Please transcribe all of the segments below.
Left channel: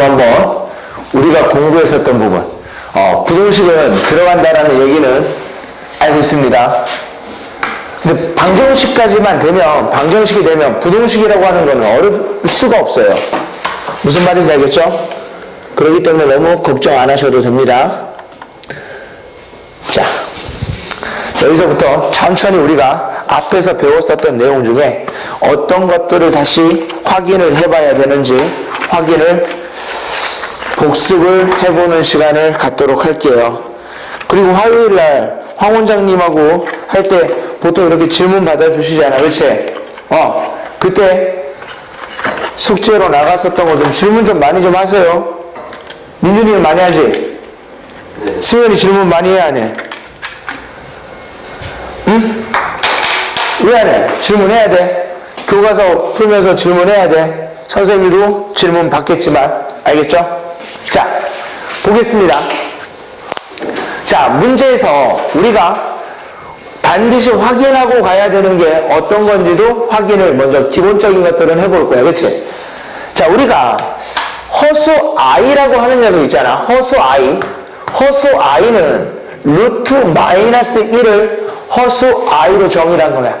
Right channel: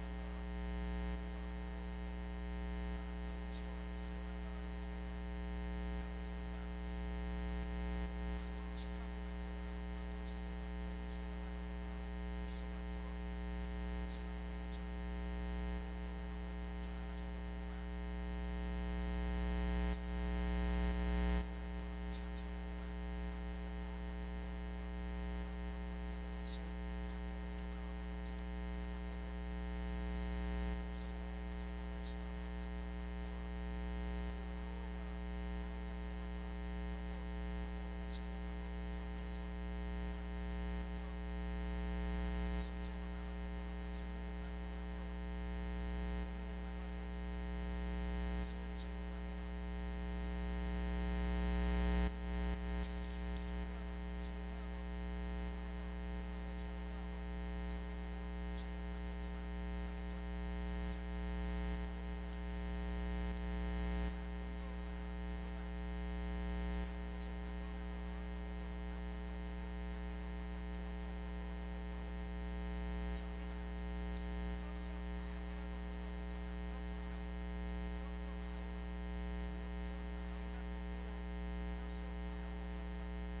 시간에도 한번 우리가 공부했었던 부분, 부등식은 들어간다라는 얘기는 알고 있습니다. 근데 방정식이 되면 부등식이라고 하는 거는 어려울 수가 없어요. 무슨 말인지 알겠죠? 그렇기 때문에 너무 걱정 안 하셔도 됩니다. 자, 여기서부터 천천히 우리가 앞에서 배웠었던 내용 중에 어떤 것들을 다시 확인을 해봐야 되는지 복습을 해보는 시간을 갖도록 할게요. 그리고 화요일날 황 원장님하고 할 때 보통 이렇게 질문 받아주시잖아, 그치? 그때 숙제로 나갔었던 거 좀 질문 좀 많이 좀 하세요. 민준이는 많이 하지? 네. 승현이 질문 많이 해, 안 해? 응? 왜 안 해? 질문해야 돼. 교과서 풀면서 질문해야 돼. 선생님도 질문 받겠지만, 알겠죠? 자, 보겠습니다. 자, 문제에서 우리가 반드시 확인하고 가야 되는 게 어떤 건지도 확인을 먼저 기본적인 것들은 해볼 거야. 그치? 자, 우리가 허수 i라고 하는 녀석 있잖아. 허수 i는 루트 마이너스 1을 허수 i로 정의한 거야.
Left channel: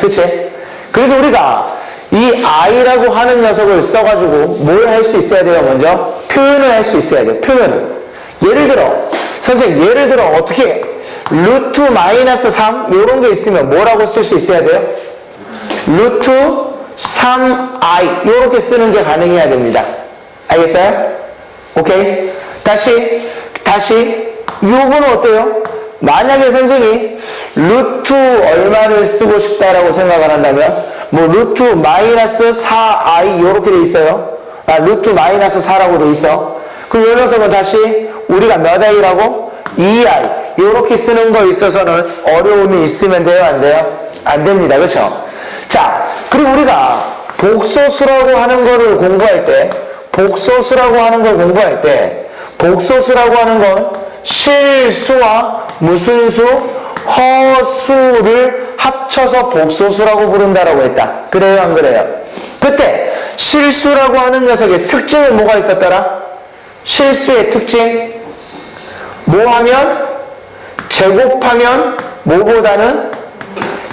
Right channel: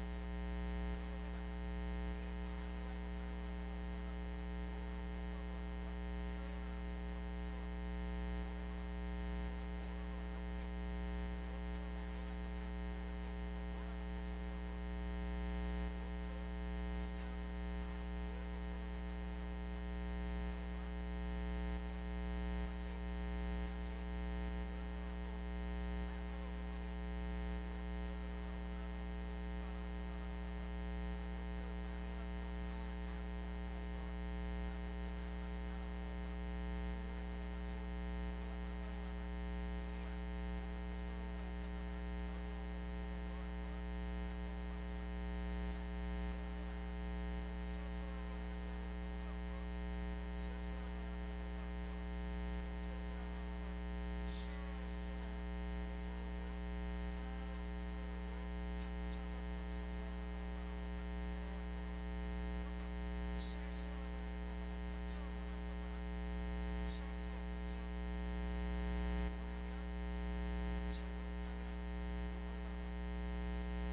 그치? 그래서 우리가 이 i라고 하는 녀석을 써가지고 뭘 할 수 있어야 돼요? 먼저 표현을 할 수 있어야 돼요. 표현을. 예를 들어 어떻게 루트 마이너스 3 요런 게 있으면 뭐라고 쓸 수 있어야 돼요? 루트 3i 요렇게 쓰는 게 가능해야 됩니다. 알겠어요? 오케이? 다시 요거는 어때요? 만약에 선생이 루트 얼마를 쓰고 싶다라고 생각을 한다면 뭐 루트 마이너스 4i 요렇게 돼 있어요. 루트 마이너스 4라고 돼 있어. 그럼 이 녀석은 다시 우리가 몇 i라고? 2i 요렇게 쓰는 거에 있어서는 어려움이 있으면 돼요? 안 돼요? 안 됩니다. 그렇죠? 자, 그리고 우리가 복소수라고 하는 거를 공부할 때 복소수라고 하는 건 실수와 무슨 수? 허수를 합쳐서 복소수라고 부른다라고 했다. 그래요? 안 그래요? 그때 실수라고 하는 녀석의 특징은 뭐가 있었더라? 실수의 특징 뭐하면? 제곱하면 뭐보다는?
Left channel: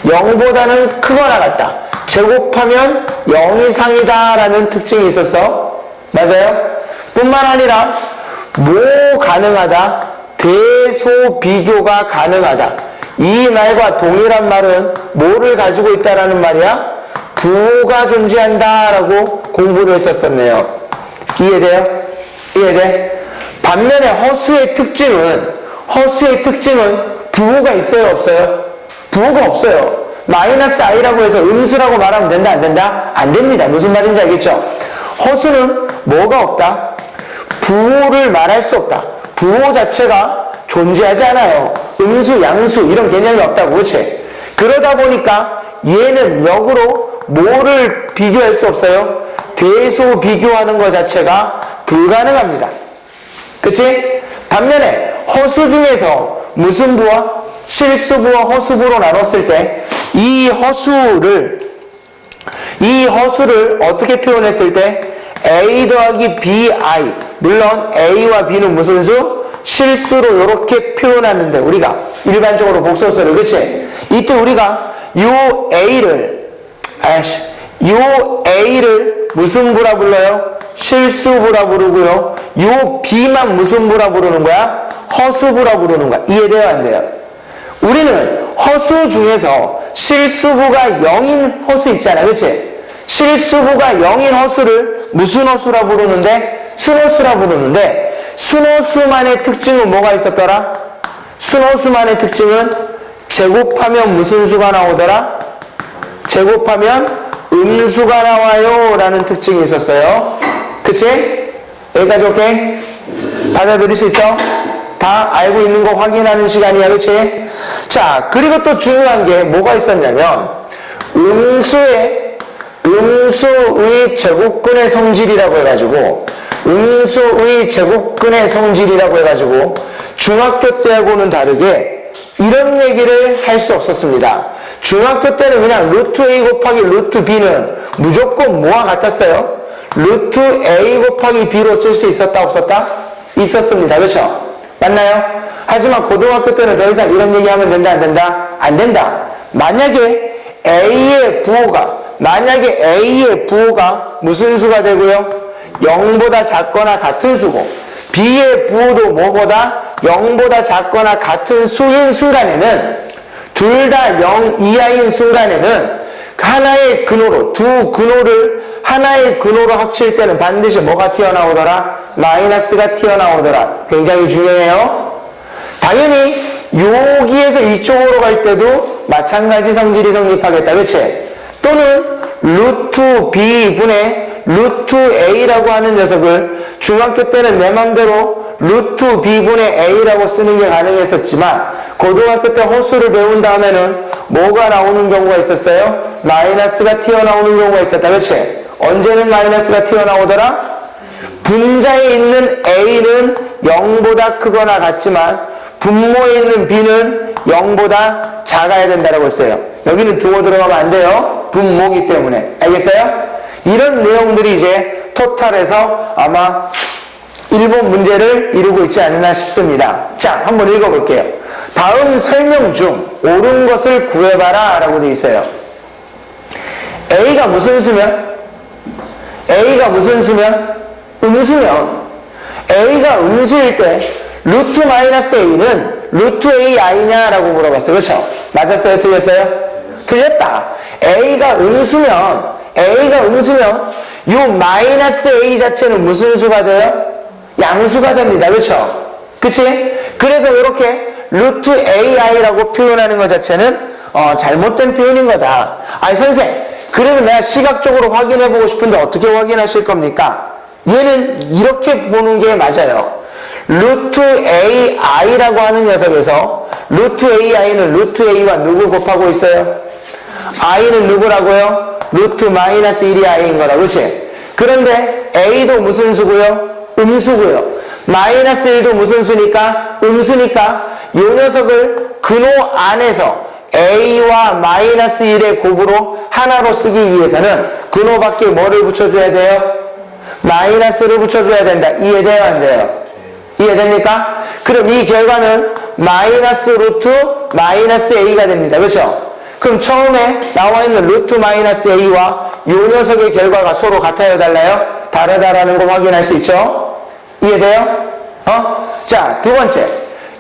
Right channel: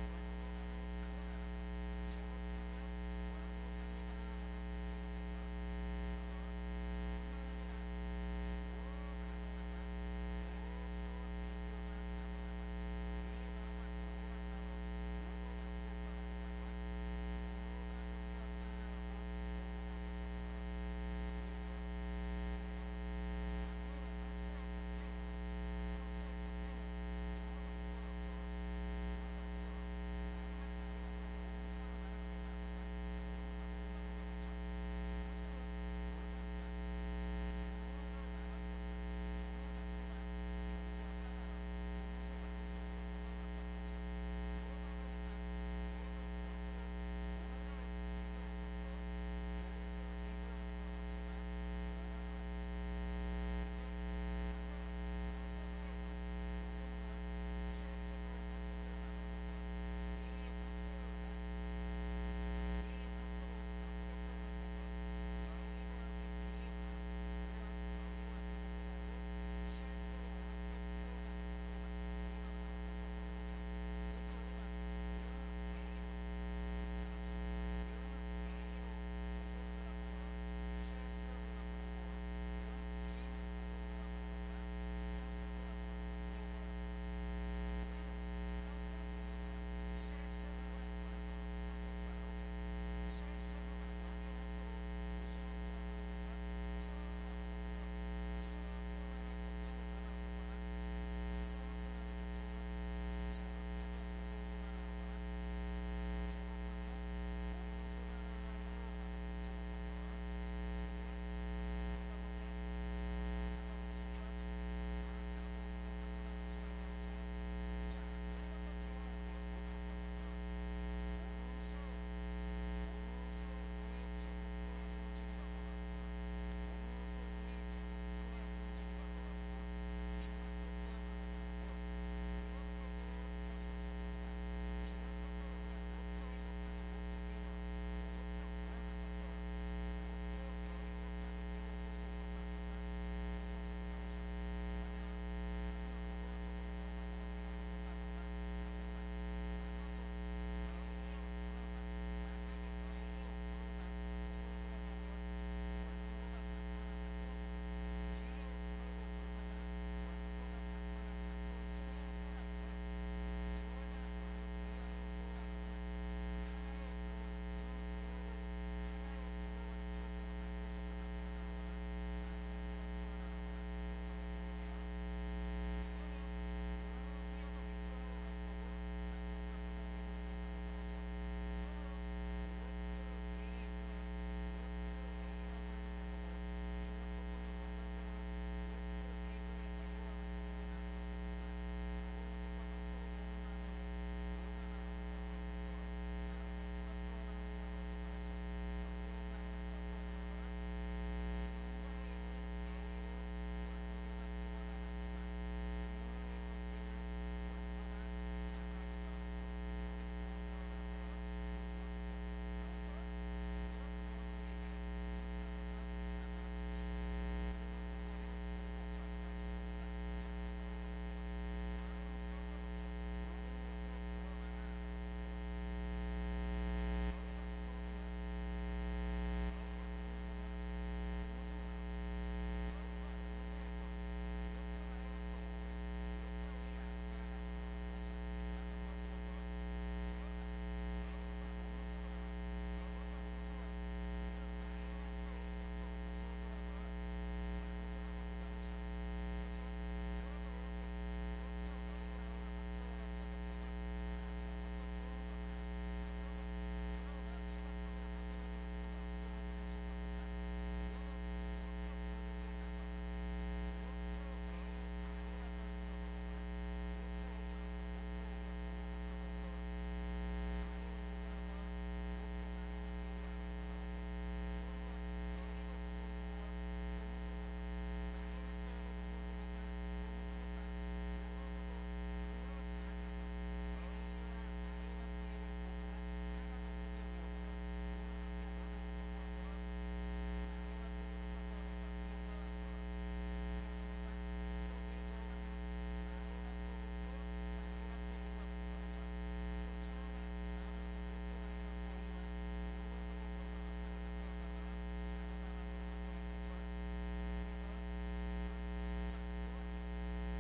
0보다는 크거나 같다. 제곱하면 0 이상이다 라는 특징이 있었어. 맞아요? 뿐만 아니라 뭐 가능하다? 대소비교가 가능하다. 이 말과 동일한 말은 뭐를 가지고 있다라는 말이야? 부호가 존재한다 라고 공부를 했었네요. 이해돼요? 이해돼? 반면에 허수의 특징은 부호가 있어요? 없어요? 부호가 없어요. 마이너스 i라고 해서 음수라고 말하면 된다? 안 된다? 안 됩니다. 무슨 말인지 알겠죠? 허수는 뭐가 없다? 부호를 말할 수 없다. 부호 자체가 존재하지 않아요. 음수, 양수 이런 개념이 없다고. 그렇지? 그러다 보니까 얘는 역으로 뭐를 비교할 수 없어요? 대소 비교하는 것 자체가 불가능합니다. 그치? 반면에 허수 중에서 무슨 부와? 실수부와 허수부로 나눴을 때 이 허수를 어떻게 표현했을 때 a 더하기 bi 물론 a와 b는 무슨 수? 실수로 이렇게 표현하는데 우리가 일반적으로 복소수를 그치? 이때 우리가 요 a를 무슨 부라 불러요? 실수부라 부르고요. 요 b만 무슨 부라 부르는 거야? 허수부라 부르는 거야. 이해돼요? 안 돼요? 우리는 허수 중에서 실수부가 0인 허수 있잖아. 그치? 실수부가 0인 허수를 무슨 허수라 부르는데? 순허수라 부르는데 순허수만의 특징은 뭐가 있었더라? 순허수만의 특징은 제곱하면 무슨 수가 나오더라? 제곱하면 음수가 나와요 라는 특징이 있었어요. 그치? 여기까지 오케이? 받아들일 수 있어? 다 알고 있는 거 확인하는 시간이야. 그치? 자, 그리고 또 중요한 게 뭐가 있었냐면 음수의 제곱근의 성질이라고 해가지고 중학교 때하고는 다르게 이런 얘기를 할 수 없었습니다. 중학교 때는 그냥 루트 A 곱하기 루트 B는 무조건 뭐와 같았어요? 루트 A 곱하기 B로 쓸 수 있었다 없었다? 있었습니다. 그렇죠? 맞나요? 하지만 고등학교 때는 더 이상 이런 얘기하면 된다 안 된다? 안 된다. 만약에 A의 부호가 무슨 수가 되고요? 0보다 작거나 같은 수고 B의 부호도 뭐보다 0보다 작거나 같은 수인 순간에는 둘 다 0 이하인 순간에는 하나의 근호로 두 근호를 하나의 근호로 합칠 때는 반드시 뭐가 튀어나오더라? 마이너스가 튀어나오더라. 굉장히 중요해요. 당연히 여기에서 이쪽으로 갈 때도 마찬가지 성질이 성립하겠다. 그치? 또는 루트 B분의 루트 A라고 하는 녀석을 중학교 때는 내 맘대로 루트 B분의 A라고 쓰는 게 가능했었지만 고등학교 때 호수를 배운 다음에는 뭐가 나오는 경우가 있었어요? 마이너스가 튀어나오는 경우가 있었다. 그렇지? 언제는 마이너스가 튀어나오더라? 분자에 있는 A는 0보다 크거나 같지만 분모에 있는 B는 0보다 작아야 된다고 했어요. 여기는 두고 들어가면 안 돼요. 분모기 때문에. 알겠어요? 이런 내용들이 이제 토탈에서 아마 1번 문제를 이루고 있지 않나 싶습니다. 자, 한번 읽어볼게요. 다음 설명 중 옳은 것을 구해봐라 라고 되어 있어요. A가 무슨 수면? 음수면 A가 음수일 때 루트 마이너스 A는 루트 A 아니냐라고 물어봤어요. 그렇죠? 맞았어요? 틀렸어요? 틀렸다. A가 음수면 요 마이너스 A 자체는 무슨 수가 돼요? 양수가 됩니다. 그렇죠? 그치? 그래서 이렇게 루트 AI라고 표현하는 것 자체는 잘못된 표현인 거다. 아니 선생, 그러면 내가 시각적으로 확인해보고 싶은데 어떻게 확인하실 겁니까? 얘는 이렇게 보는 게 맞아요. 루트 AI라고 하는 녀석에서 루트 AI는 루트 A와 누구 곱하고 있어요? I는 누구라고요? 루트 마이너스 1이 I인 거라. 그렇지? 그런데 A도 무슨 수고요? 음수고요. 마이너스 1도 무슨 수니까? 음수니까 이 녀석을 근호 안에서 A와 마이너스 1의 곱으로 하나로 쓰기 위해서는 근호 밖에 뭐를 붙여줘야 돼요? 마이너스를 붙여줘야 된다. 이해돼요? 안 돼요? 이해됩니까? 그럼 이 결과는 마이너스 루트 마이너스 A가 됩니다. 그렇죠? 그럼 처음에 나와 있는 루트 마이너스 A와 이 녀석의 결과가 서로 같아요? 달라요? 다르다라는 거 확인할 수 있죠? 이해돼요? 자, 두 번째.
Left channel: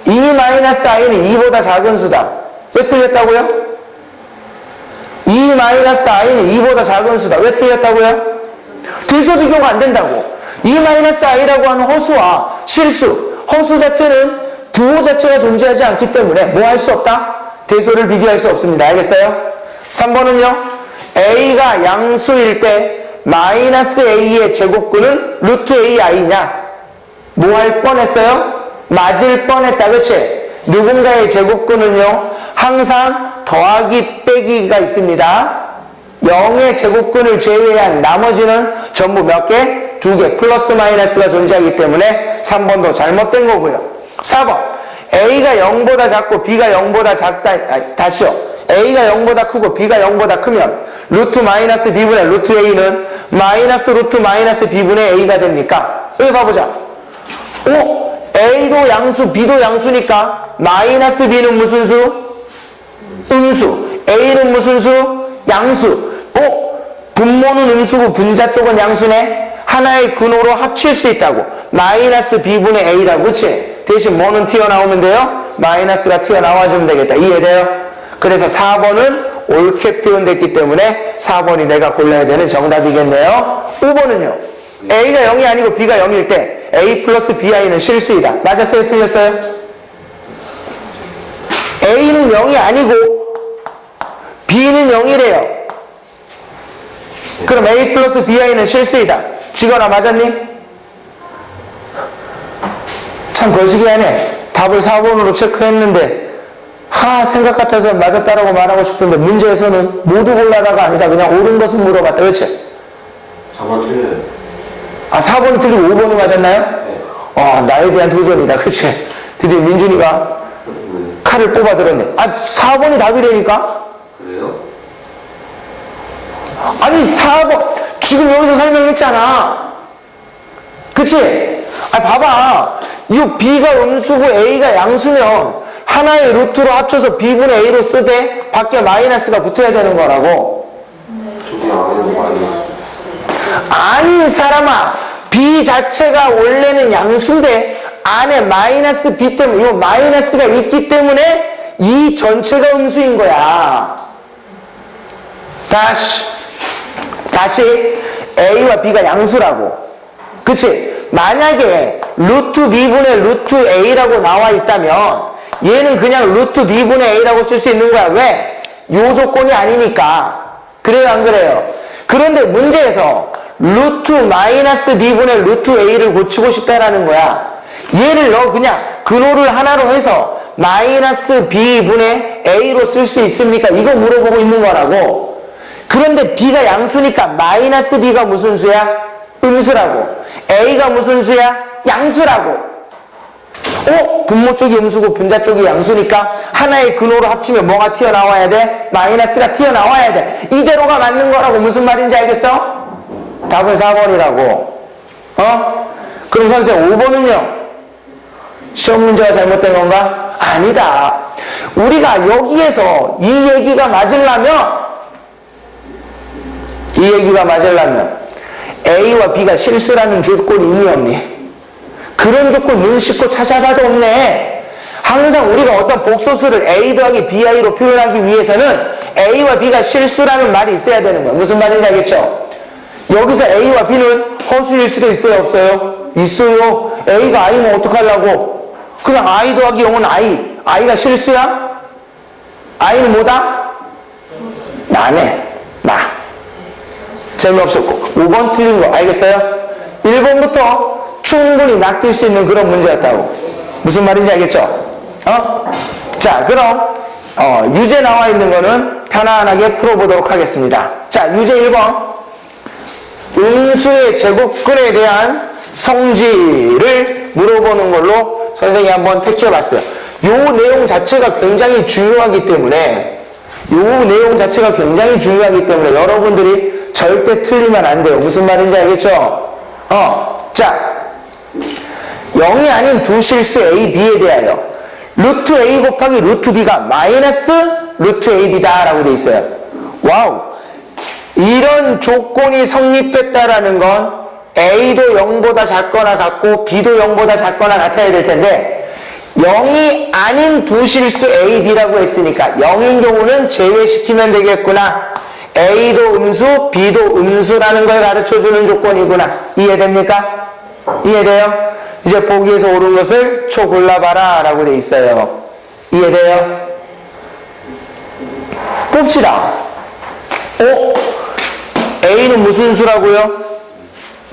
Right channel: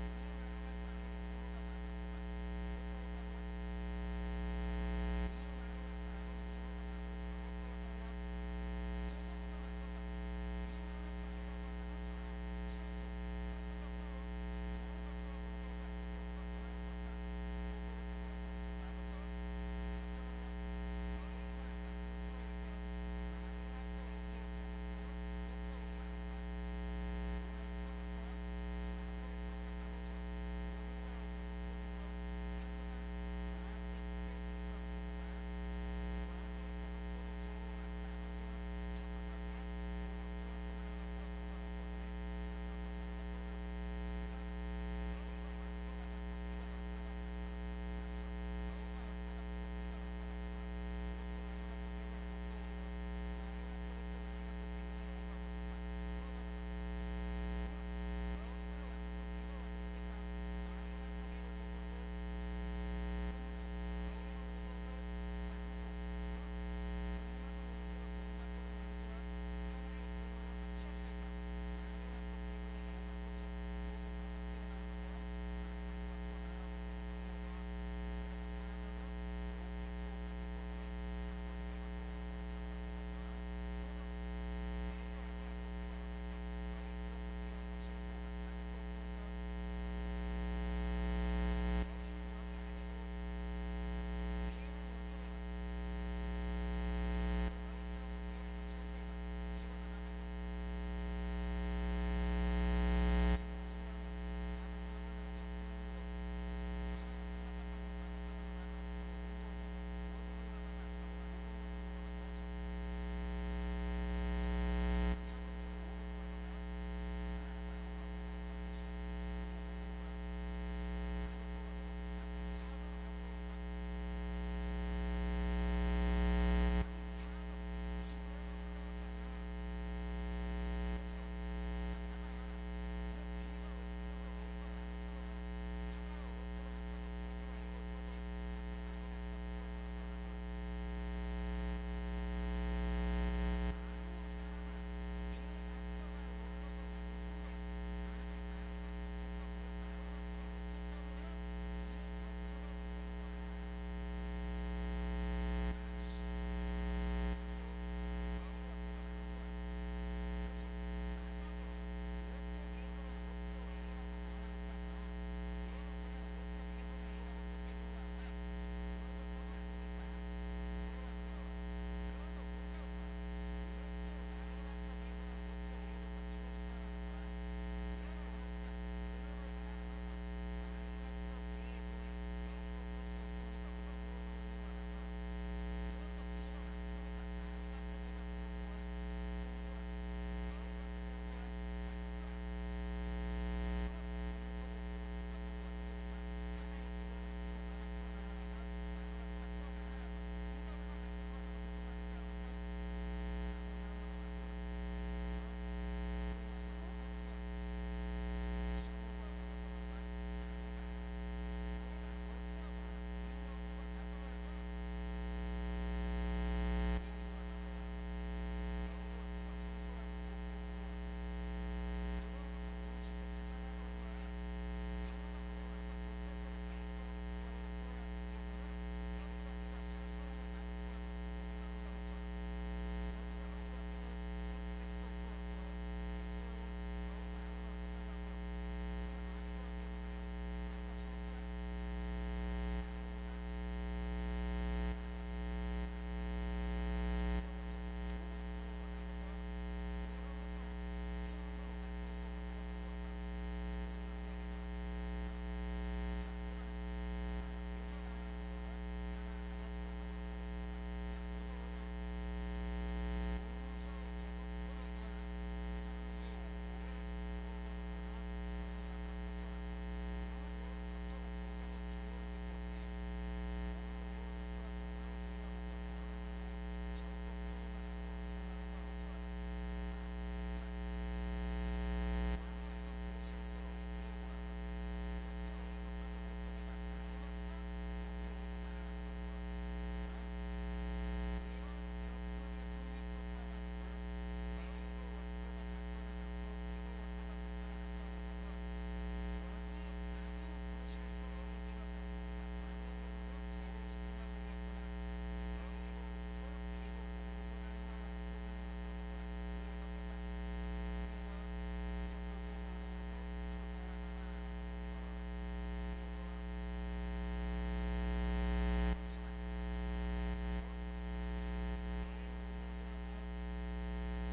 2 마이너스 I는 2보다 작은 수다. 왜 틀렸다고요? 2 마이너스 I는 2보다 작은 수다. 왜 틀렸다고요? 대소 비교가 안 된다고. 2 마이너스 I라고 하는 허수와 실수, 허수 자체는 부호 자체가 존재하지 않기 때문에 뭐 할 수 없다? 대소를 비교할 수 없습니다. 알겠어요? 3번은요. A가 양수일 때 마이너스 A의 제곱근은 루트 AI냐? 뭐 할 뻔했어요? 맞을 뻔했다. 그치? 누군가의 제곱근은요 항상 더하기 빼기가 있습니다. 0의 제곱근을 제외한 나머지는 전부 몇 개? 2개. 플러스 마이너스가 존재하기 때문에 3번도 잘못된 거고요. 4번. A가 0보다 작고 B가 0보다 작다. 다시요. A가 0보다 크고 B가 0보다 크면 루트 마이너스 B분의 루트 A는 마이너스 루트 마이너스 B분의 A가 됩니까? 여기 봐보자. A도 양수, B도 양수니까 마이너스 B는 무슨 수? 음수. A는 무슨 수? 양수. 분모는 음수고 분자 쪽은 양수네. 하나의 근호로 합칠 수 있다고. 마이너스 B분의 A라고. 그치? 대신 뭐는 튀어나오면 돼요? 마이너스가 튀어나와주면 되겠다. 이해돼요? 그래서 4번은 옳게 표현됐기 때문에 4번이 내가 골라야 되는 정답이겠네요. 5번은요. A가 0이 아니고 B가 0일 때 A 플러스 BI는 실수이다. 맞았어요? 틀렸어요? A는 0이 아니고 B는 0이래요. 그럼 A 플러스 BI는 실수이다. 지거나 맞았니? 참 거시기하네. 답을 4번으로 체크했는데 생각 같아서 맞았다라고 말하고 싶은데 문제에서는 모두 골라다가 아니다. 그냥 옳은 것을 물어봤다. 그렇지? 4번 틀려요. 4번이 틀리고 5번이 맞았나요? 네. 나에 대한 도전이다. 그치? 드디어 민준이가 칼을 뽑아 들었네. 4번이 답이라니까? 그래요? 아니, 4번. 지금 여기서 설명했잖아. 그치? 봐봐. 이 B가 음수고 A가 양수면 하나의 루트로 합쳐서 B분의 A로 쓰되 밖에 마이너스가 붙어야 되는 거라고. 아니, 이 사람아. B 자체가 원래는 양수인데 안에 마이너스 B 때문에 이 마이너스가 있기 때문에 이 전체가 음수인 거야. 다시 A와 B가 양수라고. 그치? 만약에 루트 B분의 루트 A라고 나와 있다면 얘는 그냥 루트 B분의 A라고 쓸 수 있는 거야. 왜? 요 조건이 아니니까. 그래요, 안 그래요? 그런데 문제에서 루트 마이너스 B분의 루트 A를 고치고 싶다라는 거야. 얘를 너 그냥 근호를 하나로 해서 마이너스 B분의 A로 쓸 수 있습니까? 이거 물어보고 있는 거라고. 그런데 B가 양수니까 마이너스 B가 무슨 수야? 음수라고. A가 무슨 수야? 양수라고. 분모 쪽이 음수고 분자 쪽이 양수니까 하나의 근호로 합치면 뭐가 튀어나와야 돼? 마이너스가 튀어나와야 돼. 이대로가 맞는 거라고. 무슨 말인지 알겠어? 답은 4번이라고. 그럼 선생님 5번은요? 시험 문제가 잘못된 건가? 아니다. 우리가 여기에서 이 얘기가 맞으려면 A와 B가 실수라는 조건이 있니 없니? 그런 조건 눈 씻고 찾아봐도 없네. 항상 우리가 어떤 복소수를 A 더하기 BI로 표현하기 위해서는 A와 B가 실수라는 말이 있어야 되는 거야. 무슨 말인지 알겠죠? 여기서 A와 B는 허수일 수도 있어요, 없어요? 있어요. A가 I면 어떡하려고? 그냥 I 더하기 0은 I. I가 실수야? I는 뭐다? 나네. 나. 재미없었고. 5번 틀린 거 알겠어요? 1번부터 충분히 낚일 수 있는 그런 문제였다고. 무슨 말인지 알겠죠? 자, 그럼 유제 나와 있는 거는 편안하게 풀어보도록 하겠습니다. 자, 유제 1번. 음수의 제곱근에 대한 성질을 물어보는 걸로 선생님이 한번 택해봤어요. 요 내용 자체가 굉장히 중요하기 때문에 여러분들이 절대 틀리면 안 돼요. 무슨 말인지 알겠죠? 자, 0이 아닌 두 실수 A, B에 대하여 루트 A 곱하기 루트 B가 마이너스 루트 AB다 라고 돼 있어요. 와우. 이런 조건이 성립했다라는 건 A도 0보다 작거나 같고 B도 0보다 작거나 같아야 될 텐데 0이 아닌 두 실수 A, B라고 했으니까 0인 경우는 제외시키면 되겠구나. A도 음수, B도 음수라는 걸 가르쳐주는 조건이구나. 이해됩니까? 이해돼요? 이제 보기에서 옳은 것을 초 골라봐라 라고 돼 있어요. 이해돼요? 봅시다. A는 무슨 수라고요?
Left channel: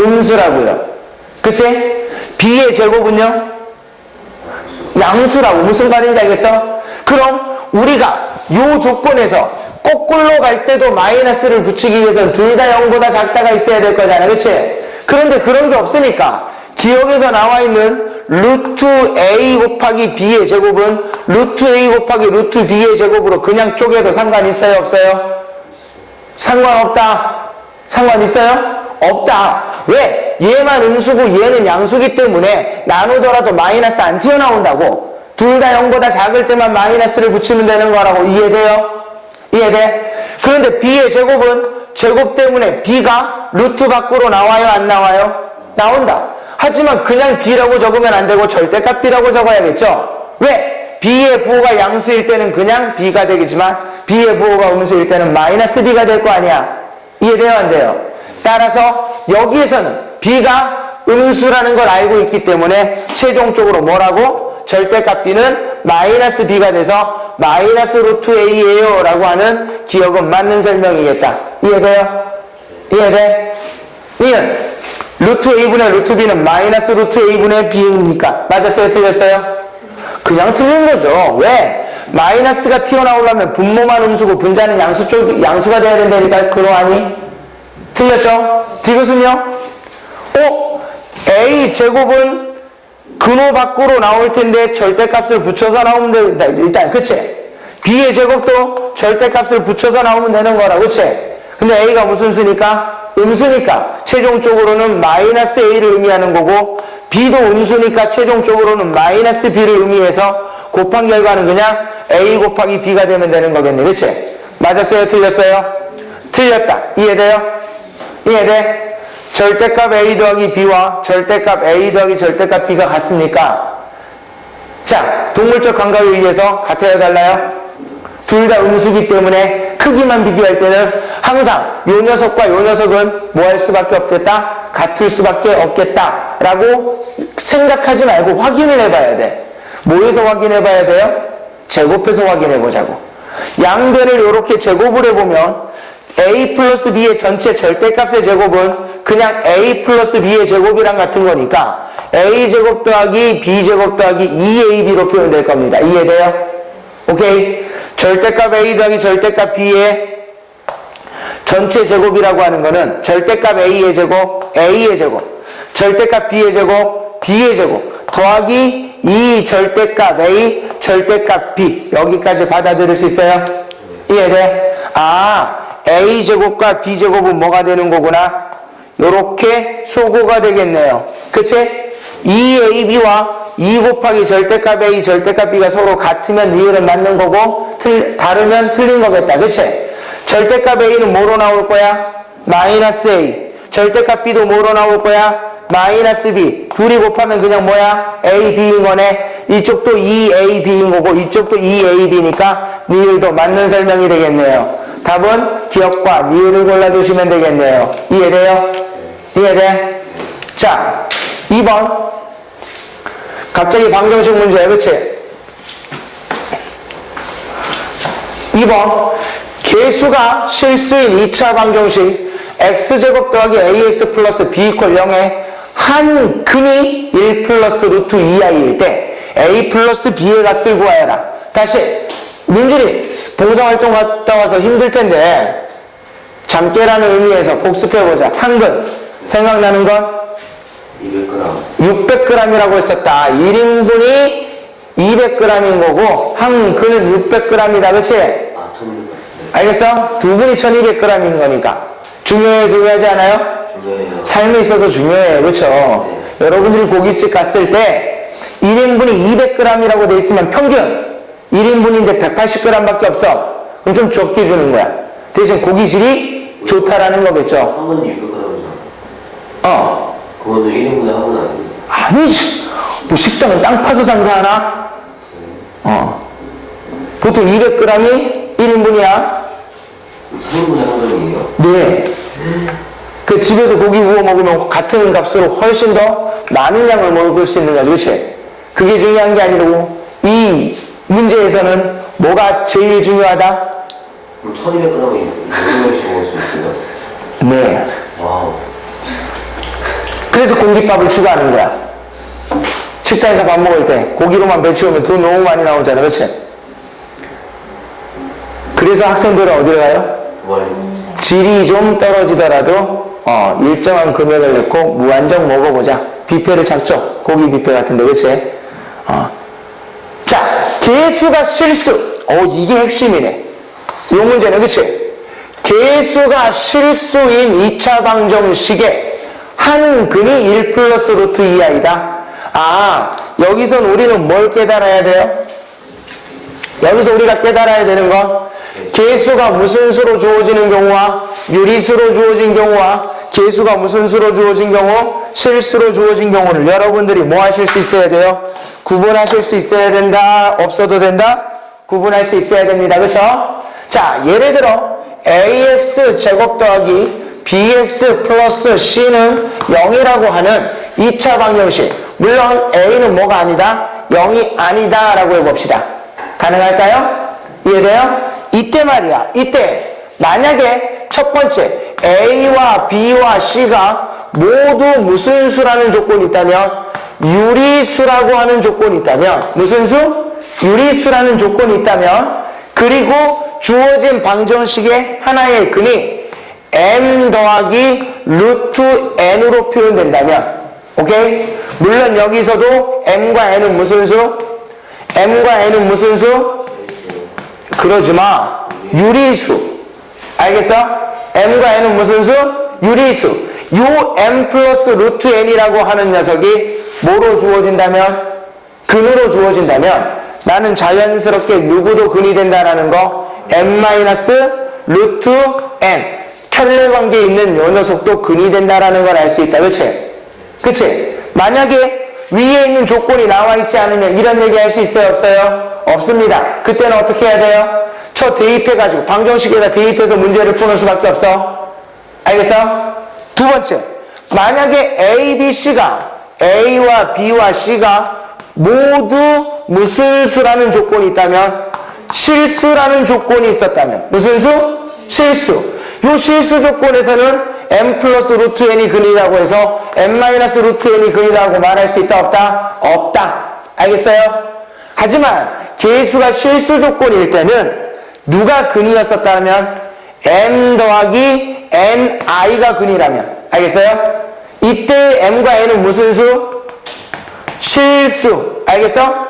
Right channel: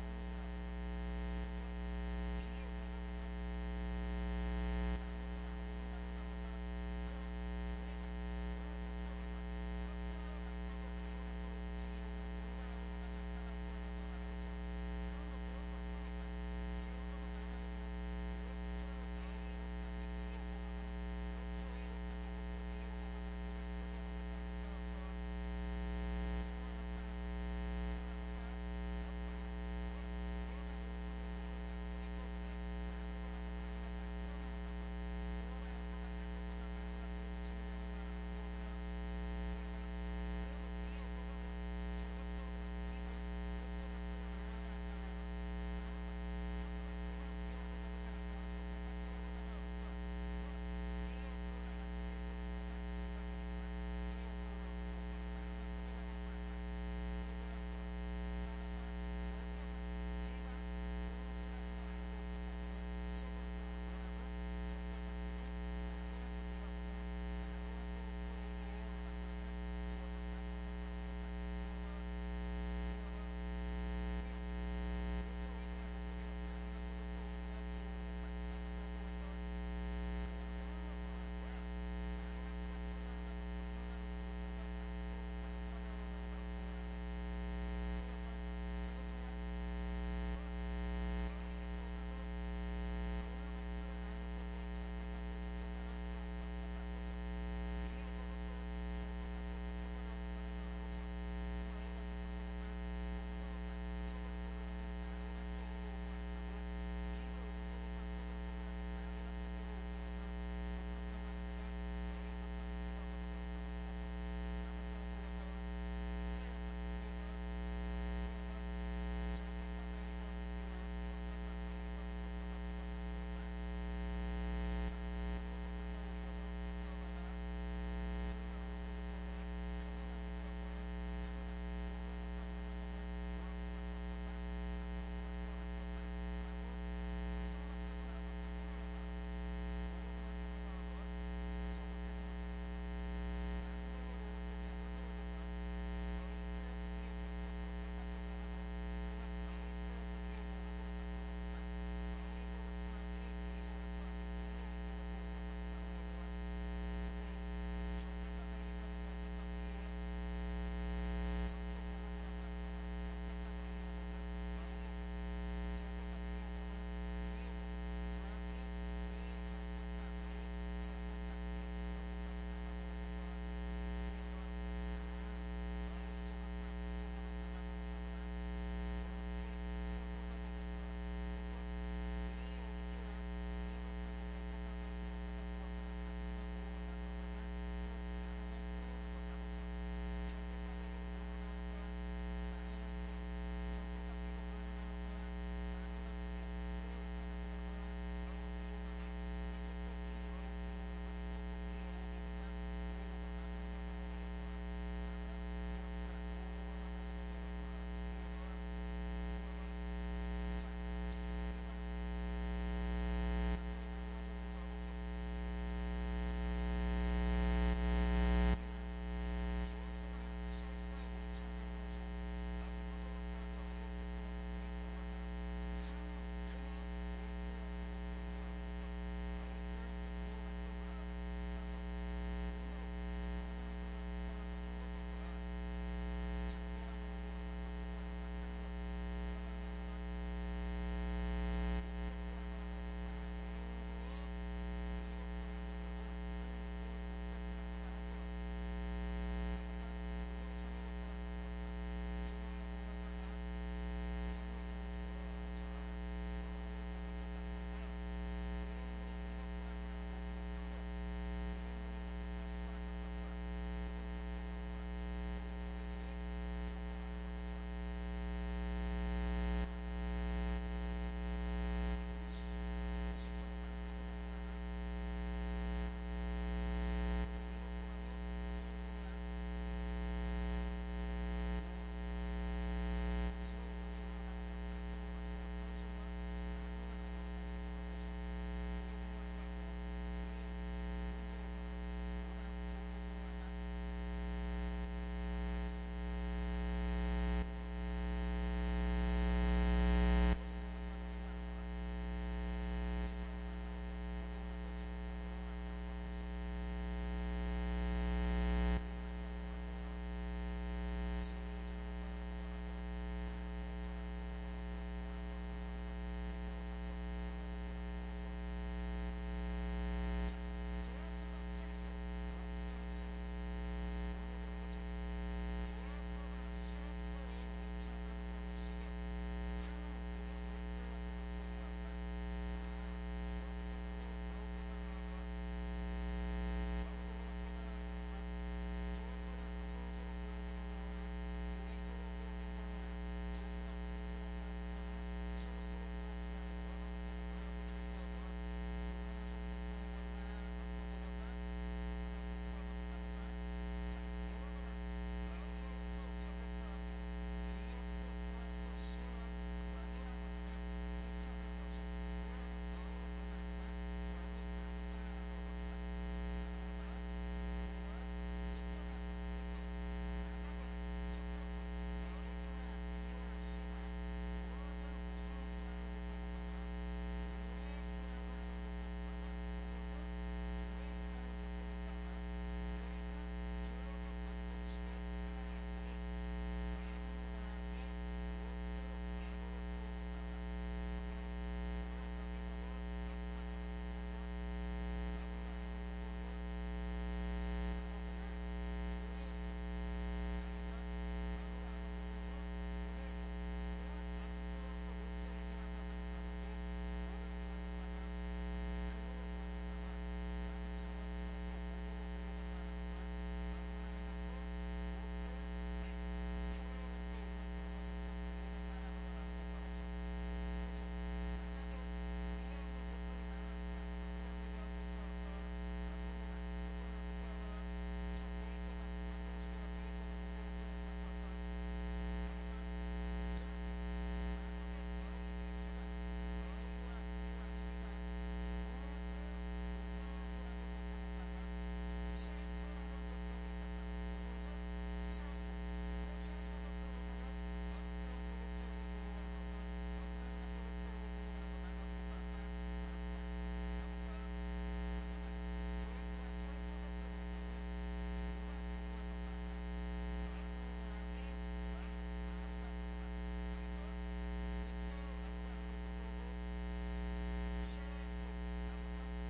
음수라고요. 그치? B의 제곱은요? 양수라고. 무슨 말인지 알겠어? 그럼 우리가 이 조건에서 거꾸로 갈 때도 마이너스를 붙이기 위해서는 둘 다 0보다 작다가 있어야 될 거잖아. 그치? 그런데 그런 게 없으니까 기억에서 나와 있는 루트 A 곱하기 B의 제곱은 루트 A 곱하기 루트 B의 제곱으로 그냥 쪼개도 상관 있어요? 없어요? 상관없다. 상관 있어요? 없다. 왜? 얘만 음수고 얘는 양수기 때문에 나누더라도 마이너스 안 튀어나온다고. 둘 다 0보다 작을 때만 마이너스를 붙이면 되는 거라고. 이해돼요? 이해돼? 그런데 B의 제곱은 제곱 때문에 B가 루트 밖으로 나와요? 안 나와요? 나온다. 하지만 그냥 B라고 적으면 안 되고 절대값 B라고 적어야겠죠? 왜? B의 부호가 양수일 때는 그냥 B가 되겠지만 B의 부호가 음수일 때는 마이너스 B가 될 거 아니야. 이해돼요? 안 돼요? 따라서 여기에서는 B가 음수라는 걸 알고 있기 때문에 최종적으로 뭐라고? 절대값 B는 마이너스 B가 돼서 마이너스 루트 A예요 라고 하는 기억은 맞는 설명이겠다. 이해돼요? 이해돼? 니은 루트 A분의 루트 B는 마이너스 루트 A분의 B입니까? 맞았어요? 틀렸어요? 그냥 틀린 거죠. 왜? 마이너스가 튀어나오려면 분모만 음수고 분자는 양수가 돼야 된다니까. 그러하니? 틀렸죠? 디귿은요? A 제곱은 근호 밖으로 나올 텐데 절대값을 붙여서 나오면 된다. 일단 그치? B의 제곱도 절대값을 붙여서 나오면 되는 거라. 그치? 근데 A가 무슨 수니까? 음수니까 최종적으로는 마이너스 a를 의미하는 거고 b도 음수니까 최종적으로는 마이너스 b를 의미해서 곱한 결과는 그냥 a 곱하기 b가 되면 되는 거겠네. 그치? 맞았어요? 틀렸어요? 틀렸다. 이해돼요? 이해돼? 절대값 a 더하기 b와 절대값 a 더하기 절대값 b가 같습니까? 자, 동물적 감각에 의해서 같아요? 달라요? 둘 다 음수기 때문에 크기만 비교할 때는 항상 요 녀석과 요 녀석은 뭐 할 수밖에 없겠다? 같을 수밖에 없겠다 라고 생각하지 말고 확인을 해봐야 돼. 뭐에서 확인해 봐야 돼요? 제곱해서 확인해 보자고. 양변을 이렇게 제곱을 해보면 a 플러스 b의 전체 절대값의 제곱은 그냥 a 플러스 b의 제곱이랑 같은 거니까 a 제곱 더하기 b 제곱 더하기 2ab로 표현될 겁니다. 이해돼요? 오케이? 절대값 a 더하기 절대값 b의 전체 제곱이라고 하는 거는 절대값 a의 제곱, a의 제곱, 절대값 b의 제곱, b의 제곱 더하기 2 절대값 a, 절대값 b 여기까지 받아들일 수 있어요? 이해돼? 아, a 제곱과 b 제곱은 뭐가 되는 거구나? 요렇게 소고가 되겠네요. 그치? 2ab와 2 곱하기 절대값 a, 절대값 b가 서로 같으면 니을은 맞는 거고 다르면 틀린 거겠다. 그치? 절대값 a는 뭐로 나올 거야? 마이너스 a. 절대값 b도 뭐로 나올 거야? 마이너스 b. 둘이 곱하면 그냥 뭐야? a, b인 거네. 이쪽도 2a, b인 거고 이쪽도 2a, b니까 니을도 맞는 설명이 되겠네요. 답은 기억과 니을을 골라주시면 되겠네요. 이해돼요? 이해돼? 자, 2번. 갑자기 방정식 문제야, 그치? 2번. 개수가 실수인 2차 방정식 x제곱 더하기 ax 플러스 b 이퀄 0에 한 근이 1 플러스 루트 2i일 때 a 플러스 b의 값을 구하여라. 다시 민준이 봉사활동 갔다 와서 힘들 텐데 잠깨라는 의미에서 복습해보자. 한 근 생각나는 건? 200g. 600g이라고 했었다. 1인분이 200g인 거고 한 근은 600g이다. 그치? 아, 1600g. 알겠어? 두 분이 1200g인 거니까 중요해요? 중요하지 않아요? 중요해요. 삶에 있어서 중요해요. 그렇죠? 네. 여러분들이 고깃집 갔을 때 1인분이 200g이라고 돼 있으면 평균 1인분인데 180g 밖에 없어. 그럼 좀 적게 주는 거야. 대신 고기질이 좋다라는 거겠죠. 한 번은 600g이잖아. 어. 그거는 1인분에 한 번 아니고. 아니지. 뭐 식당은 땅 파서 장사하나? 어. 보통 200g이 1인분이야. 3인분에 한 번이에요. 네. 그 집에서 고기 구워 먹으면 같은 값으로 훨씬 더 많은 양을 먹을 수 있는 거지, 그치? 그게 중요한 게 아니고, 이 문제에서는 뭐가 제일 중요하다? 그럼 1200g이 6명씩 먹을 수 있는 거. 네. 와우. 그래서 공깃밥을 추가하는 거야. 식당에서 밥 먹을 때 고기로만 배치우면 돈 너무 많이 나오잖아, 그치? 그래서 학생들은 어디로 가요? 질이 좀 떨어지더라도 일정한 금액을 넣고 무한정 먹어보자. 뷔페를 찾죠. 고기 뷔페 같은데, 그치? 자, 개수가 실수. 이게 핵심이네. 이 문제는, 그치? 개수가 실수인 2차 방정식에 한 근이 1 플러스 루트 2i다. 아, 여기선 우리는 뭘 깨달아야 돼요? 여기서 우리가 깨달아야 되는 건 개수가 무슨 수로 주어지는 경우와 유리수로 주어진 경우와 개수가 무슨 수로 주어진 경우, 실수로 주어진 경우를 여러분들이 뭐 하실 수 있어야 돼요? 구분하실 수 있어야 된다? 없어도 된다? 구분할 수 있어야 됩니다. 그쵸? 자, 예를 들어 ax 제곱 더하기 bx 플러스 c는 0이라고 하는 2차 방정식. 물론 a는 뭐가 아니다? 0이 아니다 라고 해봅시다. 가능할까요? 이해돼요? 이때 말이야. 이때 만약에 첫 번째 A와 B와 C가 모두 무슨 수라는 조건이 있다면, 유리수라고 하는 조건이 있다면, 무슨 수? 유리수라는 조건이 있다면, 그리고 주어진 방정식의 하나의 근이 m 더하기 루트 n으로 표현된다면, 오케이? 물론 여기서도 m과 n은 무슨 수? m과 n은 무슨 수? 그러지 마. 유리수. 알겠어? m과 n은 무슨 수? 유리수 요 m 플러스 루트 n이라고 하는 녀석이 뭐로 주어진다면? 근으로 주어진다면 나는 자연스럽게 누구도 근이 된다라는 거 m 마이너스 루트 n 켤레 관계에 있는 요 녀석도 근이 된다라는 걸 알 수 있다. 그치? 그치? 만약에 위에 있는 조건이 나와 있지 않으면 이런 얘기 할 수 있어요? 없어요? 없습니다. 그때는 어떻게 해야 돼요? 저 대입해가지고 방정식에다 대입해서 문제를 푸는 수밖에 없어. 알겠어? 두 번째, 만약에 A, B, C가 A와 B와 C가 모두 무슨 수라는 조건이 있다면 실수라는 조건이 있었다면 무슨 수? 실수. 요 실수 조건에서는 m 플러스 루트 n이 근이라고 해서 m 마이너스 루트 n이 근이라고 말할 수 있다 없다? 없다. 알겠어요? 하지만 계수가 실수 조건일 때는 누가 근이었었다면 m 더하기 ni가 근이라면 알겠어요? 이때 m과 n은 무슨 수? 실수. 알겠어?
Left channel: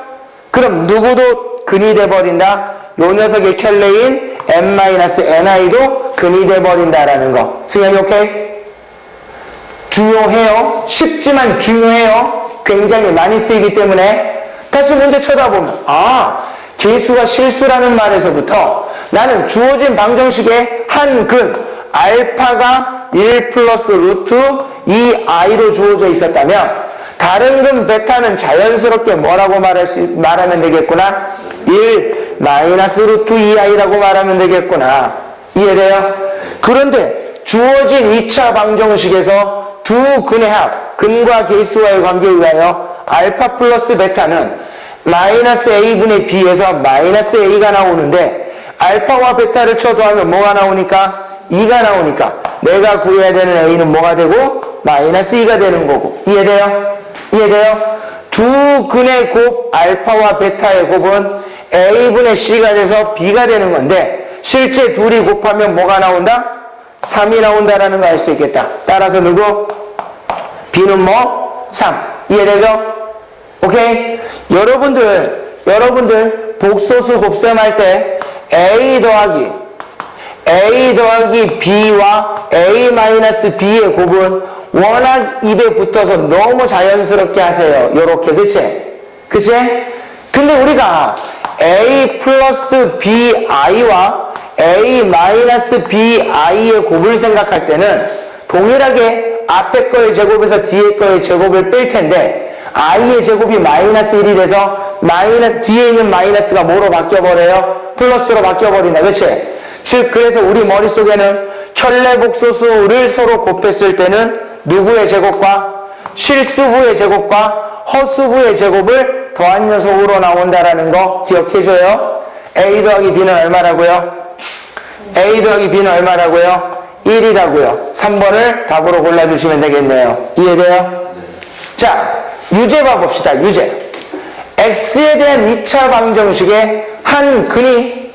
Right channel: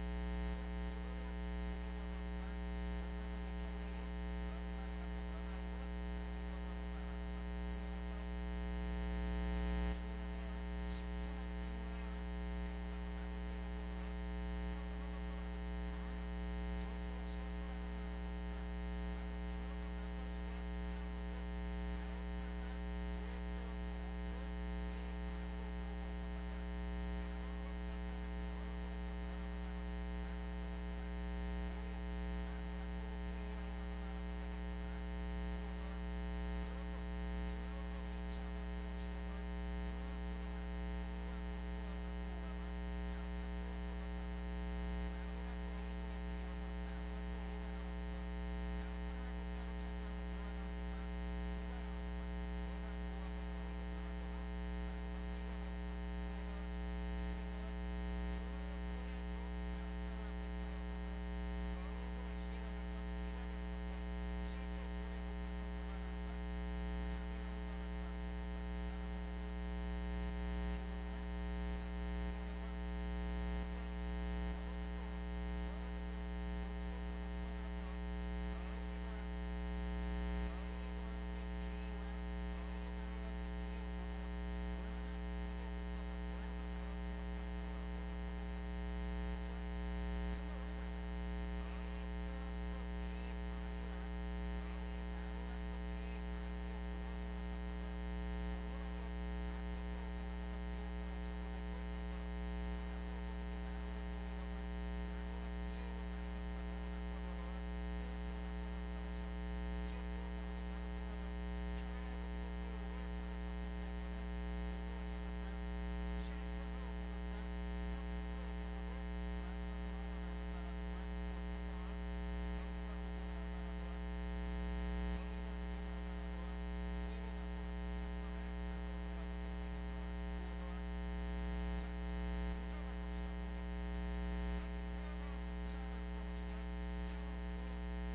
그럼 누구도 근이 돼버린다? 요 녀석의 켤레인 m-ni도 근이 돼버린다라는 거. 승현이 오케이? 중요해요. 쉽지만 중요해요. 굉장히 많이 쓰이기 때문에 다시 문제 쳐다보면 계수가 실수라는 말에서부터 나는 주어진 방정식의 한 근 알파가 1 플러스 루트 2i로 주어져 있었다면 다른 근 베타는 자연스럽게 뭐라고 말하면 되겠구나? 1 마이너스 루트 2i라고 말하면 되겠구나. 이해돼요? 그런데 주어진 2차 방정식에서 두 근의 합, 근과 계수와의 관계에 의하여 알파 플러스 베타는 마이너스 a분의 b에서 마이너스 a가 나오는데 알파와 베타를 쳐도하면 뭐가 나오니까? 2가 나오니까 내가 구해야 되는 a는 뭐가 되고? 마이너스 2가 되는 거고. 이해돼요? 이해돼요? 두 근의 곱 알파와 베타의 곱은 a분의 c가 돼서 b가 되는 건데 실제 둘이 곱하면 뭐가 나온다? 3이 나온다라는 거 알 수 있겠다. 따라서 누구? b는 뭐? 3. 이해되죠? 오케이? 여러분들 복소수 곱셈할 때 a 더하기 b와 a 마이너스 b의 곱은 워낙 입에 붙어서 너무 자연스럽게 하세요. 요렇게. 그치? 그치? 근데 우리가 a 플러스 bi와 a 마이너스 bi의 곱을 생각할 때는 동일하게 앞에 거의 제곱에서 뒤에 거의 제곱을 뺄 텐데 i의 제곱이 마이너스 1이 돼서 뒤에 있는 마이너스가 뭐로 바뀌어버려요? 플러스로 바뀌어버린다. 그치? 즉 그래서 우리 머릿속에는 켤레복소수를 서로 곱했을 때는 누구의 제곱과 실수부의 제곱과 허수부의 제곱을 더한 녀석으로 나온다라는 거 기억해줘요. a 더하기 b는 얼마라고요? a 더하기 b는 얼마라고요? 1이라고요. 3번을 답으로 골라주시면 되겠네요. 이해돼요? 자, 유제 봐봅시다. 유제. x에 대한 2차 방정식의 한 근이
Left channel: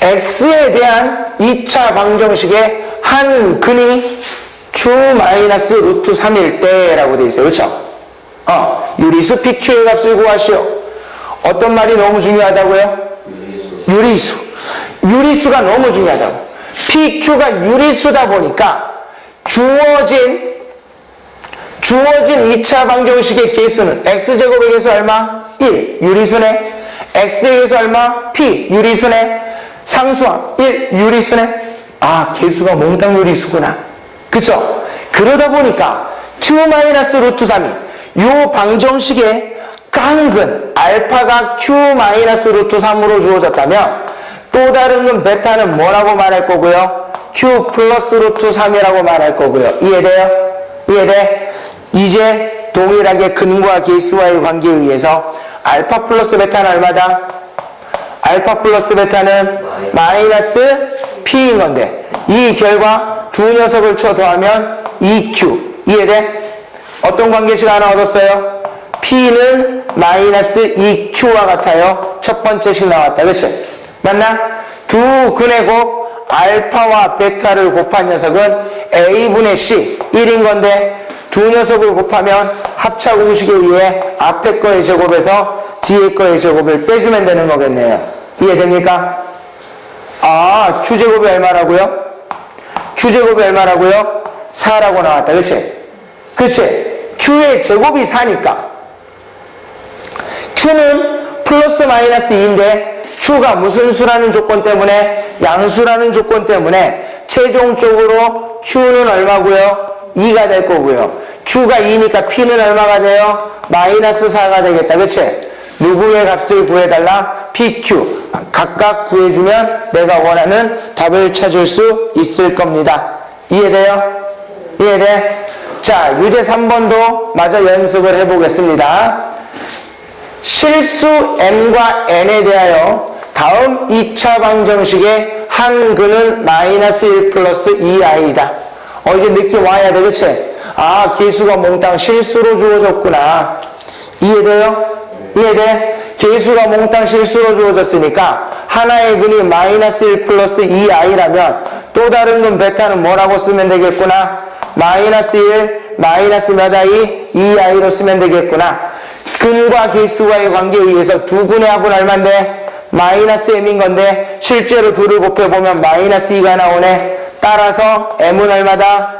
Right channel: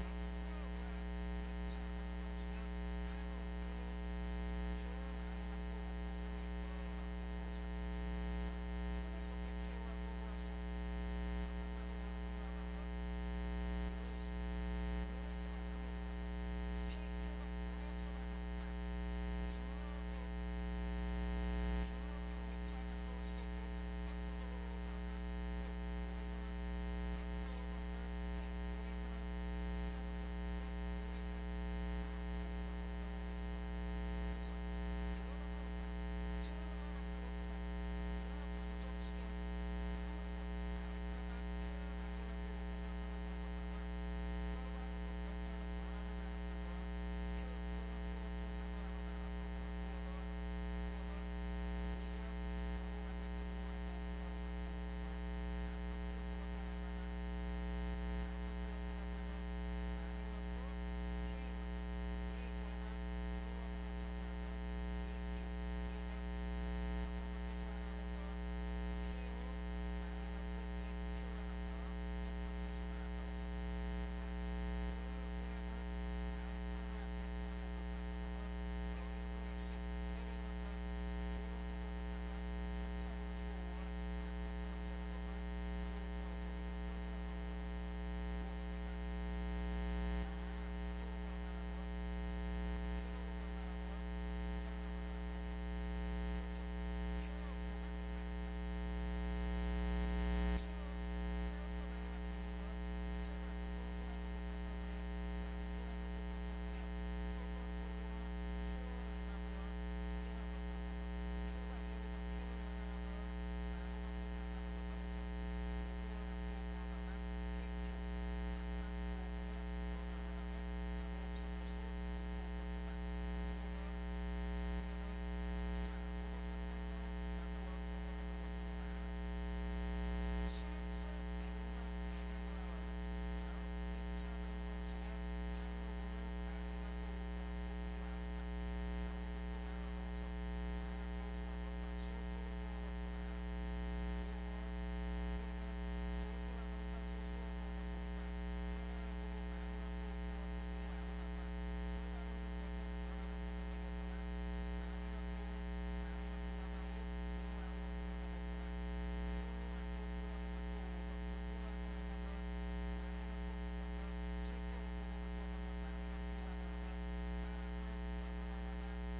x에 대한 2차 방정식의 한 근이 q 마이너스 루트 3일 때라고 돼 있어요. 그렇죠? 유리수 pq의 값을 구하시오. 어떤 말이 너무 중요하다고요? 유리수. 유리수가 너무 중요하다고. pq가 유리수다 보니까 주어진 2차 방정식의 개수는 x제곱의 개수 얼마? 1. 유리수네. x의 개수 얼마? p. 유리수네. 상수항 1. 유리수네. 개수가 몽땅 유리수구나. 그쵸? 그러다 보니까 q 마이너스 루트 3이 요 방정식의 깡근 알파가 q 마이너스 루트 3으로 주어졌다면 또 다른 건 베타는 뭐라고 말할 거고요? q 플러스 루트 3이라고 말할 거고요. 이해돼요? 이해돼? 이제 동일하게 근과 계수와의 관계에 의해서 알파 플러스 베타는 얼마다? 알파 플러스 베타는 마이너스 p인 건데 이 결과 두 녀석을 쳐 더하면 2q. 이해돼? 어떤 관계식 하나 얻었어요? p는 마이너스 2q와 같아요. 첫 번째 식 나왔다. 그치? 맞나? 두 근의 곱 알파와 베타를 곱한 녀석은 a분의 c 1인 건데 두 녀석을 곱하면 합차 공식에 의해 앞에 거의 제곱에서 뒤에 거의 제곱을 빼주면 되는 거겠네요. 이해됩니까? q제곱이 얼마라고요? q제곱이 얼마라고요? 4라고 나왔다. 그치? 그치? Q의 제곱이 4니까. Q는 플러스 마이너스 2인데 Q가 무슨 수라는 조건 때문에? 양수라는 조건 때문에 최종적으로 Q는 얼마고요? 2가 될 거고요. Q가 2니까 P는 얼마가 돼요? 마이너스 4가 되겠다. 그치? 누구의 값을 구해달라? PQ. 각각 구해주면 내가 원하는 답을 찾을 수 있을 겁니다. 이해돼요? 이해돼? 자, 유제 3번도 마저 연습을 해보겠습니다. 실수 n과 n에 대하여 다음 2차 방정식의 한근은 마이너스 1 플러스 2i다. 이제 느낌 와야 돼. 그치? 아, 개수가 몽땅 실수로 주어졌구나. 이해돼요? 이해돼? 개수가 몽땅 실수로 주어졌으니까 하나의 근이 마이너스 1 플러스 2i라면 또 다른 근 베타는 뭐라고 쓰면 되겠구나? 마이너스 1 마이너스 몇 i? 2i로 쓰면 되겠구나. 근과 개수와의 관계에 의해서 두 근의 합은 얼만데? 마이너스 m인 건데 실제로 둘을 곱해보면 마이너스 2가 나오네. 따라서 m은 얼마다?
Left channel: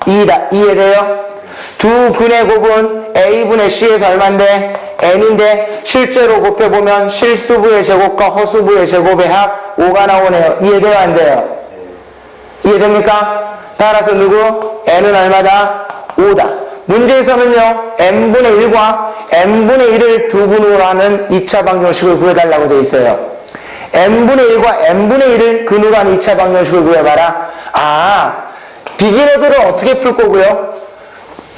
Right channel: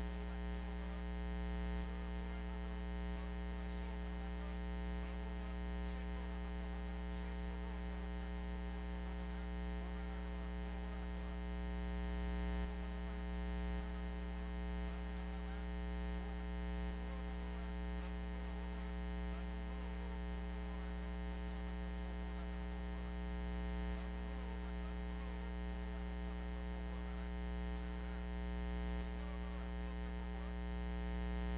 2다. 이해돼요? 두 근의 곱은 a분의 c에서 얼만데? n인데 실제로 곱해보면 실수부의 제곱과 허수부의 제곱의 합 5가 나오네요. 이해돼요? 안 돼요? 이해됩니까? 따라서 누구? n은 얼마다? 5다. 문제에서는요, n분의 1과 n분의 1을 두 근으로 하는 2차 방정식을 구해달라고 되어 있어요. n분의 1과 n분의 1을 근으로 하는 2차 방정식을 구해봐라. 아, 비기너들은 어떻게 풀 거고요?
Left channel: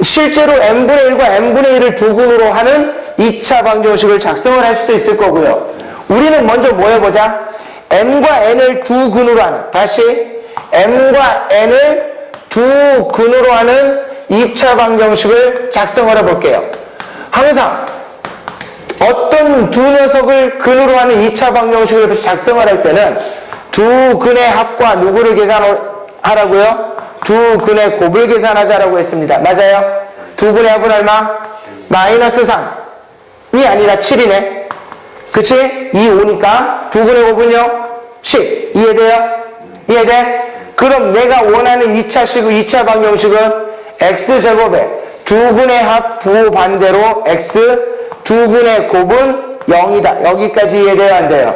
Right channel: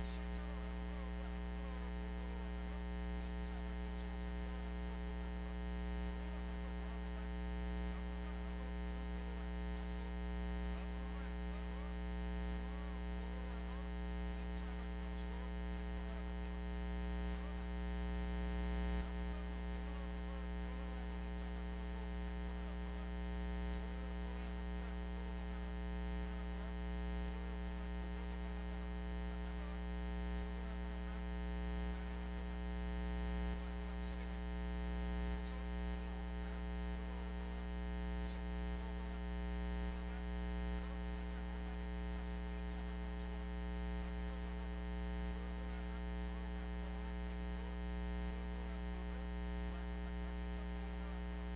실제로 n분의 1과 n분의 1을 두 근으로 하는 2차 방정식을 작성을 할 수도 있을 거고요. 우리는 먼저 뭐 해보자? m과 n을 두 근으로 하는, 다시 m과 n을 두 근으로 하는 2차 방정식을 작성을 해볼게요. 항상 어떤 두 녀석을 근으로 하는 2차 방정식을 작성을 할 때는 두 근의 합과 누구를 계산하라고요? 두 근의 곱을 계산하자라고 했습니다. 맞아요? 두 근의 합은 얼마? 마이너스 3이 아니라 7이네. 그치? 2, 5니까 두 근의 곱은요? 10. 이해돼요? 이해돼? 그럼 내가 원하는 2차식의 2차 방정식은 x제곱에 두 근의 합 부반대로 x 두 근의 곱은 0이다. 여기까지 이해돼요? 안 돼요?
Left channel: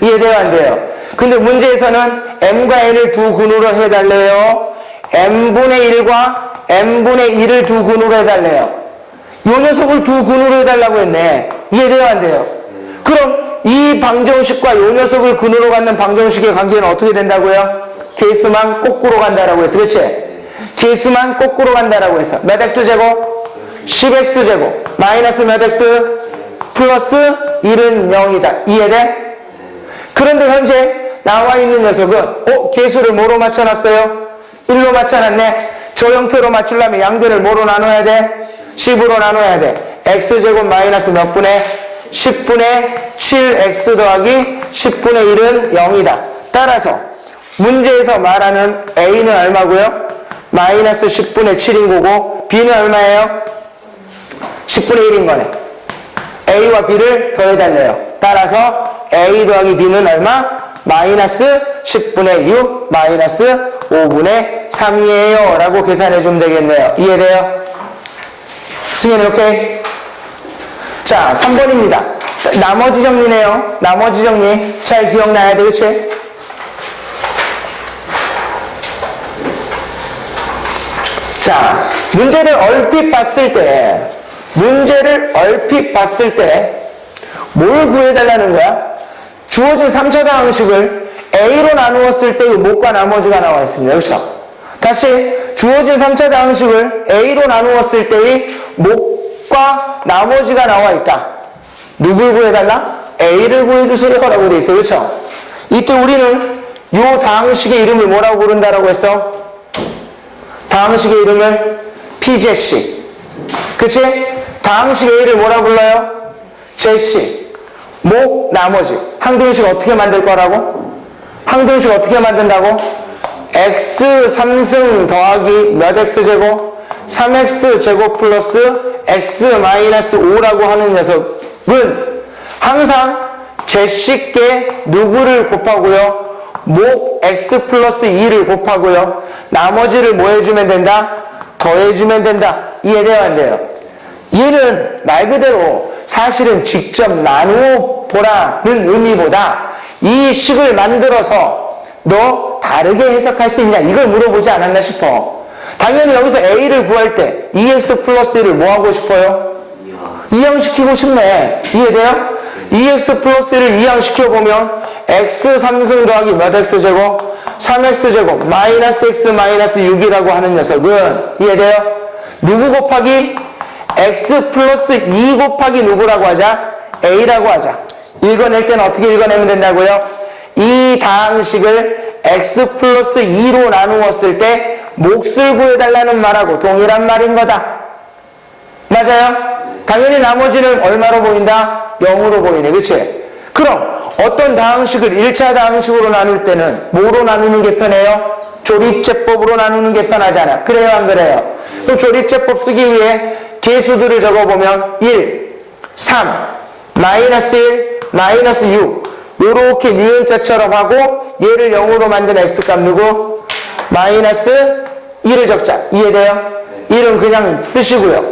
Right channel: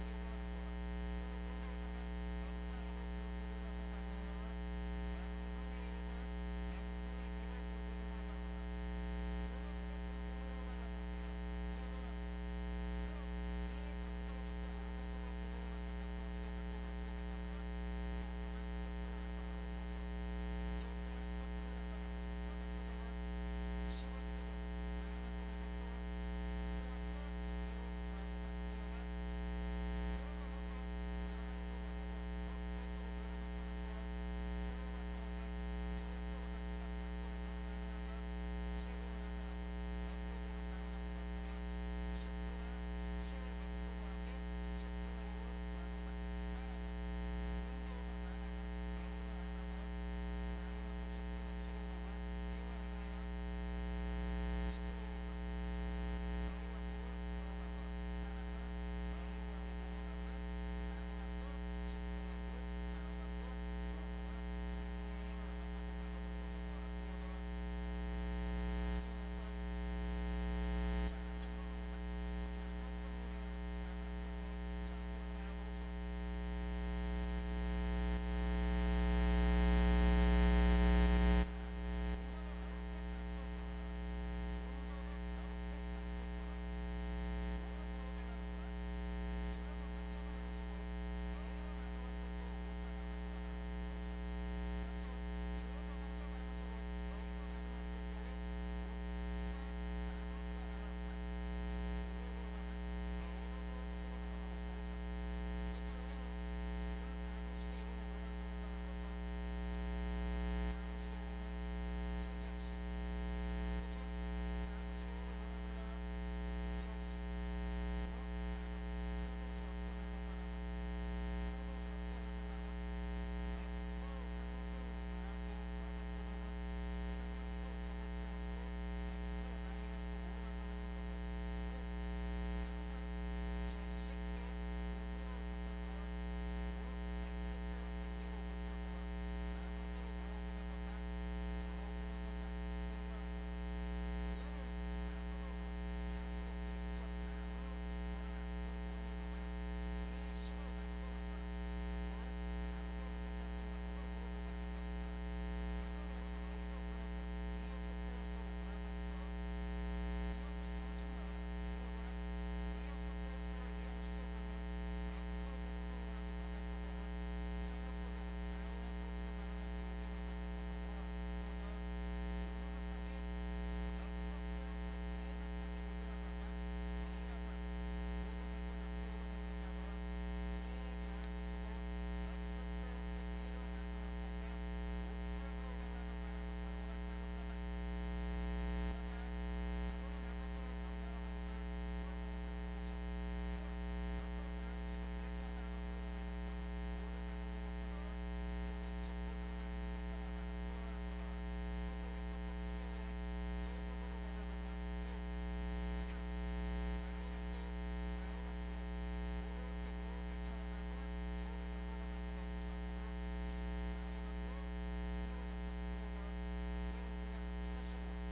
이해돼요? 안 돼요? 근데 문제에서는 m과 n을 두 근으로 해달래요. m분의 1과 m분의 1을 두 근으로 해달래요. 요 녀석을 두 근으로 해달라고 했네. 이해돼요? 안 돼요? 그럼 이 방정식과 요 녀석을 근으로 갖는 방정식의 관계는 어떻게 된다고요? 개수만 거꾸로 간다라고 했어. 그치? 개수만 거꾸로 간다라고 했어. 몇 x제곱? 10x제곱. 마이너스 몇 x? 플러스 1은 0이다. 이해돼? 그런데 현재 나와 있는 녀석은 개수를 뭐로 맞춰놨어요? 1로 맞춰놨네. 저 형태로 맞추려면 양변을 뭐로 나눠야 돼? 10으로 나눠야 돼. x제곱 마이너스 몇 분의? 10분의 7x 더하기 10분의 1은 0이다. 따라서 문제에서 말하는 a는 얼마고요? 마이너스 10분의 7인 거고 b는 얼마예요? 10분의 1인 거네. a와 b를 더해달래요. 따라서 a 더하기 b는 얼마? 마이너스 10분의 6 마이너스 5분의 3이에요 라고 계산해주면 되겠네요. 이해돼요? 승현이 오케이? 자, 3번입니다. 나머지 정리네요. 나머지 정리 잘 기억나야 돼. 그치? 자, 문제를 얼핏 봤을 때 뭘 구해달라는 거야? 주어진 3차 방정식을 A로 나누었을 때의 못과 나머지가 나와 있습니다. 그렇죠? 다시 주어진 3차 방정식을 A로 나누었을 때의 못과 나머지가 나와 있다. 누굴 구해달라? A를 구해주세요 라고 돼 있어요. 그렇죠? 이때 우리는 이 방정식의 이름을 뭐라고 부른다라고 했어? 방정식의 이름을 PJC. 그치? 방정식의 A를 뭐라고 불러요? JC. 목, 나머지. 항등식 어떻게 만들 거라고? 항등식 어떻게 만든다고? x 3승 더하기 몇 x제곱? 3x제곱 플러스 x 마이너스 5라고 하는 녀석은 항상 제식께 누구를 곱하고요? 목 x 플러스 2를 곱하고요. 나머지를 뭐 해주면 된다? 더해주면 된다. 이해돼요, 안 돼요? 얘는 말 그대로 사실은 직접 나누어 보라는 의미보다 이 식을 만들어서 너 다르게 해석할 수 있냐 이걸 물어보지 않았나 싶어. 당연히 여기서 a를 구할 때 2x 플러스 1을 뭐 하고 싶어요? 이항시키고 싶네. 이해돼요? 2x 플러스 1을 이항시켜보면 x 3승 더하기 몇 x제곱? 3x제곱 마이너스 x 마이너스 6이라고 하는 녀석은 이해돼요? 누구 곱하기? x 플러스 2 곱하기 누구라고 하자? a라고 하자. 읽어낼 때는 어떻게 읽어내면 된다고요? 이 다항식을 x 플러스 2로 나누었을 때 몫을 구해달라는 말하고 동일한 말인 거다. 맞아요? 당연히 나머지는 얼마로 보인다? 0으로 보이네. 그치? 그럼 어떤 다항식을 1차 다항식으로 나눌 때는 뭐로 나누는 게 편해요? 조립제법으로 나누는 게 편하잖아. 그래요, 안 그래요? 그럼 조립제법 쓰기 위해 개수들을 적어보면 1, 3, 마이너스 1, 마이너스 6 요렇게 니은자처럼 하고 얘를 0으로 만든 x값 누구? 마이너스 1을 적자. 이해돼요? 1은 그냥 쓰시고요.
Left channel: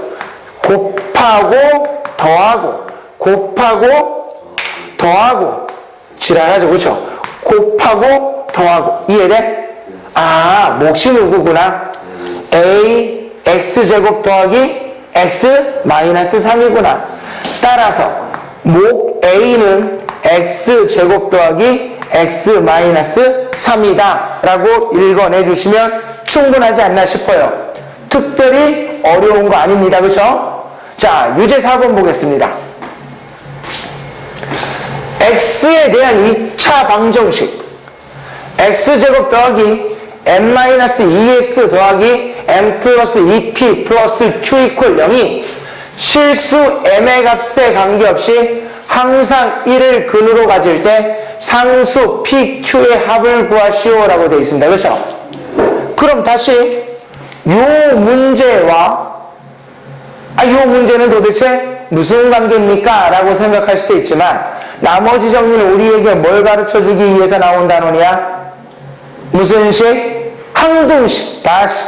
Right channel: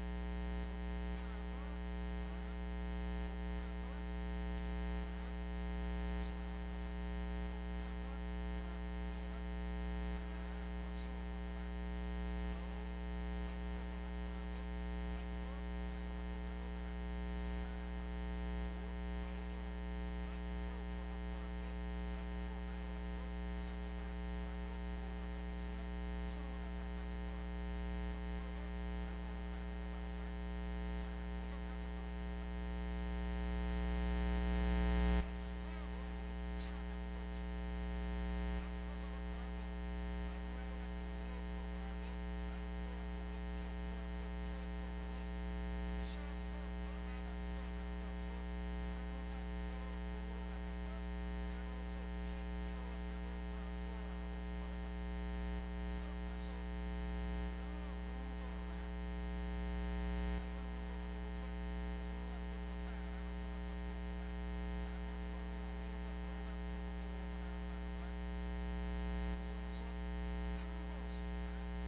곱하고 더하고 곱하고 더하고 지랄하죠. 그렇죠? 곱하고 더하고 이해돼? 아, 몫이 누구구나? a x제곱 더하기 x 마이너스 3이구나. 따라서 목 a는 x제곱 더하기 x 마이너스 3이다 라고 읽어내 주시면 충분하지 않나 싶어요. 특별히 어려운 거 아닙니다. 그렇죠? 자, 유제 4번 보겠습니다. x에 대한 2차 방정식 x제곱 더하기 m-2x 더하기 m 플러스 2p 플러스 q 이퀄 0이 실수 m의 값에 관계없이 항상 1을 근으로 가질 때 상수 pq의 합을 구하시오 라고 되어 있습니다. 그렇죠? 그럼 다시 요 문제와 요 문제는 도대체 무슨 관계입니까? 라고 생각할 수도 있지만 나머지 정리는 우리에게 뭘 가르쳐주기 위해서 나온 단원이야? 무슨 식? 항등식. 다시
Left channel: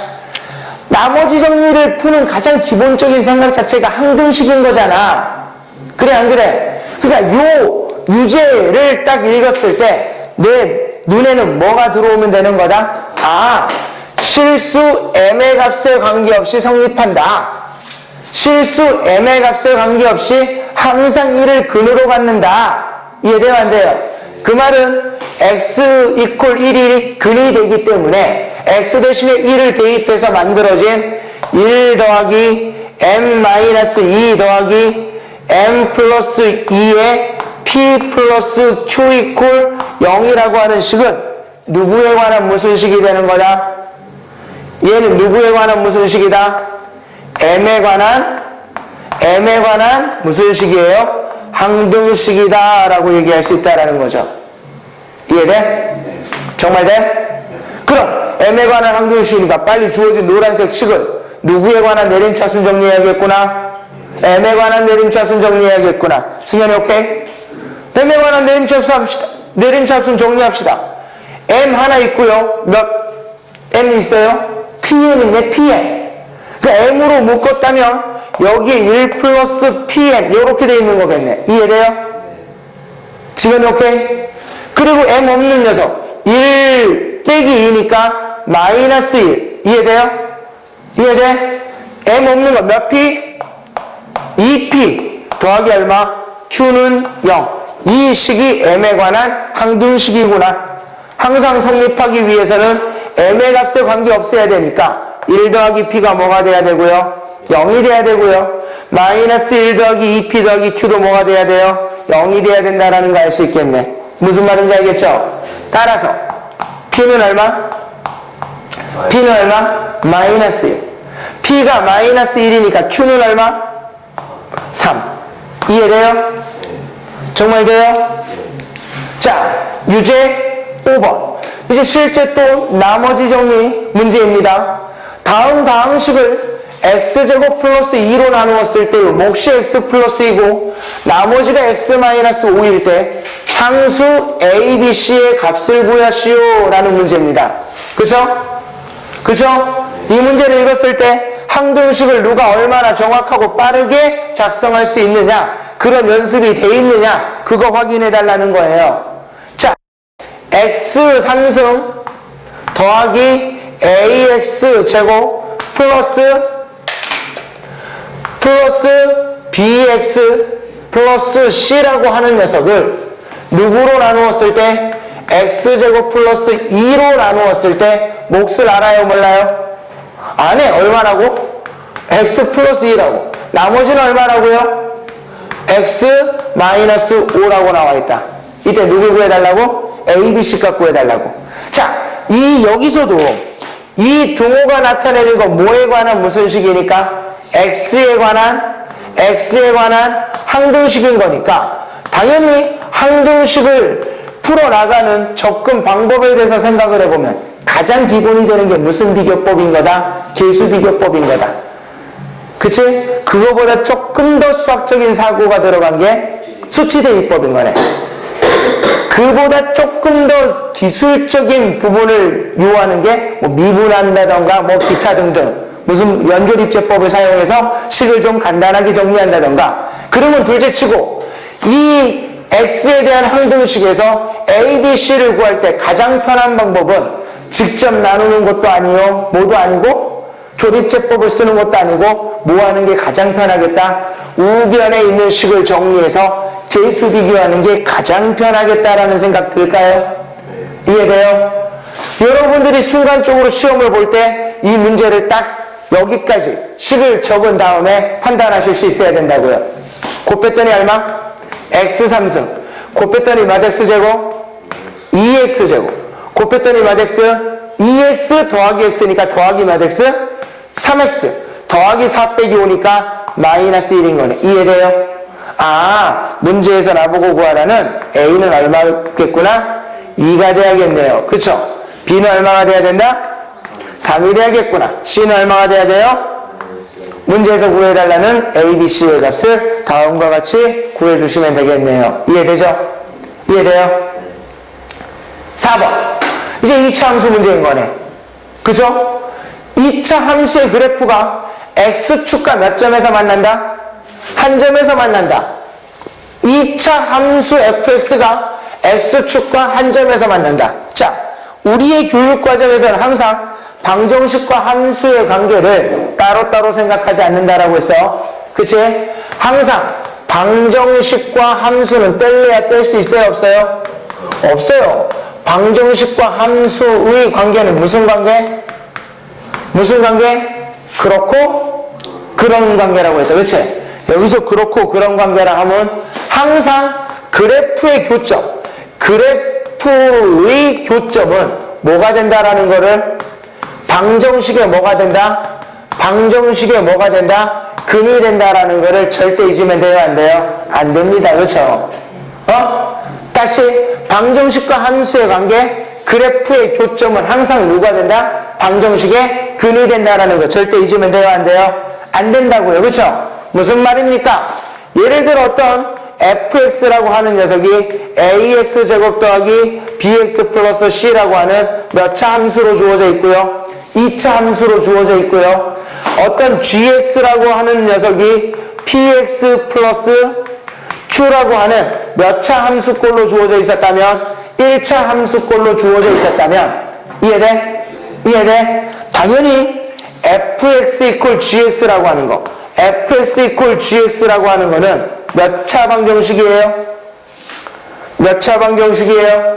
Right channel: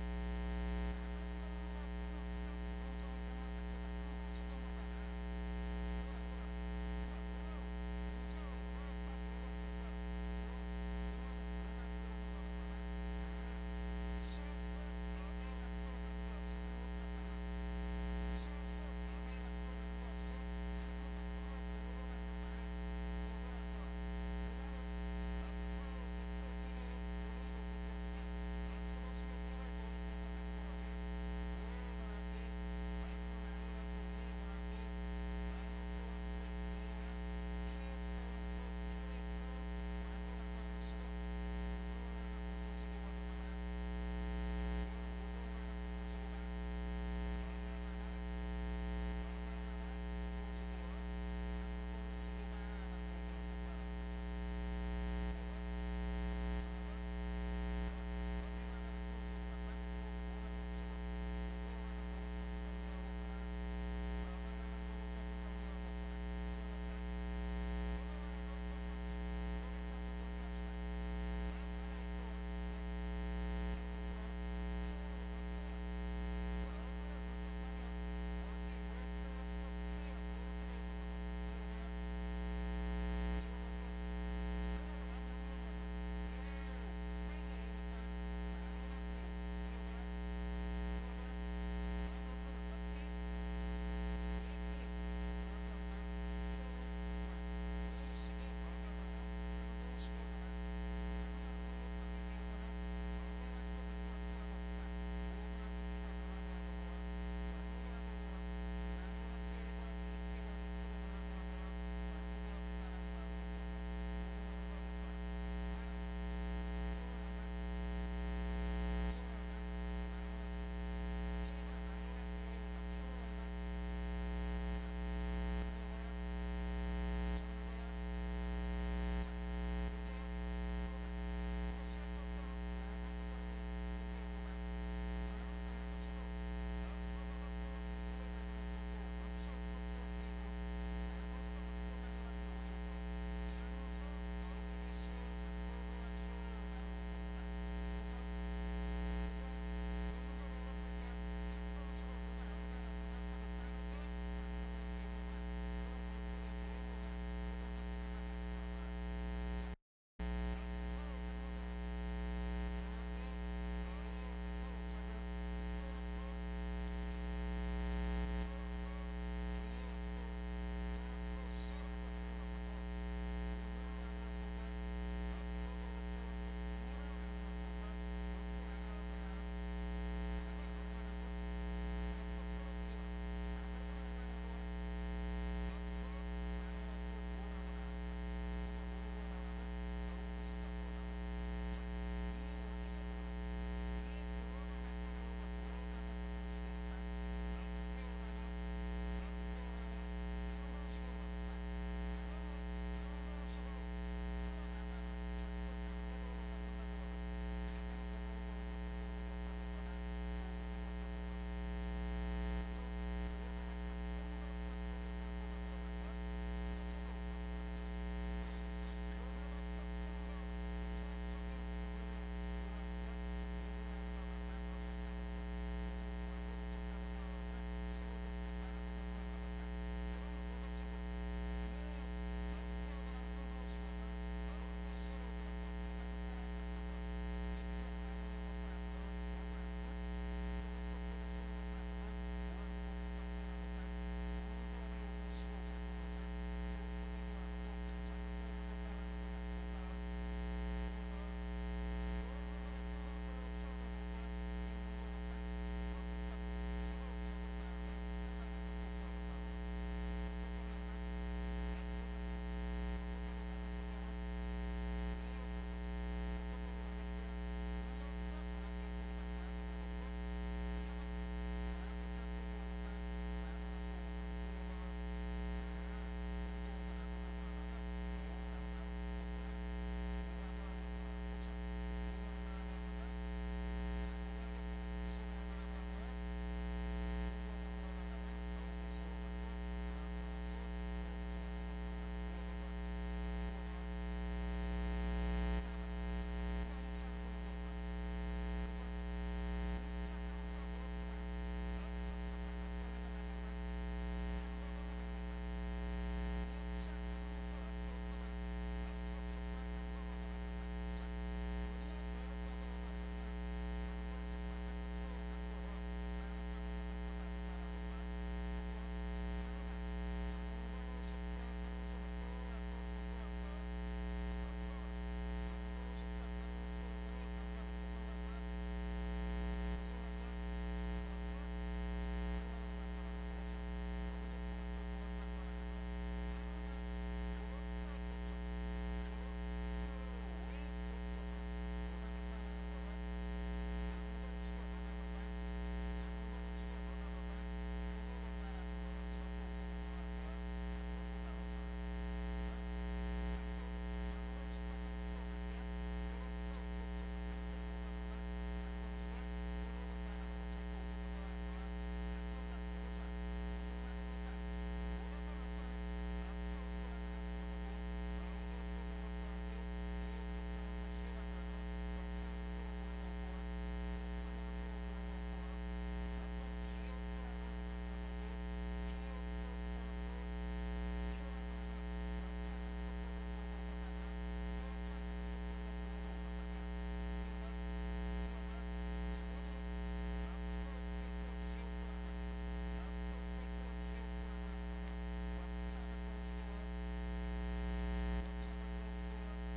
나머지 정리를 푸는 가장 기본적인 생각 자체가 항등식인 거잖아. 그래 안 그래? 그러니까 요 유제를 딱 읽었을 때 내 눈에는 뭐가 들어오면 되는 거다? 아, 실수 m의 값에 관계없이 성립한다. 실수 m의 값에 관계없이 항상 1을 근으로 갖는다. 이해돼요 안 돼요? 그 말은 x 이퀄 1이 근이 되기 때문에 x 대신에 1을 대입해서 만들어진 1 더하기 m-2 더하기 m 플러스 2의 p 플러스 q 이퀄 0이라고 하는 식은 누구에 관한 무슨 식이 되는 거다? 얘는 누구에 관한 무슨 식이다? m에 관한 무슨 식이에요? 항등식이다 라고 얘기할 수 있다라는 거죠. 이해돼? 정말 돼? 그럼 m에 관한 항등식이니까 빨리 주어진 노란색 식은 누구에 관한 내림차순 정리해야겠구나? m에 관한 내림차순 정리해야겠구나. 승현이 오케이? m에 관한 내림차순 정리합시다. m 하나 있고요. 몇 m 있어요? pm 있네. pm. 그러니까 m으로 묶었다면 여기에 1 플러스 pm 이렇게 돼 있는 거겠네. 이해돼요? 지금 오케이? 그리고 m 없는 녀석 1 빼기 2니까 마이너스 1. 이해돼요? 이해돼? m 없는 거 몇 p? 2p 더하기 얼마? q는 0. 이 식이 m에 관한 항등식이구나. 항상 성립하기 위해서는 m의 값에 관계없어야 되니까 1 더하기 p가 뭐가 돼야 되고요? 0이 돼야 되고요. 마이너스 1 더하기 2p 더하기 q도 뭐가 돼야 돼요? 0이 돼야 된다라는 거 알 수 있겠네. 무슨 말인지 알겠죠? 따라서 p는 얼마? p는 얼마? 마이너스 1. p가 마이너스 1이니까 q는 얼마? 3. 이해돼요? 정말 돼요? 자, 유제 5번. 이제 실제 또 나머지 정리 문제입니다. 다음 다항식을 x제곱 플러스 2로 나누었을 때 몫이 x 플러스 2고 나머지가 x 마이너스 5일 때 상수 A, B, C의 값을 구하시오 라는 문제입니다. 그죠? 그죠? 이 문제를 읽었을 때 항등식을 누가 얼마나 정확하고 빠르게 작성할 수 있느냐, 그런 연습이 돼 있느냐, 그거 확인해 달라는 거예요. 자, x 3승 더하기 ax 제곱 플러스 bx 플러스 c라고 하는 녀석을 누구로 나누었을 때 x제곱 플러스 2로 나누었을 때 몫을 알아요, 몰라요? 안에 얼마라고? x 플러스 2라고. 나머지는 얼마라고요? x 마이너스 5라고 나와 있다. 이때 누구 구해달라고? a, b, c 값 구해달라고. 자, 여기서도 이 등호가 나타내는 거 뭐에 관한 무슨 식이니까? x에 관한 항등식인 거니까 당연히 항등식을 풀어나가는 접근 방법에 대해서 생각을 해보면 가장 기본이 되는 게 무슨 비교법인 거다? 계수 비교법인 거다. 그치? 그거보다 조금 더 수학적인 사고가 들어간 게 수치 대입법인 거네. 그보다 조금 더 기술적인 부분을 요하는 게 뭐 미분한다던가 뭐 기타 등등 무슨 연조립제법을 사용해서 식을 좀 간단하게 정리한다던가. 그러면 둘째치고 이 x에 대한 항등식에서 a, b, c를 구할 때 가장 편한 방법은 직접 나누는 것도 아니요, 뭐도 아니고 조립제법을 쓰는 것도 아니고 뭐 하는 게 가장 편하겠다? 우변에 있는 식을 정리해서 계수 비교하는 게 가장 편하겠다라는 생각 들까요? 이해돼요? 여러분들이 순간적으로 시험을 볼 때 이 문제를 딱 여기까지 식을 적은 다음에 판단하실 수 있어야 된다고요. 곱 뺐더니 얼마? x 3승. 곱 뺐더니 몇 x제곱? 2x제곱. 곱 뺐더니 몇 x? 2x 더하기 x니까 더하기 몇 x? 3x. 더하기 4 빼기 5니까 마이너스 1인 거네. 이해돼요? 아, 문제에서 나보고 구하라는 a는 얼마겠구나? 2가 돼야겠네요. 그쵸? b는 얼마가 돼야 된다? 3이 돼야겠구나. c는 얼마가 돼야 돼요? 문제에서 구해달라는 a, b, c의 값을 다음과 같이 구해주시면 되겠네요. 이해되죠? 이해돼요? 4번. 이제 2차 함수 문제인 거네. 그죠? 2차 함수의 그래프가 x축과 몇 점에서 만난다? 한 점에서 만난다. 2차 함수 fx가 x축과 한 점에서 만난다. 자, 우리의 교육과정에서는 항상 방정식과 함수의 관계를 따로따로 생각하지 않는다라고 했어. 그치? 항상 방정식과 함수는 뗄래야 뗄 수 있어요, 없어요? 없어요. 방정식과 함수의 관계는 무슨 관계? 무슨 관계? 그렇고 그런 관계라고 했죠. 그치? 여기서 그렇고 그런 관계라 하면 항상 그래프의 교점, 그래프의 교점은 뭐가 된다라는 거를 방정식에 뭐가 된다? 방정식에 뭐가 된다? 근이 된다라는 거를 절대 잊으면 돼요, 안 돼요? 안 됩니다. 그렇죠? 다시 방정식과 함수의 관계, 그래프의 교점은 항상 누가 된다? 방정식에 근이 된다라는 거 절대 잊으면 돼요, 안 돼요? 안 된다고요. 그렇죠? 무슨 말입니까? 예를 들어 어떤 fx라고 하는 녀석이 ax제곱 더하기 bx 플러스 c라고 하는 몇 차 함수로 주어져 있고요. 2차 함수로 주어져 있고요. 어떤 gx라고 하는 녀석이 px 플러스 q라고 하는 몇 차 함수꼴로 주어져 있었다면 1차 함수꼴로 주어져 있었다면 이해돼? 이해돼? 당연히 fx 이퀄 gx라고 하는 거 fx 이퀄 gx라고 하는 거는 몇 차 방정식이에요? 몇 차 방정식이에요?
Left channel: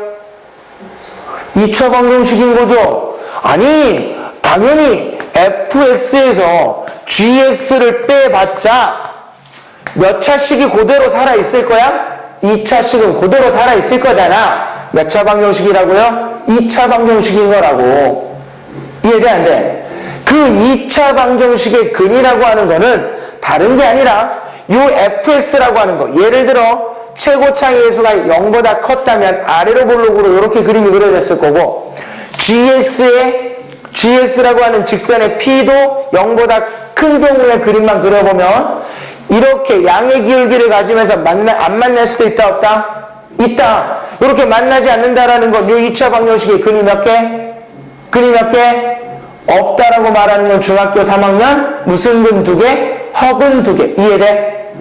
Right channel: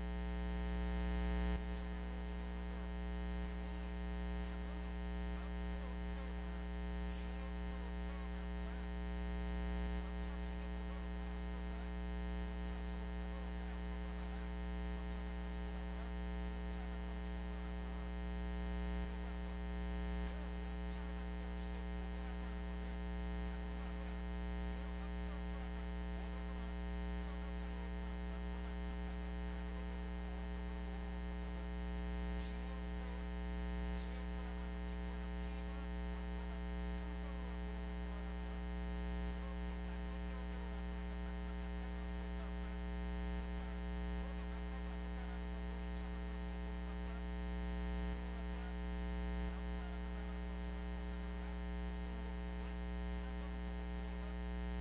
2차 방정식인 거죠? 아니, 당연히 fx에서 gx를 빼봤자 몇 차씩이 그대로 살아있을 거야? 2차씩은 그대로 살아있을 거잖아. 몇 차 방정식이라고요? 2차 방정식인 거라고. 이해돼, 안 돼? 그 2차 방정식의 근이라고 하는 거는 다른 게 아니라 요 fx라고 하는 거. 예를 들어 최고차의 해수가 0보다 컸다면 아래로 볼록으로 이렇게 그림이 그려졌을 거고 gx라고 하는 직선의 p도 0보다 큰 경우의 그림만 그려보면 이렇게 양의 기울기를 가지면서 안 만날 수도 있다 없다? 있다. 이렇게 만나지 않는다라는 건 이 2차 방정식의 근이 몇 개? 근이 몇 개? 없다라고 말하는 건 중학교 3학년 무슨 근 2개? 허근 2개. 이해돼?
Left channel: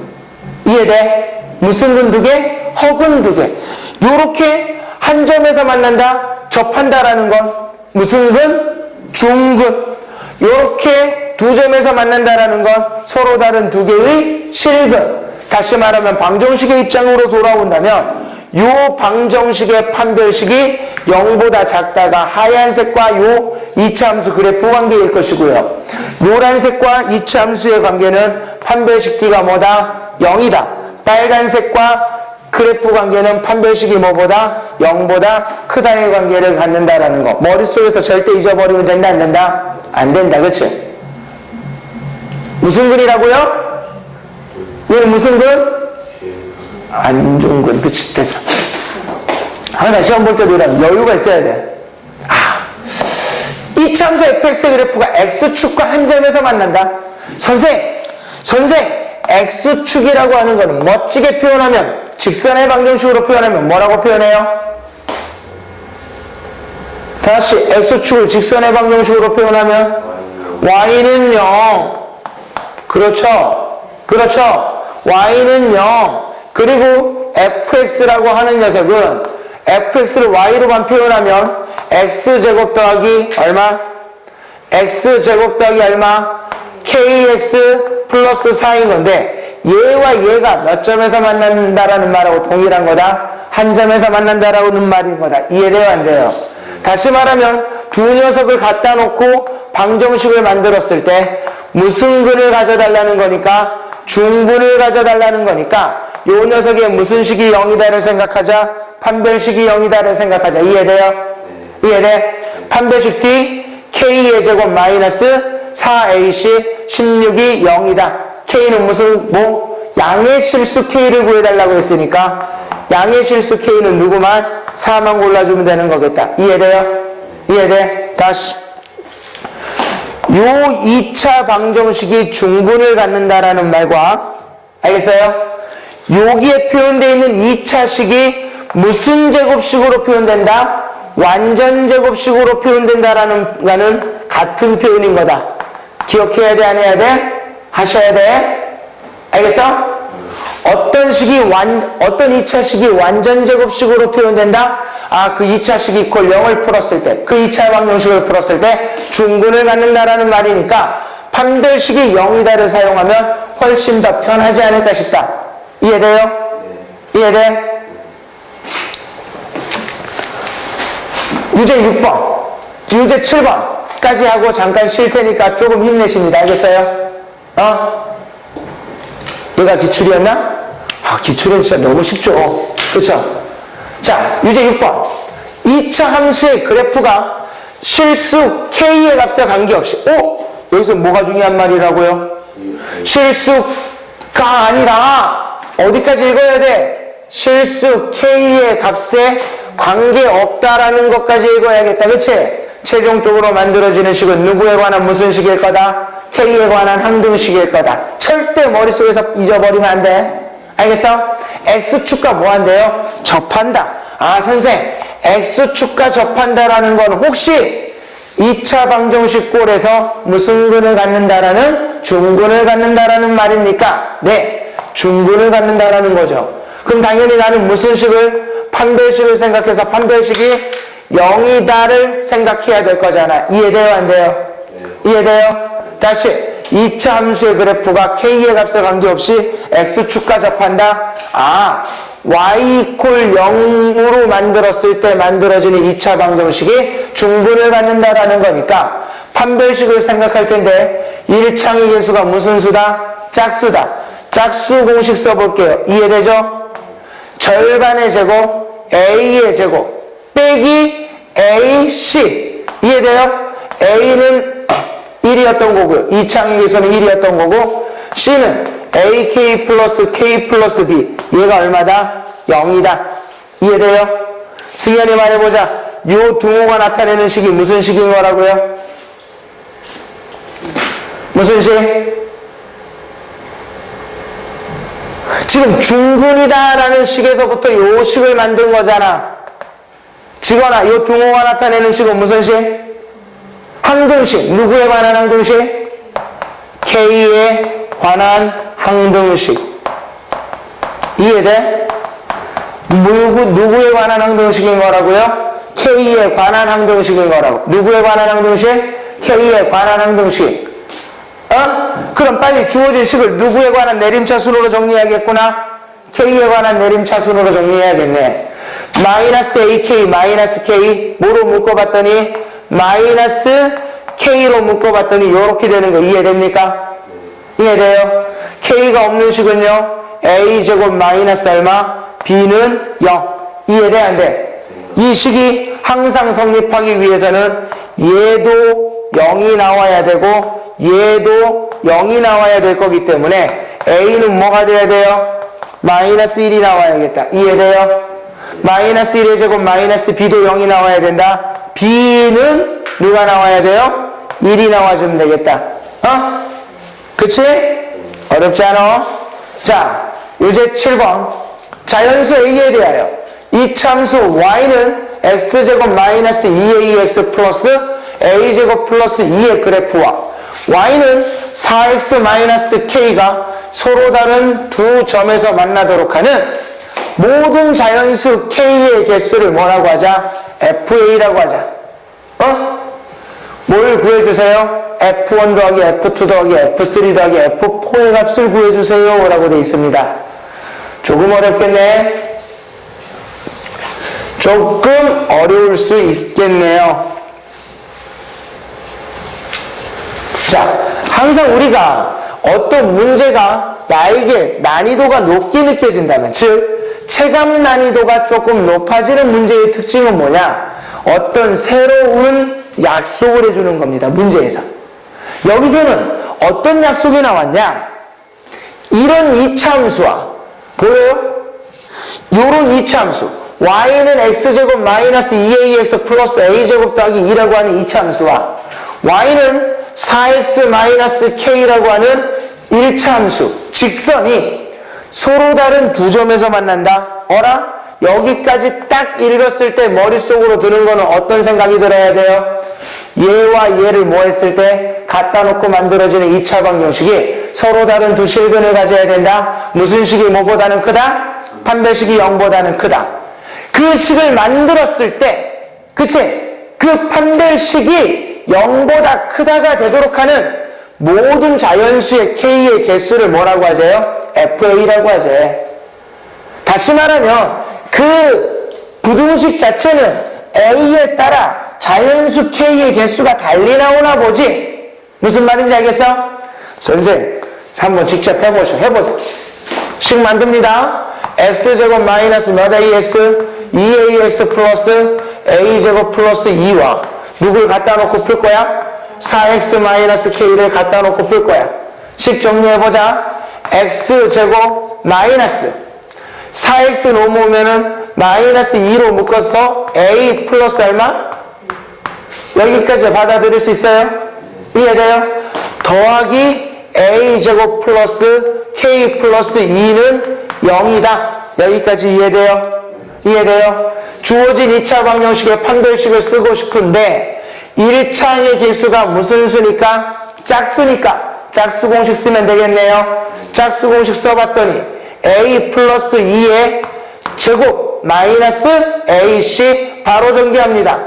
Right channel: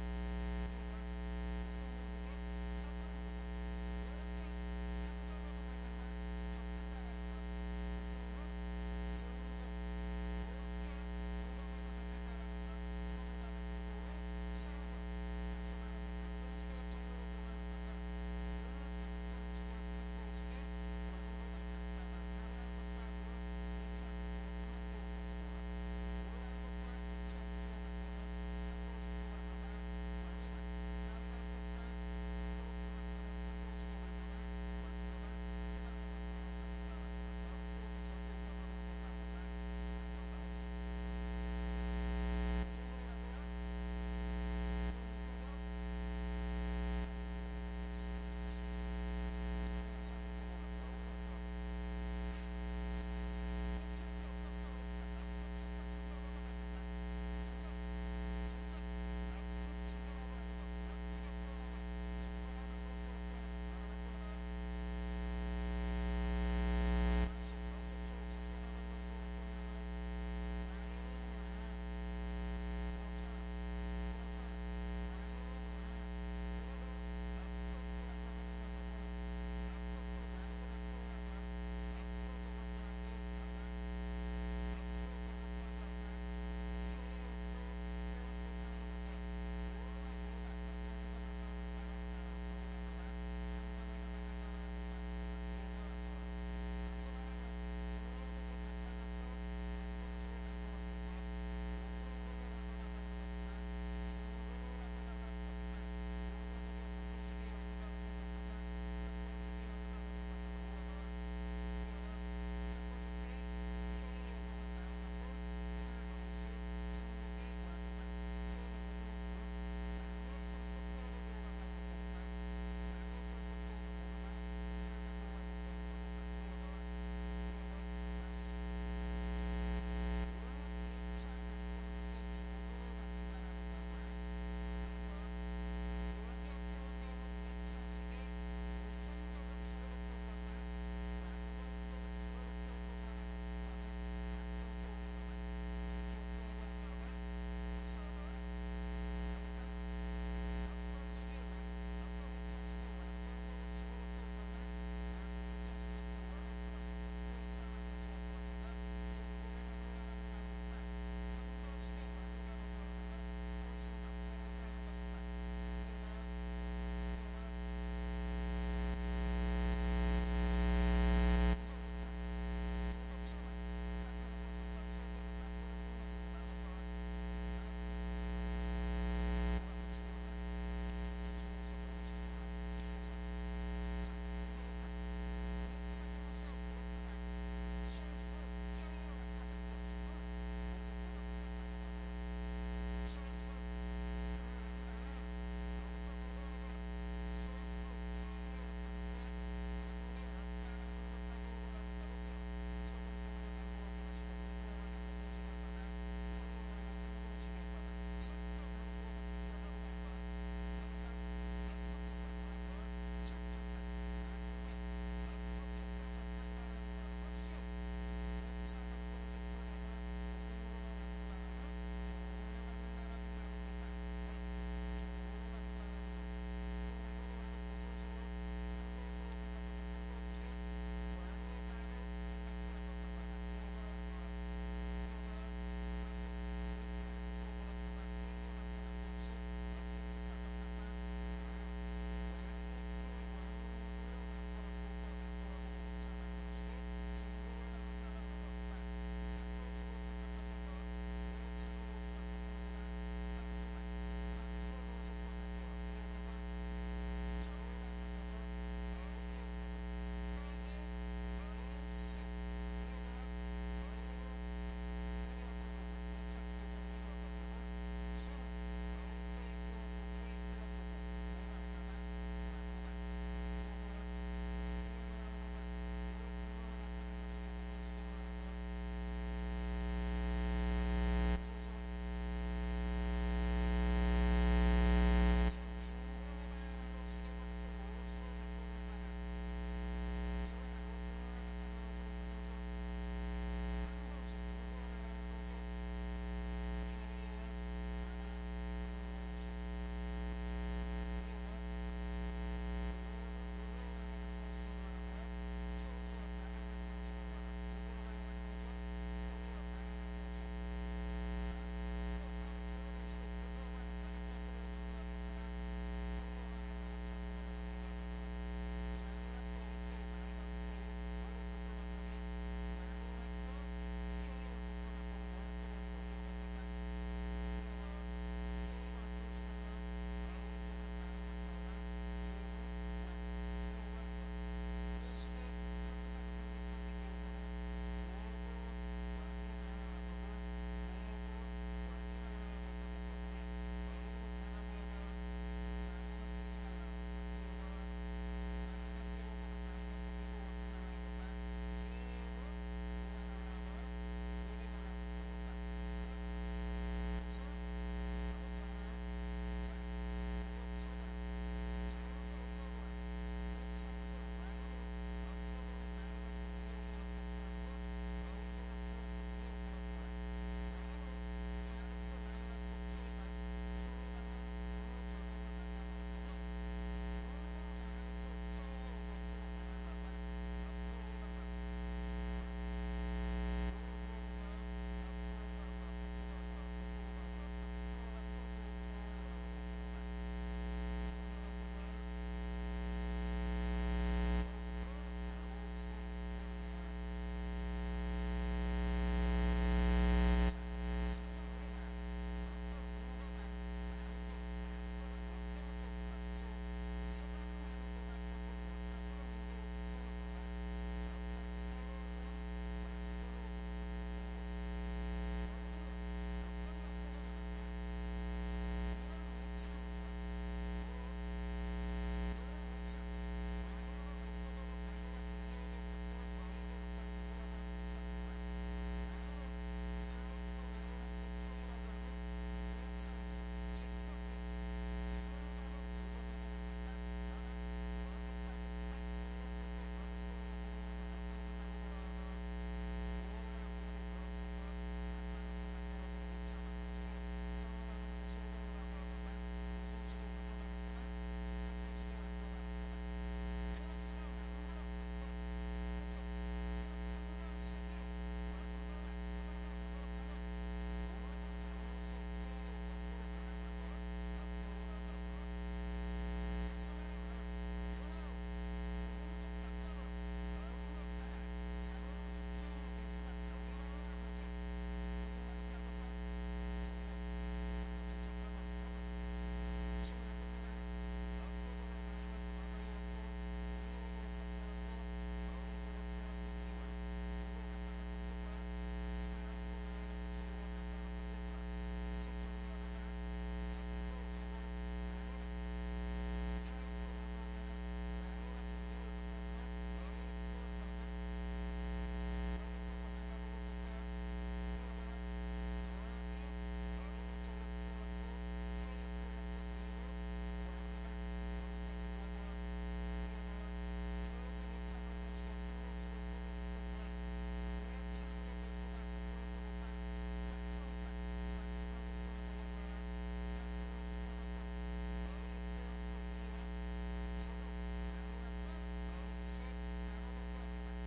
이해돼? 무슨 근 2개? 허근 2개. 요렇게 한 점에서 만난다? 접한다라는 건 무슨 근? 중근. 요렇게 두 점에서 만난다라는 건 서로 다른 두 개의 실근. 다시 말하면 방정식의 입장으로 돌아온다면 요 방정식의 판별식이 0보다 작다가 하얀색과 요 이차함수 그래프 관계일 것이고요. 노란색과 이차함수의 관계는 판별식 D가 뭐다? 0이다. 빨간색과 그래프 관계는 판별식이 뭐보다? 0보다 크다의 관계를 갖는다라는 거. 머릿속에서 절대 잊어버리면 된다, 안 된다? 안 된다, 그치? 무슨 근이라고요? 얘는 무슨 근? 안중근. 그치, 됐어. 항상 시험 볼 때도 이런 여유가 있어야 돼. 이차함수 fx의 그래프가 x축과 한 점에서 만난다. 선생, x축이라고 하는 거는 멋지게 표현하면, 직선의 방정식으로 표현하면 뭐라고 표현해요? 다시 x축을 직선의 방정식으로 표현하면 y는 0. 그렇죠. y는 0. 그리고 fx라고 하는 녀석은 fx를 y로만 표현하면 x제곱 더하기 얼마? x제곱 더하기 얼마? kx 플러스 4인 건데 얘와 얘가 몇 점에서 만난다라는 말하고 동일한 거다? 한 점에서 만난다라는 말인 거다. 이해돼요, 안 돼요? 다시 말하면 두 녀석을 갖다 놓고 방정식을 만들었을 때 무슨 근을 가져달라는 거니까 중근을 가져달라는 거니까 요 녀석의 무슨 식이 0이다를 생각하자. 판별식이 0이다를 생각하자. 이해돼요? 이해돼? 판별식 D K의 제곱 마이너스 4AC 16이 0이다. K는 무슨 양의 실수 K를 구해달라고 했으니까 양의 실수 K는 누구만? 4만 골라주면 되는 거겠다. 이해돼요? 이해돼? 다시 요 2차 방정식이 중근을 갖는다라는 말과 알겠어요? 여기에 표현되어 있는 2차식이 무슨 제곱식으로 표현된다? 완전 제곱식으로 표현된다라는 거는 같은 표현인 거다. 기억해야 돼, 안 해야 돼? 하셔야 돼? 알겠어? 어떤 2차식이 완전 제곱식으로 표현된다? 그 2차식이 이퀄 0을 풀었을 때, 그 2차 방정식을 풀었을 때 중근을 갖는다라는 말이니까 판별식이 0이다를 사용하면 훨씬 더 편하지 않을까 싶다. 이해돼요? 이해돼? 유제 6번, 유제 7번까지 하고 잠깐 쉴 테니까 조금 힘내십니다. 알겠어요? 얘가 기출이었나? 기출은 진짜 너무 쉽죠. 그쵸? 자, 유제 6번. 2차 함수의 그래프가 실수 K의 값에 관계없이, 여기서 뭐가 중요한 말이라고요? 실수가 아니라, 어디까지 읽어야 돼? 실수 K의 값에 관계없다라는 것까지 읽어야겠다. 그치? 최종적으로 만들어지는 식은 누구에 관한 무슨 식일 거다? K에 관한 항등식일 거다. 절대 머릿속에서 잊어버리면 안 돼. 알겠어? X축과 뭐 한대요? 접한다. 선생, X축과 접한다라는 건 혹시 2차 방정식 꼴에서 무슨 근을 갖는다라는? 중근을 갖는다라는 말입니까? 네, 중근을 갖는다라는 거죠. 그럼 당연히 나는 무슨 식을? 판별식을 생각해서 판별식이 0이다를 생각해야 될 거잖아. 이해돼요, 안 돼요? 이해돼요? 다시 2차 함수의 그래프가 K의 값에 관계없이 X축과 접한다. Y 이퀄 0으로 만들었을 때 만들어지는 2차 방정식이 중근을 갖는다라는 거니까 판별식을 생각할 텐데 1창의 개수가 무슨 수다? 짝수다. 짝수 공식 써볼게요. 이해되죠? 절반의 제곱 A의 제곱 빼기 AC. 이해돼요? A는 1이었던 거고요. 2창의 개수는 1이었던 거고 C는 AK 플러스 K 플러스 B. 얘가 얼마다? 0이다. 이해돼요? 승현이 말해보자. 요 등호가 나타내는 식이 무슨 식인 거라고요? 무슨 식? 지금 중근이다라는 식에서부터 요 식을 만든 거잖아. 지거나 요 등호가 나타내는 식은 무슨 식? 항등식. 누구에 관한 항등식? K에 관한 항등식. 이해돼? 누구에 관한 항등식인 거라고요? K에 관한 항등식인 거라고. 누구에 관한 항등식? K에 관한 항등식. 그럼 빨리 주어진 식을 누구에 관한 내림차순으로 정리해야겠구나. K에 관한 내림차순으로 정리해야겠네. 마이너스 AK 마이너스 K 뭐로 묶어봤더니 마이너스 K로 묶어봤더니 요렇게 되는 거 이해됩니까? 이해돼요? K가 없는 식은요 A제곱 마이너스 얼마? B는 0. 이해돼 안 돼? 이 식이 항상 성립하기 위해서는 얘도 0이 나와야 되고 얘도 0이 나와야 될 거기 때문에 A는 뭐가 돼야 돼요? 마이너스 1이 나와야겠다. 이해돼요? 마이너스 1의 제곱 마이너스 B도 0이 나와야 된다. B는 누가 나와야 돼요? 1이 나와주면 되겠다. 그치? 어렵지 않아? 자, 이제 7번. 자연수 A에 대하여 이 참수 Y는 X제곱 마이너스 2AX 플러스 A제곱 플러스 2의 그래프와 Y는 4X 마이너스 K가 서로 다른 두 점에서 만나도록 하는 모든 자연수 K의 개수를 뭐라고 하자? FA라고 하자. 뭘 구해주세요? F1 더하기 F2 더하기 F3 더하기 F4의 값을 구해주세요 라고 되어 있습니다. 조금 어렵겠네. 조금 어려울 수 있겠네요. 자, 항상 우리가 어떤 문제가 나에게 난이도가 높게 느껴진다면, 즉 체감 난이도가 조금 높아지는 문제의 특징은 뭐냐? 어떤 새로운 약속을 해주는 겁니다. 문제에서. 여기서는 어떤 약속이 나왔냐? 이런 이차함수와 보여요? 요런 이차함수 y는 x제곱 마이너스 2ax 플러스 a제곱 더하기 2라고 하는 이차함수와 y는 4x 마이너스 k라고 하는 1차함수 직선이 서로 다른 두 점에서 만난다. 어라? 여기까지 딱 읽었을 때 머릿속으로 드는 거는 어떤 생각이 들어야 돼요? 얘와 얘를 뭐 했을 때 갖다 놓고 만들어지는 2차 방정식이 서로 다른 두 실근을 가져야 된다. 무슨 식이 뭐보다는 크다? 판별식이 0보다는 크다. 그 식을 만들었을 때, 그치? 그 판별식이 0보다 크다가 되도록 하는 모든 자연수의 K의 개수를 뭐라고 하세요? FA라고 하죠. 다시 말하면 그 부등식 자체는 A에 따라 자연수 K의 개수가 달리 나오나 보지. 무슨 말인지 알겠어? 선생 한번 직접 해보자. 식 만듭니다. X제곱 마이너스 몇 AX 2AX 플러스 A제곱 플러스 2와 누굴 갖다 놓고 풀 거야? 4X 마이너스 K를 갖다 놓고 풀 거야. 식 정리해보자. X제곱 마이너스 4X 넘어오면은 마이너스 2로 묶어서 A 플러스 얼마? 여기까지 받아들일 수 있어요? 이해돼요? 더하기 A제곱 플러스 K 플러스 2는 0이다. 여기까지 이해돼요? 이해돼요? 주어진 2차 방정식의 판별식을 쓰고 싶은데 1차의 개수가 무슨 수니까? 짝수니까 짝수 공식 쓰면 되겠네요. 짝수 공식 써봤더니 A 플러스 2의 제곱 마이너스 AC 바로 전개합니다.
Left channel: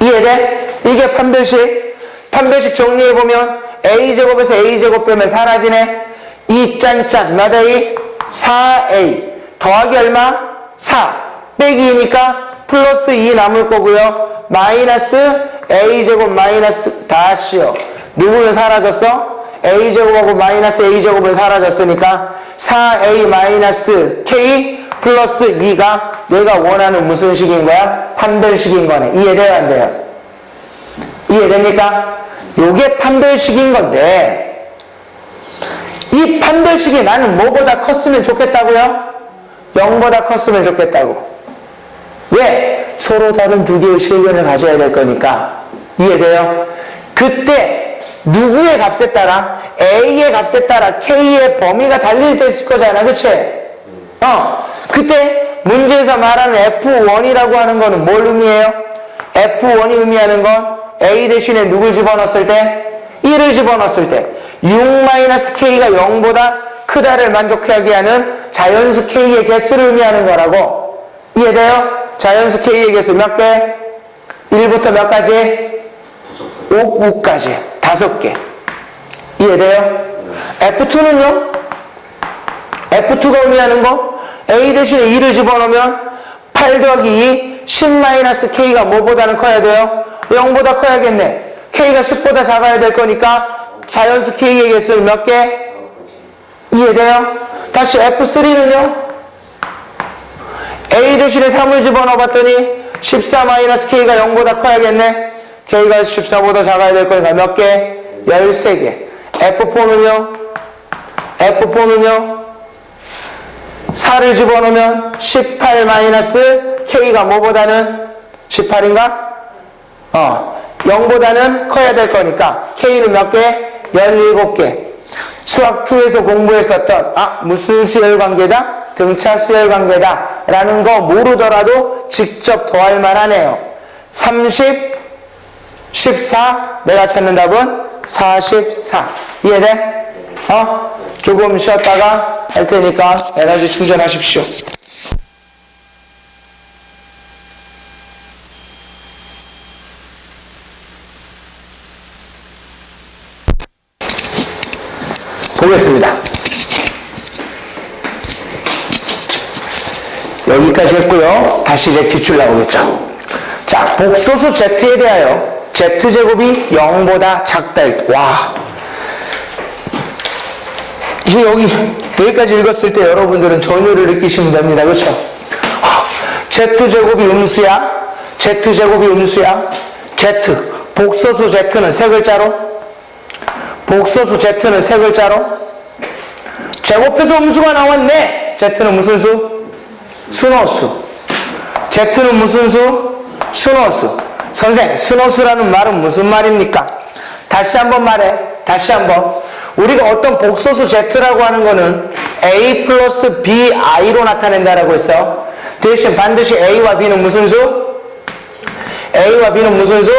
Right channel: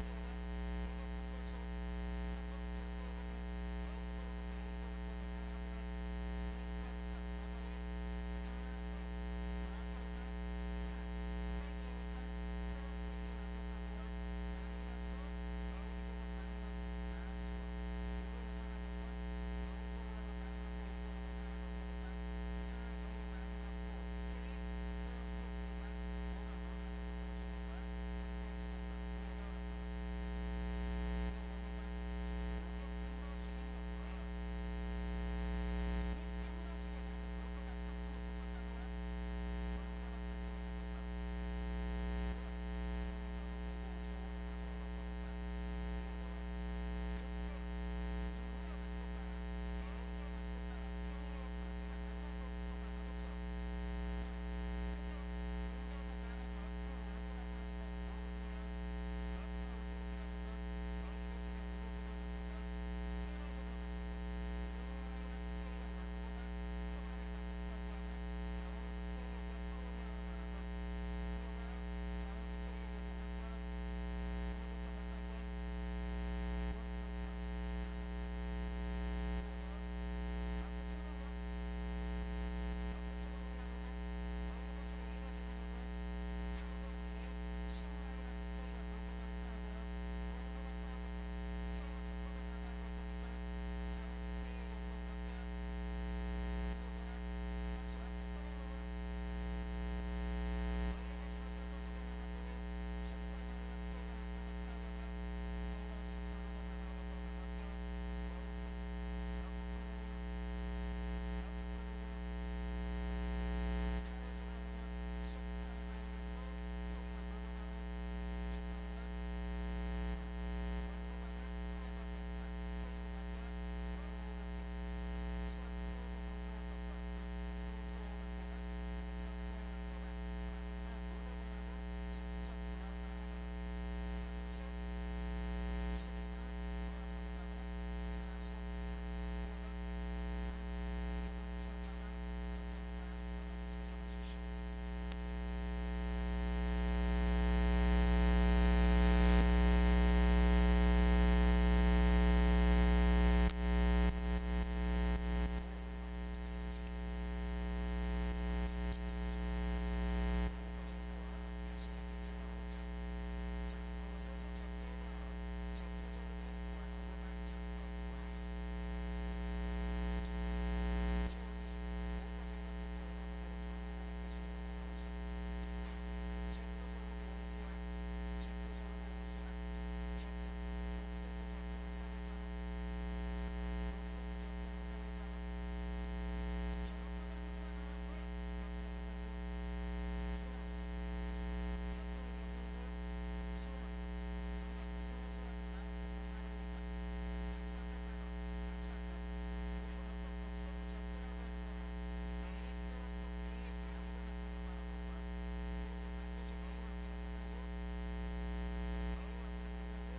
이해돼? 이게 판별식. 판별식 정리해보면 A제곱에서 A제곱 빼면 사라지네. 2짠짠 몇 A? 4A 더하기 얼마? 4 빼기 2니까 플러스 2 남을 거고요. 마이너스 A제곱 마이너스 다시요. 누구는 사라졌어? A제곱하고 마이너스 A제곱은 사라졌으니까 4A 마이너스 K 플러스 2가 내가 원하는 무슨 식인 거야? 판별식인 거네. 이해돼요? 안 돼요? 이해됩니까? 요게 판별식인 건데 이 판별식이 나는 뭐보다 컸으면 좋겠다고요? 0보다 컸으면 좋겠다고. 왜? 서로 다른 두 개의 실견을 가져야 될 거니까. 이해돼요? 그때 누구의 값에 따라? A의 값에 따라 K의 범위가 달릴 때 있을 거잖아. 그치? 그때 문제에서 말하는 F1이라고 하는 거는 뭘 의미해요? F1이 의미하는 건 A 대신에 누굴 집어넣었을 때? 1을 집어넣었을 때 6-K가 0보다 크다를 만족하게 하는 자연수 K의 개수를 의미하는 거라고. 이해돼요? 자연수 K의 개수 몇 개? 1부터 몇 가지? 5까지 5개. 이해돼요? F2는요? F2가 의미하는 거 A 대신에 2를 집어넣으면 8 더하기 2 10-K가 뭐보다는 커야 돼요? 0보다 커야겠네. K가 10보다 작아야 될 거니까 자연수 K의 개수를 몇 개? 이해돼요? 다시 F3는요? A 대신에 3을 집어넣어 봤더니 14-K가 0보다 커야겠네. K가 14보다 작아야 될 거니까 몇 개? 13개. F4는요? 4를 집어넣으면 18-K가 뭐보다는 18인가? 0보다는 커야 될 거니까 K는 몇 개? 17개. 수학 2에서 공부했었던 무슨 수열 관계다? 등차 수열 관계다 라는 거 모르더라도 직접 더할 만하네요. 30, 14, 내가 찾는 답은 44. 이해돼? 조금 쉬었다가 할 테니까 에너지 충전하십시오. 보겠습니다. 여기까지 했고요. 다시 이제 기출 나오겠죠. 자, 복소수 Z에 대하여 Z제곱이 0보다 작다. 와. 이게 여기까지 읽었을 때 여러분들은 전율을 느끼시면 됩니다. 그렇죠? Z제곱이 음수야. Z제곱이 음수야. Z. 복소수 Z는 세 글자로. 복소수 Z는 세 글자로. 제곱해서 음수가 나왔네. Z는 무슨 수? 순호수. Z는 무슨 수? 순호수. 선생, 순호수라는 말은 무슨 말입니까? 다시 한번 말해. 다시 한번. 우리가 어떤 복소수 Z라고 하는 거는 A 플러스 BI로 나타낸다라고 했어. 대신 반드시 A와 B는 무슨 수? A와 B는 무슨 수?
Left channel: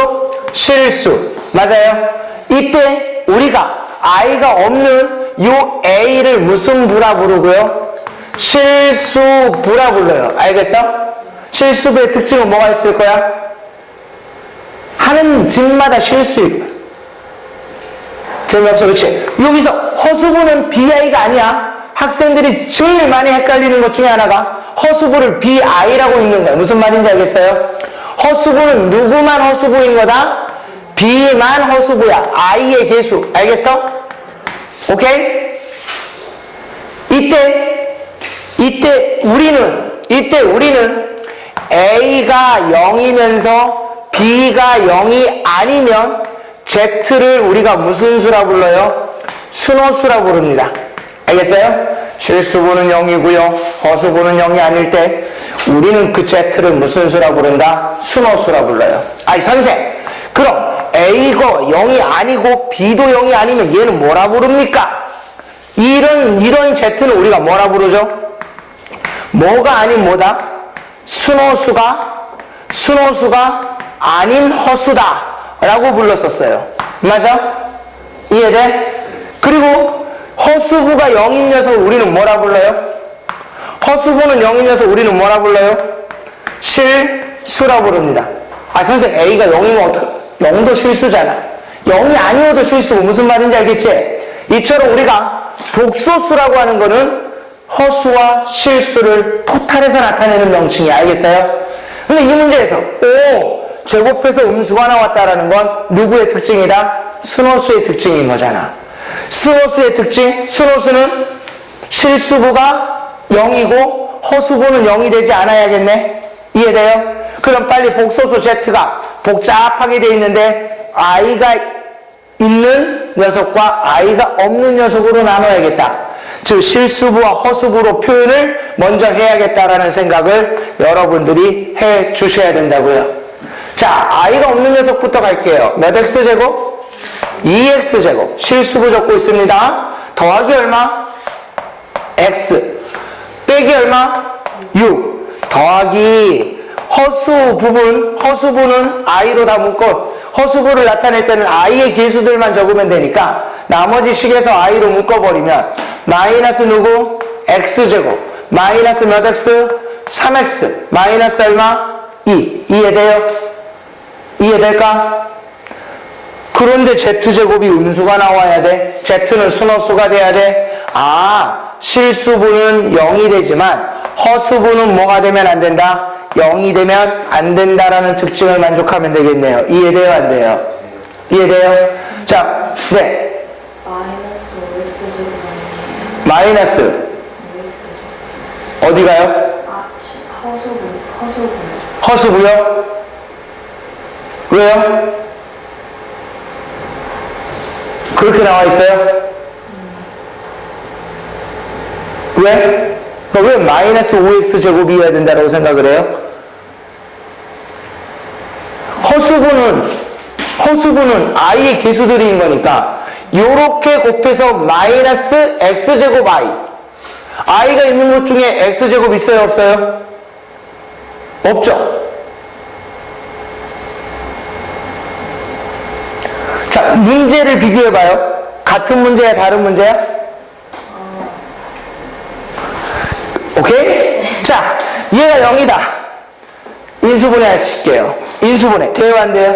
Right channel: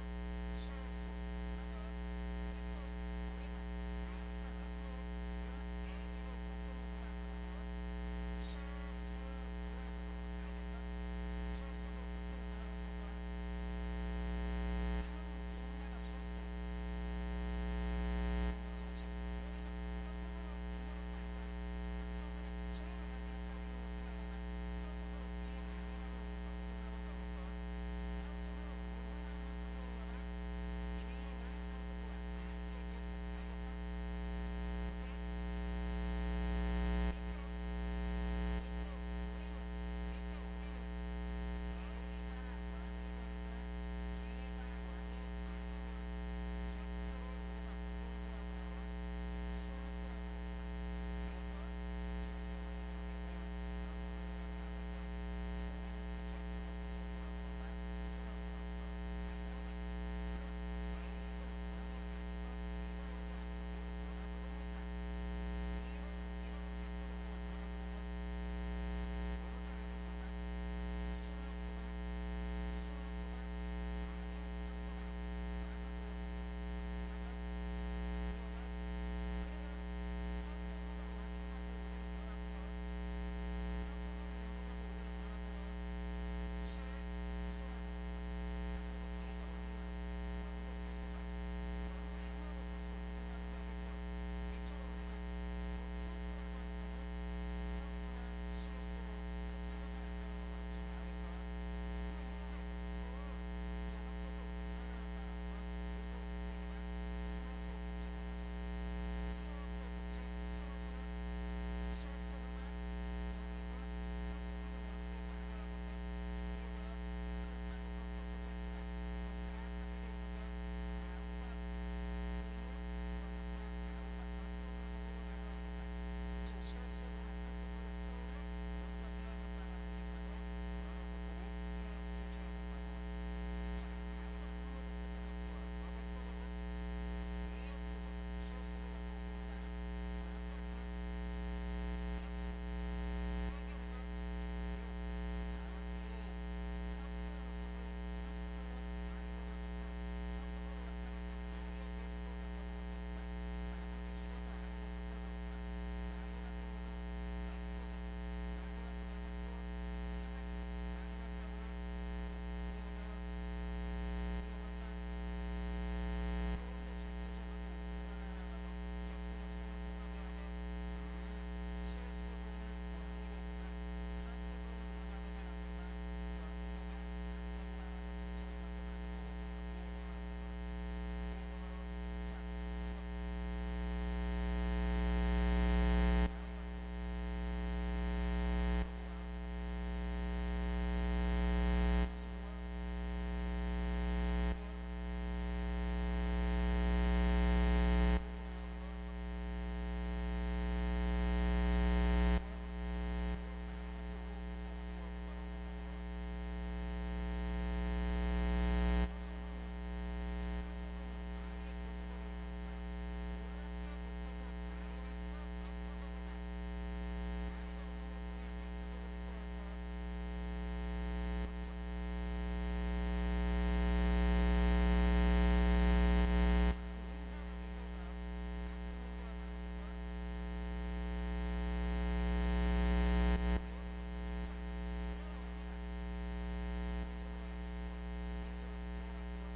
실수. 맞아요? 이때 우리가 I가 없는 요 A를 무슨 부라 부르고요? 실수부라 불러요. 알겠어? 실수부의 특징은 뭐가 있을 거야? 하는 짓마다 실수일 거야. 재미없어, 그치? 여기서 허수부는 BI가 아니야. 학생들이 제일 많이 헷갈리는 것 중에 하나가 허수부를 BI라고 읽는 거야. 무슨 말인지 알겠어요? 허수부는 누구만 허수부인 거다? B만 허수부야. I의 개수. 알겠어? 오케이? 이때 우리는 A가 0이면서 B가 0이 아니면 Z를 우리가 무슨 수라 불러요? 순호수라 부릅니다. 알겠어요? 실수부는 0이고요. 허수부는 0이 아닐 때 우리는 그 Z를 무슨 수라 부른다? 순호수라 불러요. 아니 선생, 그럼 A가 0이 아니고 B도 0이 아니면 얘는 뭐라 부릅니까? 이런 Z는 우리가 뭐라 부르죠? 뭐가 아닌 뭐다? 순호수가 아닌 허수다 라고 불렀었어요. 맞아? 이해돼? 그리고 허수부가 0인 녀석을 우리는 뭐라 불러요? 허수부는 0인 녀석 우리는 뭐라 불러요? 실수라 부릅니다. 선생, A가 0이면 어떡해? 0도 실수잖아. 0이 아니어도 실수고. 무슨 말인지 알겠지? 이처럼 우리가 복소수라고 하는 거는 허수와 실수를 토탈해서 나타내는 명칭이야. 알겠어요? 근데 이 문제에서 제곱해서 음수가 나왔다라는 건 누구의 특징이다? 순호수의 특징인 거잖아. 순호수의 특징, 순호수는 실수부가 0이고 허수부는 0이 되지 않아야겠네. 이해돼요? 그럼 빨리 복소수 Z가 복잡하게 돼 있는데 I가 있는 녀석과 I가 없는 녀석으로 나눠야겠다. 즉 실수부와 허수부로 표현을 먼저 해야겠다라는 생각을 여러분들이 해 주셔야 된다고요. 자, I가 없는 녀석부터 갈게요. 몇 X제곱? 2x제곱 실수부 적고 있습니다. 더하기 얼마? x 빼기 얼마? 6 더하기 허수 부분, 허수부는 i로 다 묶어. 허수부를 나타낼 때는 i의 개수들만 적으면 되니까 나머지 식에서 i로 묶어버리면 마이너스 누구? x제곱 마이너스 몇 x? 3x 마이너스 얼마? 2 이해돼요? 이해될까? 그런데 z제곱이 음수가 나와야 돼. z는 순허수가 돼야 돼. 아, 실수부는 0이 되지만 허수부는 뭐가 되면 안 된다? 0이 되면 안 된다라는 특징을 만족하면 되겠네요. 이해돼요? 안 돼요? 이해돼요? 자, 네. 마이너스 어디 가요? 허수부요? 왜요? 그렇게 나와 있어요? 왜? 왜 마이너스 5x제곱이어야 된다고 생각을 해요? 허수부는 i의 개수들인 거니까 요렇게 곱해서 마이너스 x제곱 i가 있는 것 중에 x제곱 있어요? 없어요? 없죠? 자, 문제를 비교해봐요. 같은 문제야, 다른 문제야? 오케이? 자, 얘가 0이다. 인수분해 하실게요. 인수분해. 돼요, 안 돼요?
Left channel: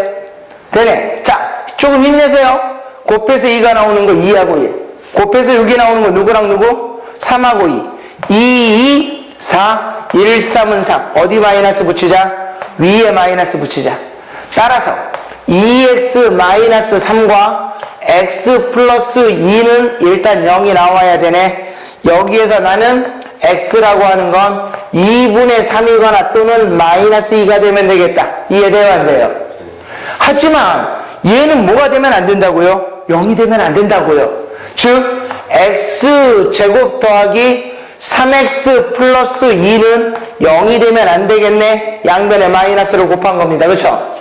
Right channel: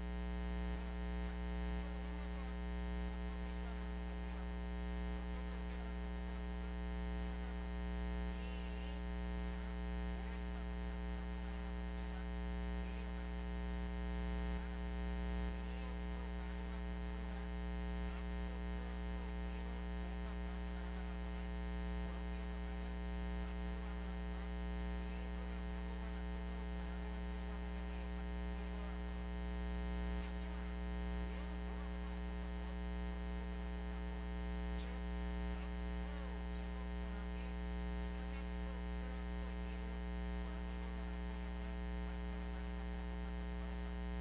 되네. 자, 조금 힘내세요. 곱해서 2가 나오는 거 2하고 1. 곱해서 6이 나오는 거 누구랑 누구? 3하고 2. 2, 2, 4, 1, 3은 3. 어디 마이너스 붙이자? 위에 마이너스 붙이자. 따라서 2x 마이너스 3과 x 플러스 2는 일단 0이 나와야 되네. 여기에서 나는 x라고 하는 건 2분의 3이거나 또는 마이너스 2가 되면 되겠다. 이해돼요? 안 돼요? 하지만 얘는 뭐가 되면 안 된다고요? 0이 되면 안 된다고요. 즉 x제곱 더하기 3x 플러스 2는 0이 되면 안 되겠네. 양변에 마이너스를 곱한 겁니다. 그렇죠?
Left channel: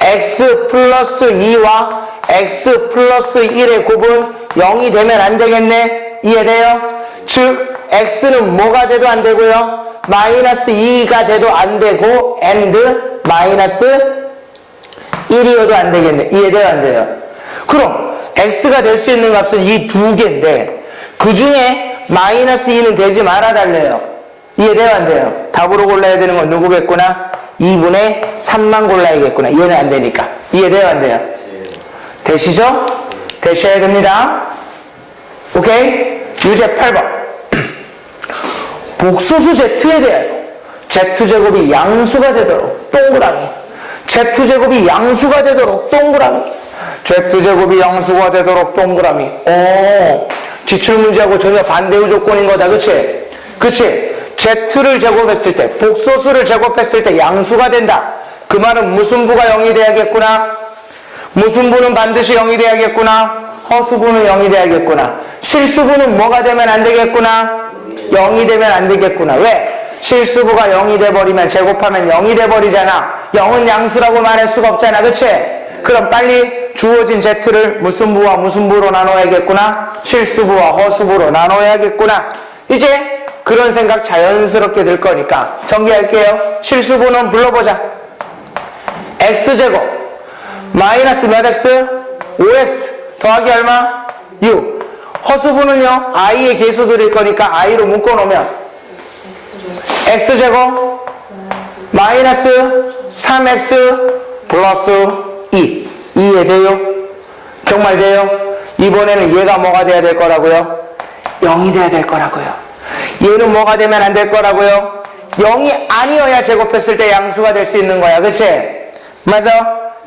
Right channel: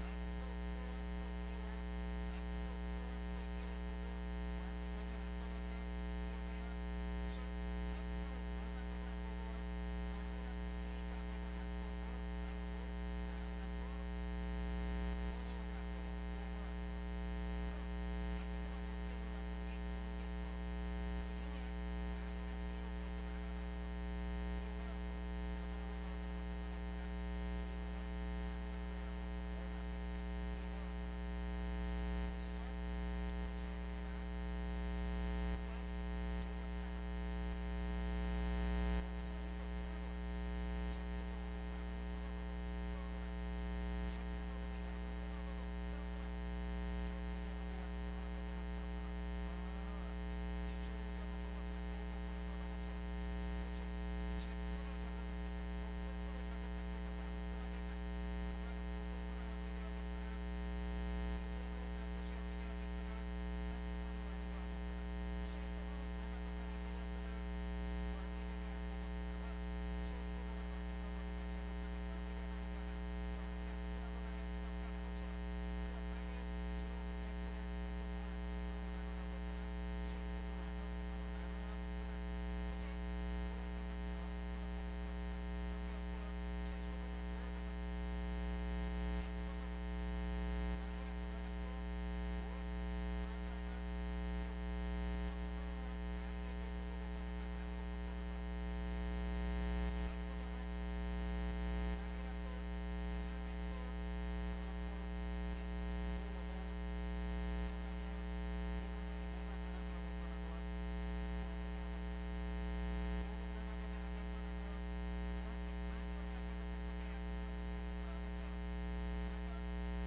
x 플러스 2와 x 플러스 1의 곱은 0이 되면 안 되겠네. 이해돼요? 즉 x는 뭐가 돼도 안 되고요. 마이너스 2가 돼도 안 되고 and 마이너스 1이어도 안 되겠네. 이해돼요? 안 돼요? 그럼 x가 될 수 있는 값은 이 두 개인데 그 중에 마이너스 2는 되지 말아 달래요. 이해돼요? 안 돼요? 답으로 골라야 되는 건 누구겠구나? 2분의 3만 골라야겠구나. 얘는 안 되니까. 이해돼요? 안 돼요? 되시죠? 되셔야 됩니다. 오케이? 유제 8번. 복소수 z에 대하여 z제곱이 양수가 되도록 동그라미. z제곱이 양수가 되도록 동그라미. z제곱이 양수가 되도록 동그라미. 오, 지출문제하고 전혀 반대의 조건인 거다. 그치? 그치? z를 제곱했을 때, 복소수를 제곱했을 때 양수가 된다. 그 말은 무슨 부가 0이 돼야겠구나? 무슨 부는 반드시 0이 돼야겠구나? 허수부는 0이 돼야겠구나. 실수부는 뭐가 되면 안 되겠구나? 0이 되면 안 되겠구나. 왜? 실수부가 0이 돼버리면 제곱하면 0이 돼버리잖아. 0은 양수라고 말할 수가 없잖아. 그치? 그럼 빨리 주어진 z를 무슨 부와 무슨 부로 나눠야겠구나? 실수부와 허수부로 나눠야겠구나. 이제 그런 생각 자연스럽게 들 거니까 정리할게요. 실수부는 불러보자. x제곱 마이너스 몇 x? 5x 더하기 얼마? 6. 허수부는요 i의 개수들일 거니까 i로 묶어놓으면 x제곱 마이너스 3x 플러스 2. 이해돼요? 정말 돼요? 이번에는 얘가 뭐가 돼야 될 거라고요? 0이 돼야 될 거라고요. 얘는 뭐가 되면 안 될 거라고요? 0이 아니어야 제곱했을 때 양수가 될 수 있는 거야. 그치? 맞아?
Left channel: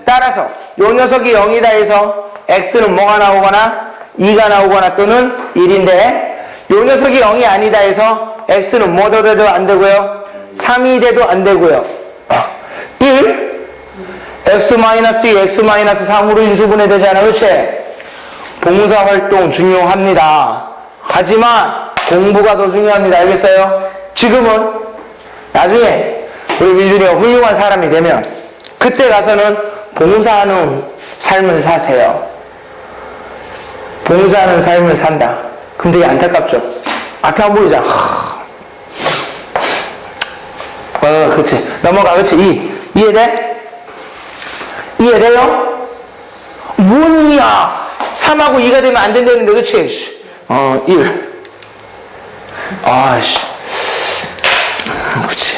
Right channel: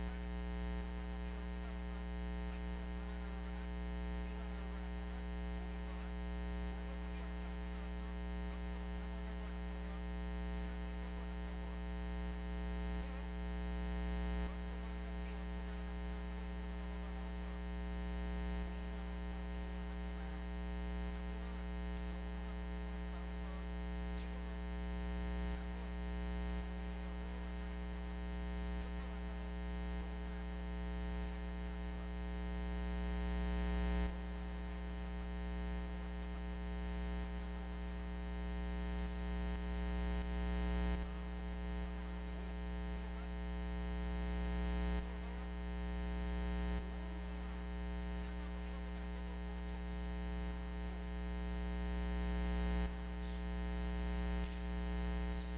따라서 요 녀석이 0이다 해서 x는 뭐가 나오거나 2가 나오거나 또는 1인데 요 녀석이 0이 아니다 해서 x는 뭐도 돼도 안 되고요. 3이 돼도 안 되고요. 1 x-2, x-3으로 인수분해 되잖아. 그치? 봉사활동 중요합니다. 하지만 공부가 더 중요합니다. 알겠어요? 지금은 나중에 우리 민준이가 훌륭한 사람이 되면 그때 가서는 봉사하는 삶을 사세요. 봉사하는 삶을 산다. 그럼 되게 안타깝죠. 앞에 안 보이잖아. 그치. 넘어가. 그치. 이해돼? 이해돼요? 뭔이야? 3하고 2가 되면 안 된다는데, 그치? 1. 아씨. 그치.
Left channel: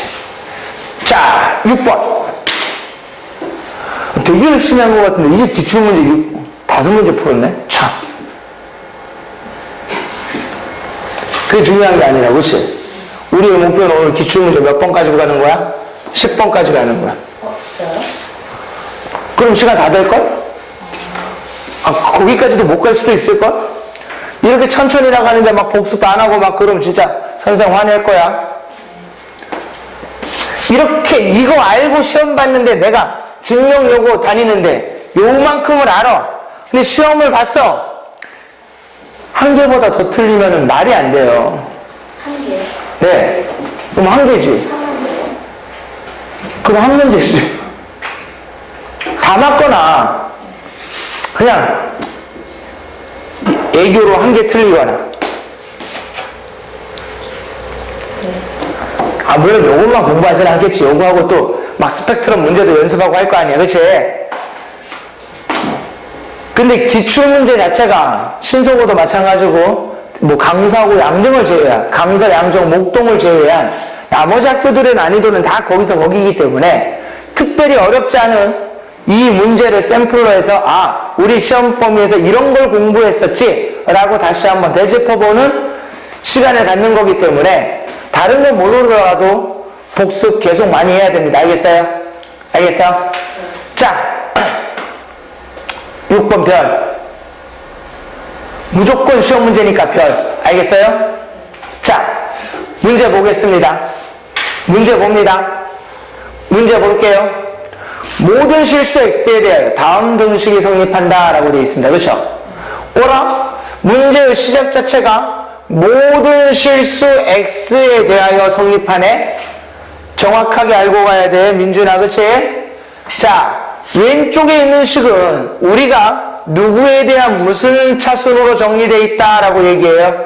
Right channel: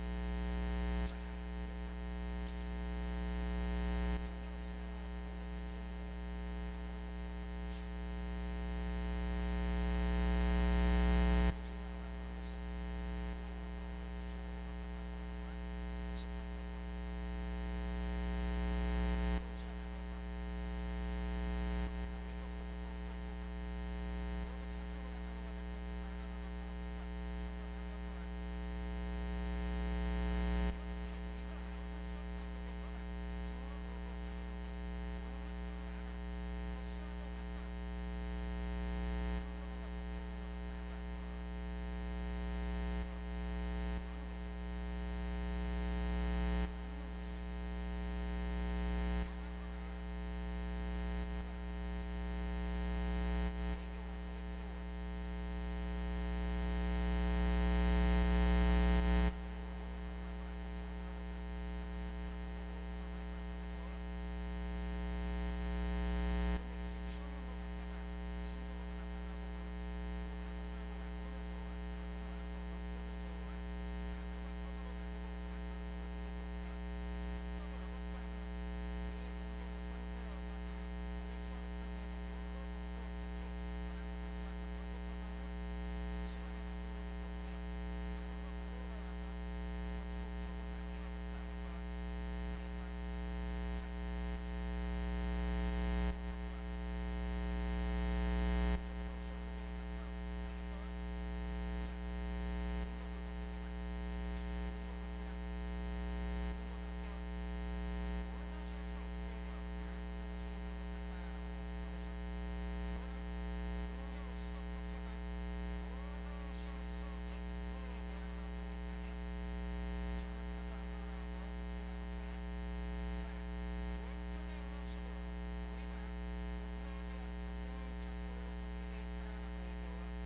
자, 6번. 되게 열심히 한 것 같은데, 이제 기출문제 5문제 풀었네? 참. 그게 중요한 게 아니라, 그치? 우리의 목표는 오늘 기출문제 몇 번 가지고 가는 거야? 10번까지 가는 거야. 진짜요? 그럼 시간 다 될걸? 거기까지도 못 갈 수도 있을걸? 이렇게 천천히 나가는데 막 복습 안 하고 막 그러면 진짜 선생 화낼 거야. 이렇게 이거 알고 시험 봤는데 내가 증명 요구 다니는데 요만큼을 알아. 근데 시험을 봤어. 한 개보다 더 틀리면 말이 안 돼요. 한 개. 네. 그럼 한 개지. 그럼 한 문제지. 다 맞거나 그냥 애교로 한 개 틀리거나. 물론 요것만 공부하진 않겠지. 요거하고 또 막 스펙트럼 문제도 연습하고 할 거 아니야. 그치? 근데 기출문제 자체가 신속어도 마찬가지고 뭐 강서하고 양정을 제외한 강서, 양정, 목동을 제외한 나머지 학교들의 난이도는 다 거기서 거기이기 때문에 특별히 어렵지 않은 이 문제를 샘플로 해서 우리 시험 범위에서 이런 걸 공부했었지 라고 다시 한번 되짚어보는 시간을 갖는 거기 때문에 다른 건 모르더라도 복습 계속 많이 해야 됩니다. 알겠어요? 알겠어? 자, 6번 별. 무조건 시험 문제니까 별. 알겠어요? 자, 문제 보겠습니다. 문제 봅니다. 문제 볼게요. 모든 실수 x에 대하여 다음 등식이 성립한다 라고 되어 있습니다. 그렇죠? 오라 문제의 시작 자체가 모든 실수 x에 대하여 성립하네. 정확하게 알고 가야 돼. 민준아, 그치? 자, 왼쪽에 있는 식은 우리가 누구에 대한 무슨 차순으로 정리되어 있다라고 얘기해요?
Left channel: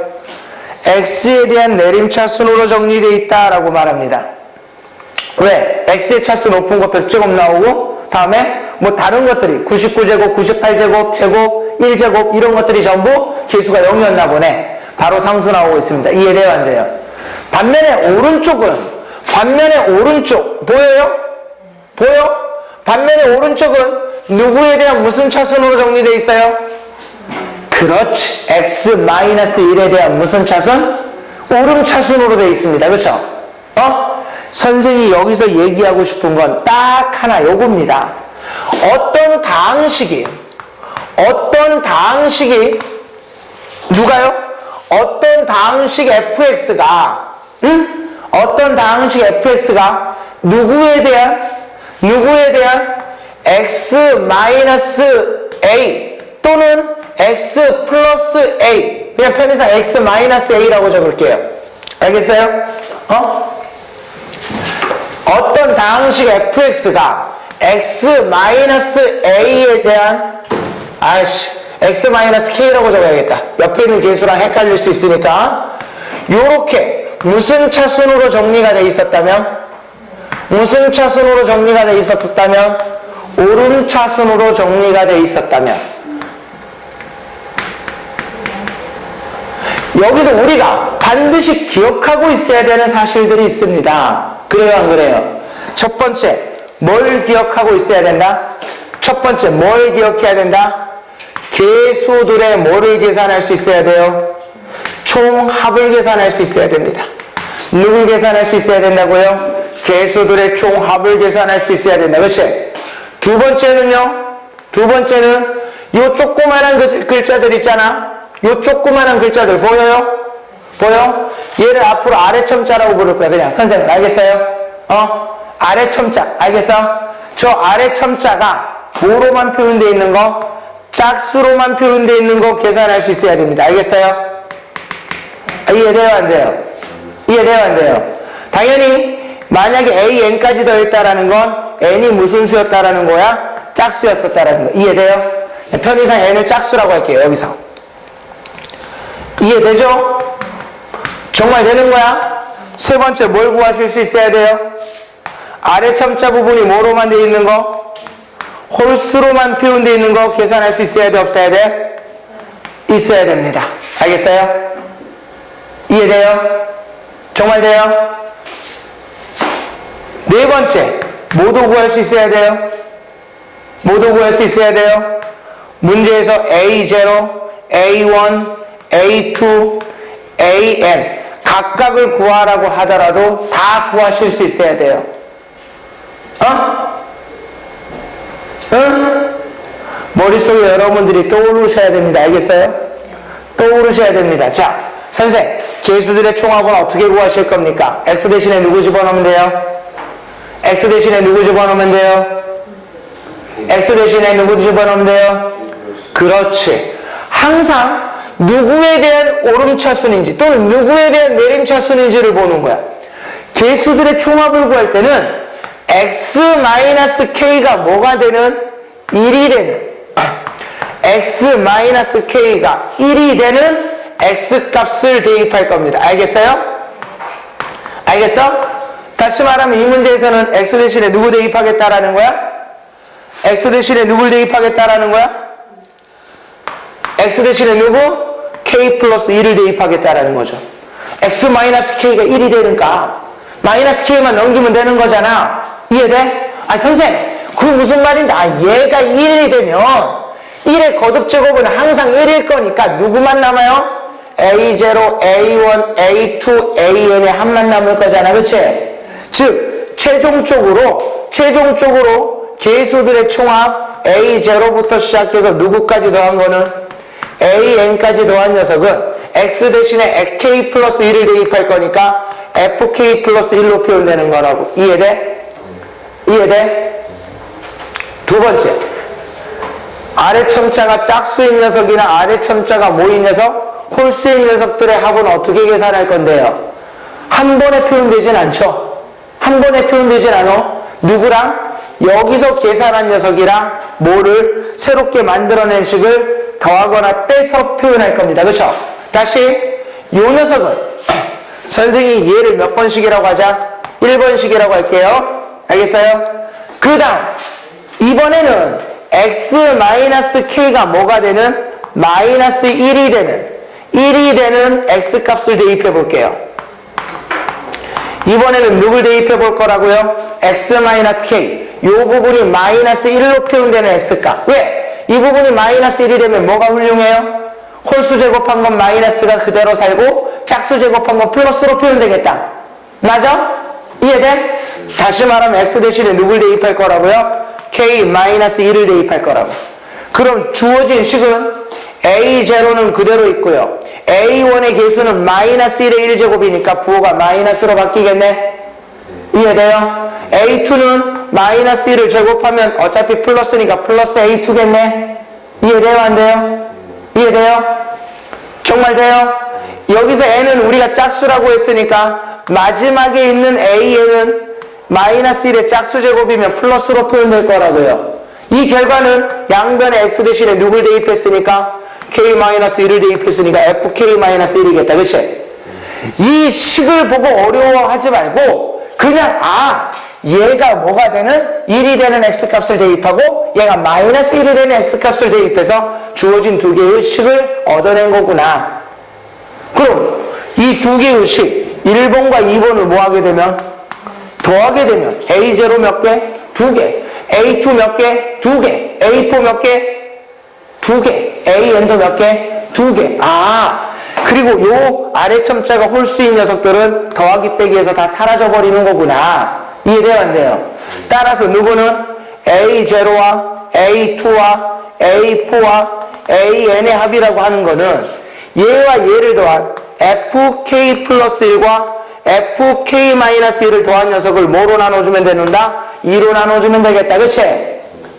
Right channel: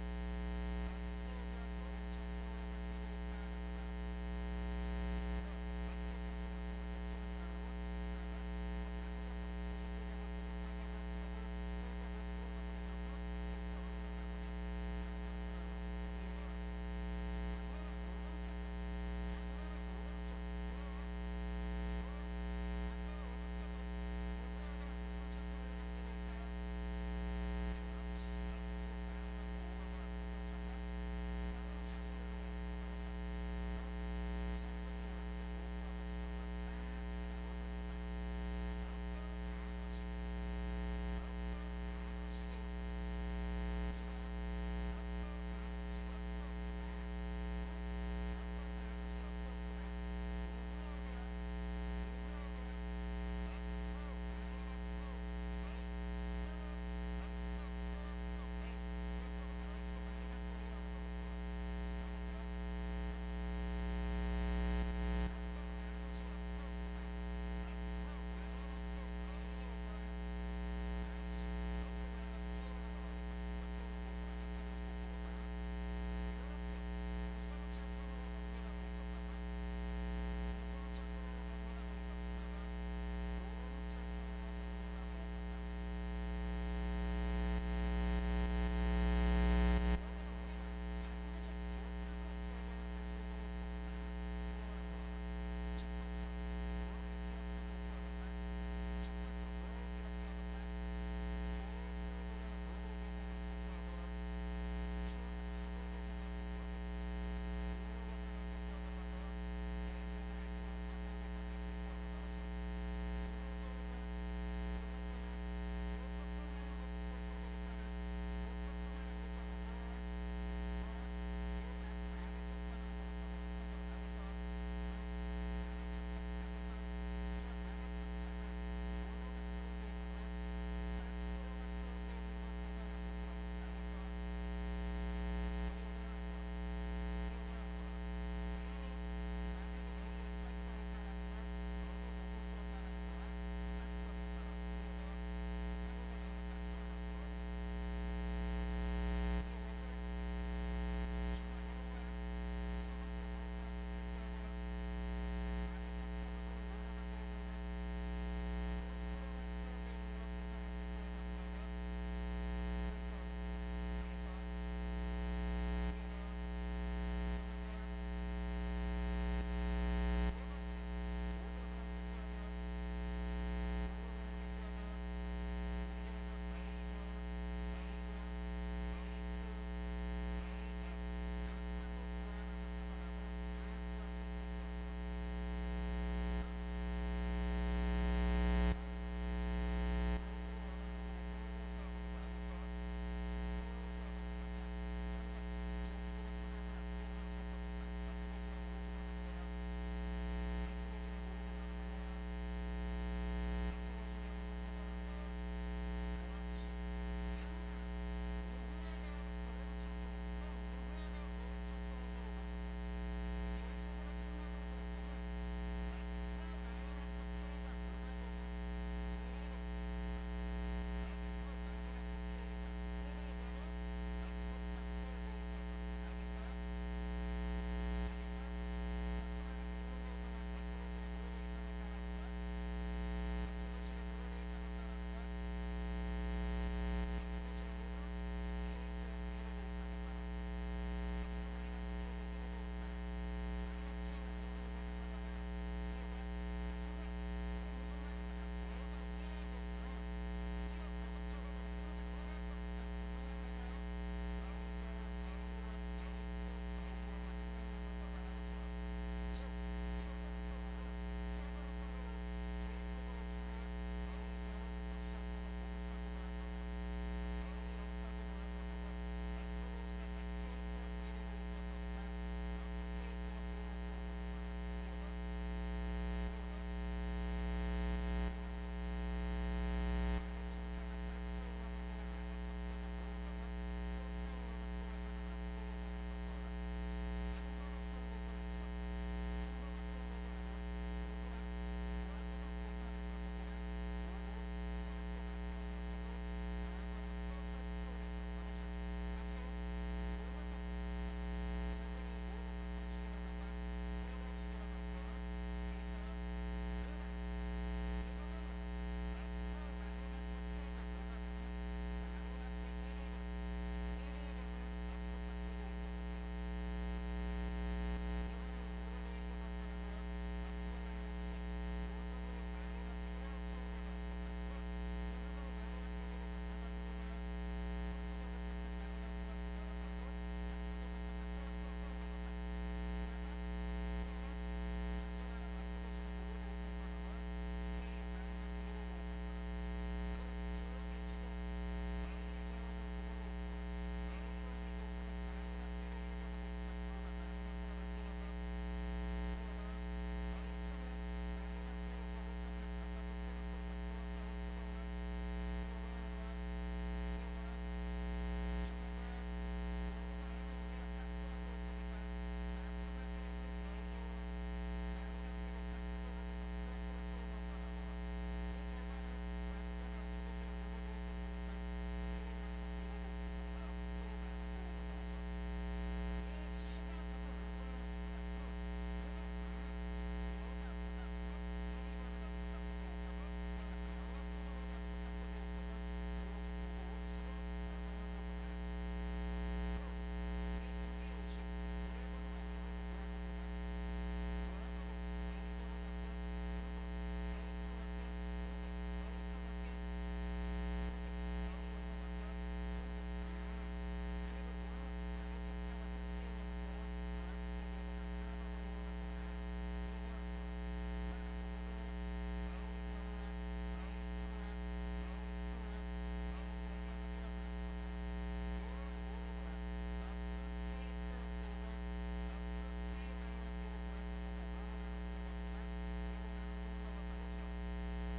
x에 대한 내림차순으로 정리되어 있다라고 말합니다. 왜? x의 차수 높은 거 100제곱 나오고 다음에 뭐 다른 것들이 99제곱, 98제곱, 제곱, 1제곱 이런 것들이 전부 개수가 0이었나 보네. 바로 상수 나오고 있습니다. 이해돼요? 안 돼요? 반면에 오른쪽 보여요? 보여? 반면에 오른쪽은 누구에 대한 무슨 차순으로 정리되어 있어요? 그렇지. x-1에 대한 무슨 차순? 오름차순으로 되어 있습니다. 그렇죠? 선생이 여기서 얘기하고 싶은 건 딱 하나 요겁니다. 어떤 다항식이 누가요? 어떤 다항식 fx가 어떤 다항식 fx가 누구에 대한 x-a 또는 x 플러스 a 그냥 편의상 x-a라고 적을게요. 알겠어요? 어떤 다항식 fx가 x-a에 대한 x-k라고 적어야겠다. 옆에 있는 개수랑 헷갈릴 수 있으니까 요렇게 무슨 차순으로 정리가 돼 있었다면 오름차순으로 정리가 돼 있었다면 여기서 우리가 반드시 기억하고 있어야 되는 사실들이 있습니다. 그래요, 안 그래요? 첫 번째, 뭘 기억하고 있어야 된다? 첫 번째, 뭘 기억해야 된다? 개수들의 뭐를 계산할 수 있어야 돼요? 총합을 계산할 수 있어야 됩니다. 누굴 계산할 수 있어야 된다고요? 개수들의 총합을 계산할 수 있어야 된다. 그렇지? 두 번째는요? 두 번째는 요 조그만한 글자들 있잖아. 요 조그만한 글자들 보여요? 보여? 얘를 앞으로 아래 첨자라고 부를 거야. 그냥 선생님 알겠어요? 아래 첨자 알겠어? 저 아래 첨자가 뭐로만 표현되어 있는 거? 짝수로만 표현되어 있는 거 계산할 수 있어야 됩니다. 알겠어요? 이해돼요? 안 돼요? 이해돼요? 안 돼요? 당연히 만약에 a,n까지 더했다라는 건 n이 무슨 수였다라는 거야? 짝수였었다라는 거. 이해돼요? 편의상 n을 짝수라고 할게요. 여기서 이해되죠? 정말 되는 거야? 세 번째 뭘 구하실 수 있어야 돼요? 아래 첨자 부분이 뭐로만 돼 있는 거? 홀수로만 표현되어 있는 거 계산할 수 있어야 돼? 없어야 돼? 있어야 됩니다. 알겠어요? 이해돼요? 정말 돼요? 네 번째 뭐도 구할 수 있어야 돼요? 뭐도 구할 수 있어야 돼요? 문제에서 A0, A1, A2, AN 각각을 구하라고 하더라도 다 구하실 수 있어야 돼요. 응? 머릿속에 여러분들이 떠오르셔야 됩니다. 알겠어요? 떠오르셔야 됩니다. 자, 선생, 개수들의 총합은 어떻게 구하실 겁니까? X 대신에 누구 집어넣으면 돼요? X 대신에 누구 집어넣으면 돼요? X 대신에 누구 집어넣으면 돼요? 그렇지. 항상 누구에 대한 오름차순인지 또는 누구에 대한 내림차순인지를 보는 거야. 개수들의 총합을 구할 때는 x-k가 뭐가 되는? 1이 되는 x-k가 1이 되는 x값을 대입할 겁니다. 알겠어요? 알겠어? 다시 말하면 이 문제에서는 x 대신에 누구 대입하겠다라는 거야? x 대신에 누굴 대입하겠다라는 거야? x 대신에 누구? k 플러스 1을 대입하겠다라는 거죠. x-k가 1이 되니까 마이너스 k만 넘기면 되는 거잖아. 이해돼? 아, 선생, 그게 무슨 말인데? 아, 얘가 1이 되면 1의 거듭제곱은 항상 1일 거니까 누구만 남아요? A0, A1, A2, AN의 합만 남을 거잖아. 그치? 즉, 최종적으로 개수들의 총합 A0부터 시작해서 누구까지 더한 거는 AN까지 더한 녀석은 X 대신에 K 플러스 1을 대입할 거니까 FK 플러스 1로 표현되는 거라고. 이해돼? 이해돼? 두 번째, 아래 첨자가 짝수인 녀석이나 아래 첨자가 모인 녀석, 홀수인 녀석들의 합은 어떻게 계산할 건데요? 한 번에 표현되진 않죠? 한 번에 표현되진 않아. 누구랑? 여기서 계산한 녀석이랑 뭐를 새롭게 만들어낸 식을 더하거나 빼서 표현할 겁니다. 그렇죠? 다시 이 녀석은 선생이 얘를 몇 번씩이라고 하자? 1번씩이라고 할게요. 알겠어요? 그 다음 이번에는 x-k가 뭐가 되는? 마이너스 1이 되는 x값을 대입해 볼게요. 이번에는 누굴 대입해 볼 거라고요? x-k. 이 부분이 마이너스 1로 표현되는 x값. 왜? 이 부분이 마이너스 1이 되면 뭐가 훌륭해요? 홀수 제곱한 건 마이너스가 그대로 살고 짝수 제곱한 건 플러스로 표현되겠다. 맞아? 이해돼? 다시 말하면 x 대신에 누굴 대입할 거라고요? k-1을 대입할 거라고. 그럼 주어진 식은 a0는 그대로 있고요. a1의 개수는 마이너스 1의 1제곱이니까 부호가 마이너스로 바뀌겠네? 이해돼요? a2는 마이너스 1을 제곱하면 어차피 플러스니까 플러스 a2겠네? 이해돼요? 안 돼요? 이해돼요? 정말 돼요? 여기서 n은 우리가 짝수라고 했으니까 마지막에 있는 an은 마이너스 1의 짝수 제곱이면 플러스로 표현될 거라고요. 이 결과는 양변에 x 대신에 누굴 대입했으니까 k-1을 대입했으니까 fk-1이겠다. 그치? 이 식을 보고 어려워하지 말고 그냥 얘가 뭐가 되는? 1이 되는 x값을 대입하고 얘가 마이너스 1이 되는 x값을 대입해서 주어진 두 개의 식을 얻어낸 거구나. 그럼 이 두 개의 식 1번과 2번을 뭐 하게 되면? 더하게 되면 A0 몇 개? 2개. A2 몇 개? 2개. A4 몇 개? 2개. AN도 몇 개? 2개. 그리고 요 아래 첨자가 홀수인 녀석들은 더하기 빼기에서 다 사라져버리는 거구나. 이해돼요? 안 돼요? 따라서 누구는 A0와 A2와 A4와 AN의 합이라고 하는 거는 얘와 얘를 더한 FK 플러스 1과 FK-1을 더한 녀석을 뭐로 나눠주면 되는다? 2로 나눠주면 되겠다. 그치?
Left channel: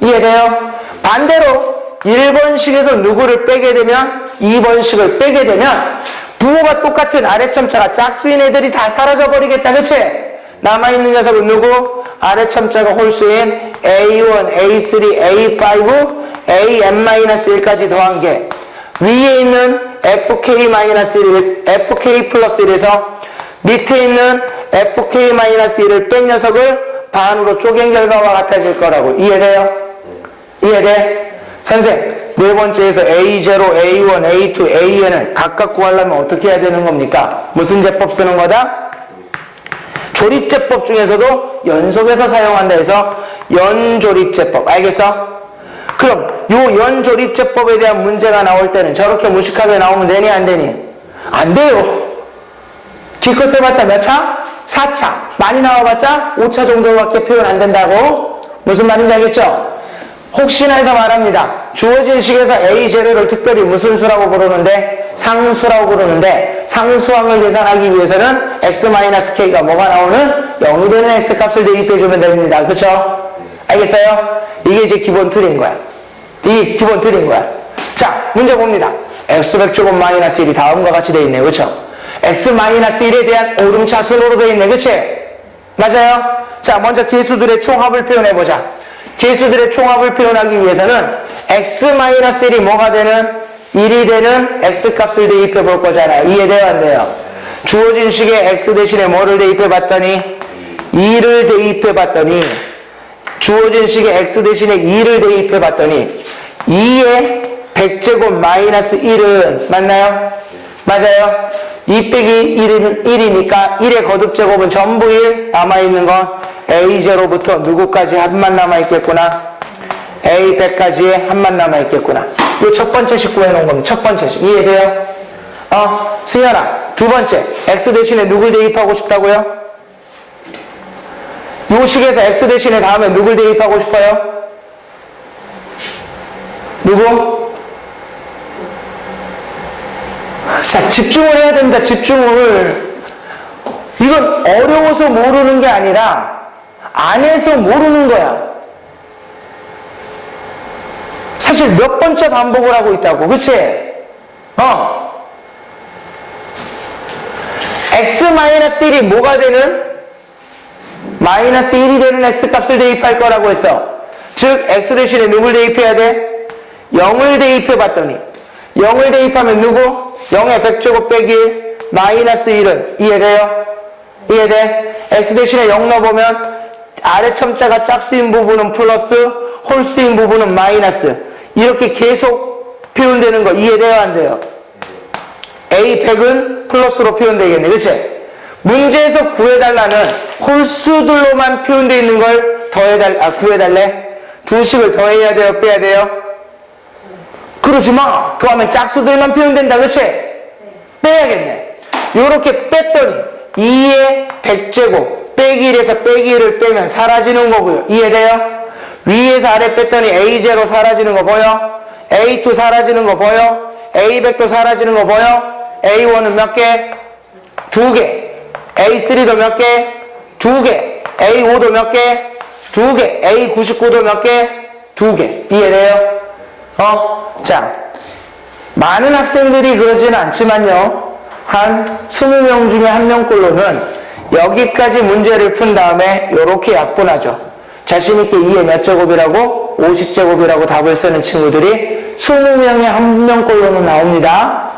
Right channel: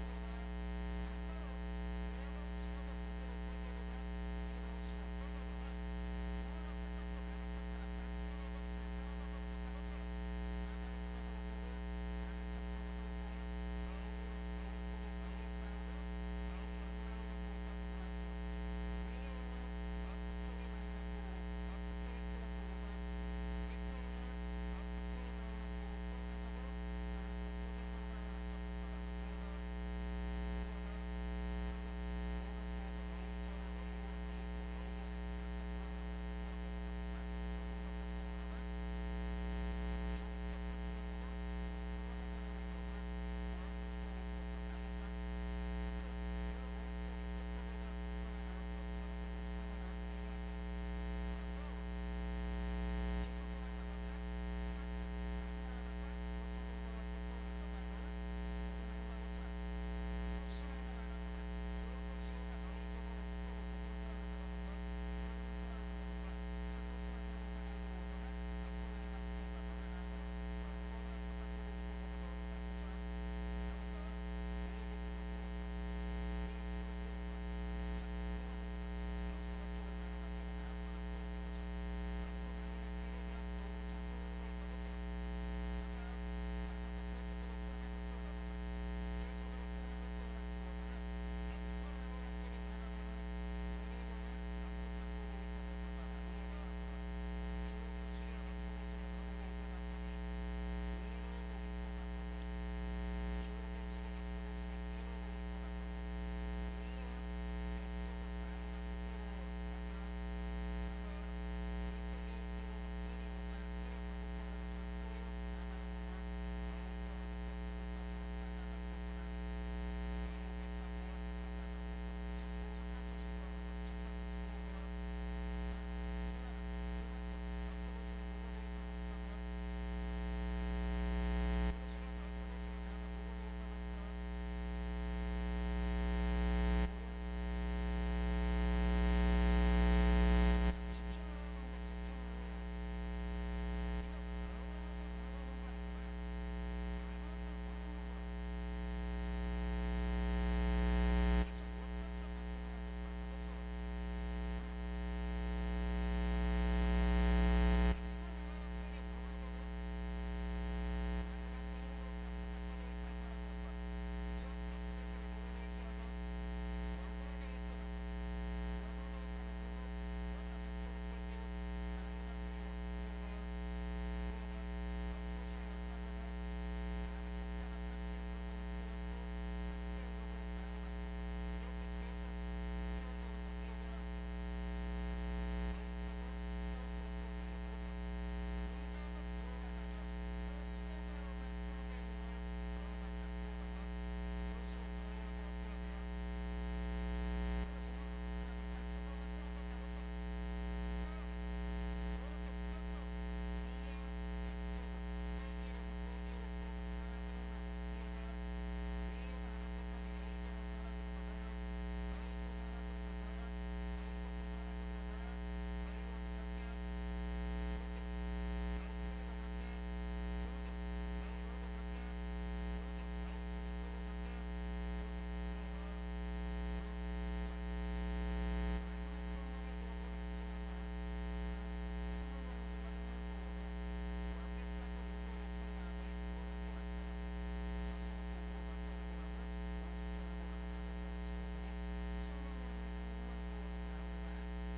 이해돼요? 반대로 1번식에서 누구를 빼게 되면 2번식을 빼게 되면 부호가 똑같은 아래첨자가 짝수인 애들이 다 사라져버리겠다. 그치? 남아있는 녀석은 누구? 아래첨자가 홀수인 A1, A3, A5, AN-1까지 더한 게 위에 있는 fk-1, fk 플러스 1에서 밑에 있는 fk-1을 뺀 녀석을 반으로 쪼갠 결과와 같아질 거라고. 이해돼요? 이해돼? 선생, 네 번째에서 A0, A1, A2, AN을 각각 구하려면 어떻게 해야 되는 겁니까? 무슨 제법 쓰는 거다? 조립제법 중에서도 연속해서 사용한다 해서 연조립제법. 알겠어? 그럼 요 연조립제법에 대한 문제가 나올 때는 저렇게 무식하게 나오면 되니 안 되니? 안 돼요. 기껏 해봤자 몇 차? 4차. 많이 나와봤자 5차 정도밖에 표현 안 된다고? 무슨 말인지 알겠죠? 혹시나 해서 말합니다. 주어진 식에서 A0를 특별히 무슨 수라고 부르는데? 상수라고 부르는데 상수항을 계산하기 위해서는 x-k가 뭐가 나오는? 0이 되는 x값을 대입해주면 됩니다. 그쵸? 알겠어요? 이게 이제 기본 틀인 거야. 이게 기본 틀인 거야. 자, 문제 봅니다. x백제곱 마이너스 1이 다음과 같이 되어 있네요. 그쵸? x-1에 대한 오름차 순으로 되어 있네. 그치? 맞아요? 자, 먼저 개수들의 총합을 표현해보자. 개수들의 총합을 표현하기 위해서는 x-1이 뭐가 되는? 1이 되는 x값을 대입해 볼 거잖아. 이해돼요? 안 돼요? 주어진 식에 x 대신에 뭐를 대입해 봤더니 2를 대입해 봤더니 주어진 식에 x 대신에 2를 대입해 봤더니 2의 100제곱 마이너스 1은 맞나요? 맞아요? 2 빼기 1은 1이니까 1의 거듭제곱은 전부 1 남아있는 건 A0부터 누구까지 한만 남아있겠구나? A100까지의 한만 남아있겠구나. 요 첫 번째 식 구해놓은 겁니다. 첫 번째 식. 이해돼요? 승현아, 두 번째. x 대신에 누굴 대입하고 싶다고요? 요 식에서 x 대신에 다음에 누굴 대입하고 싶어요? 누구? 자, 집중을 해야 됩니다. 집중을. 이건 어려워서 모르는 게 아니라 안 해서 모르는 거야. 사실 몇 번째 반복을 하고 있다고. 그치? x-1이 뭐가 되는? 마이너스 1이 되는 x값을 대입할 거라고 했어. 즉 x 대신에 누굴 대입해야 돼? 0을 대입해 봤더니 0을 대입하면 누구? 0의 100제곱 빼기 1 마이너스 1은 이해돼요? 이해돼? x 대신에 0 넣어보면 아래 첨자가 짝수인 부분은 플러스 홀수인 부분은 마이너스 이렇게 계속 표현되는 거 이해돼요? 안 돼요? A100은 플러스로 표현되겠네. 그치? 문제에서 구해달라는 홀수들로만 표현되어 있는 걸 구해달래? 두 식을 더해야 돼요? 빼야 돼요? 그러지 마. 그러면 짝수들만 표현된다. 그치? 빼야겠네. 요렇게 뺐더니 2의 100제곱 빼기 1에서 빼기 1을 빼면 사라지는 거고요. 이해돼요? 위에서 아래 뺐더니 A0 사라지는 거 보여? A2 사라지는 거 보여? A100도 사라지는 거 보여? A1은 몇 개? 2개. A3도 몇 개? 2개. A5도 몇 개? 2개. A99도 몇 개? 2개. 이해돼요? 자, 많은 학생들이 그러지는 않지만요. 한 20명 중에 한 명꼴로는 여기까지 문제를 푼 다음에 이렇게 약분하죠. 자신있게 2의 몇 제곱이라고? 50제곱이라고 답을 쓰는 친구들이 20명에 한 명꼴로는 나옵니다.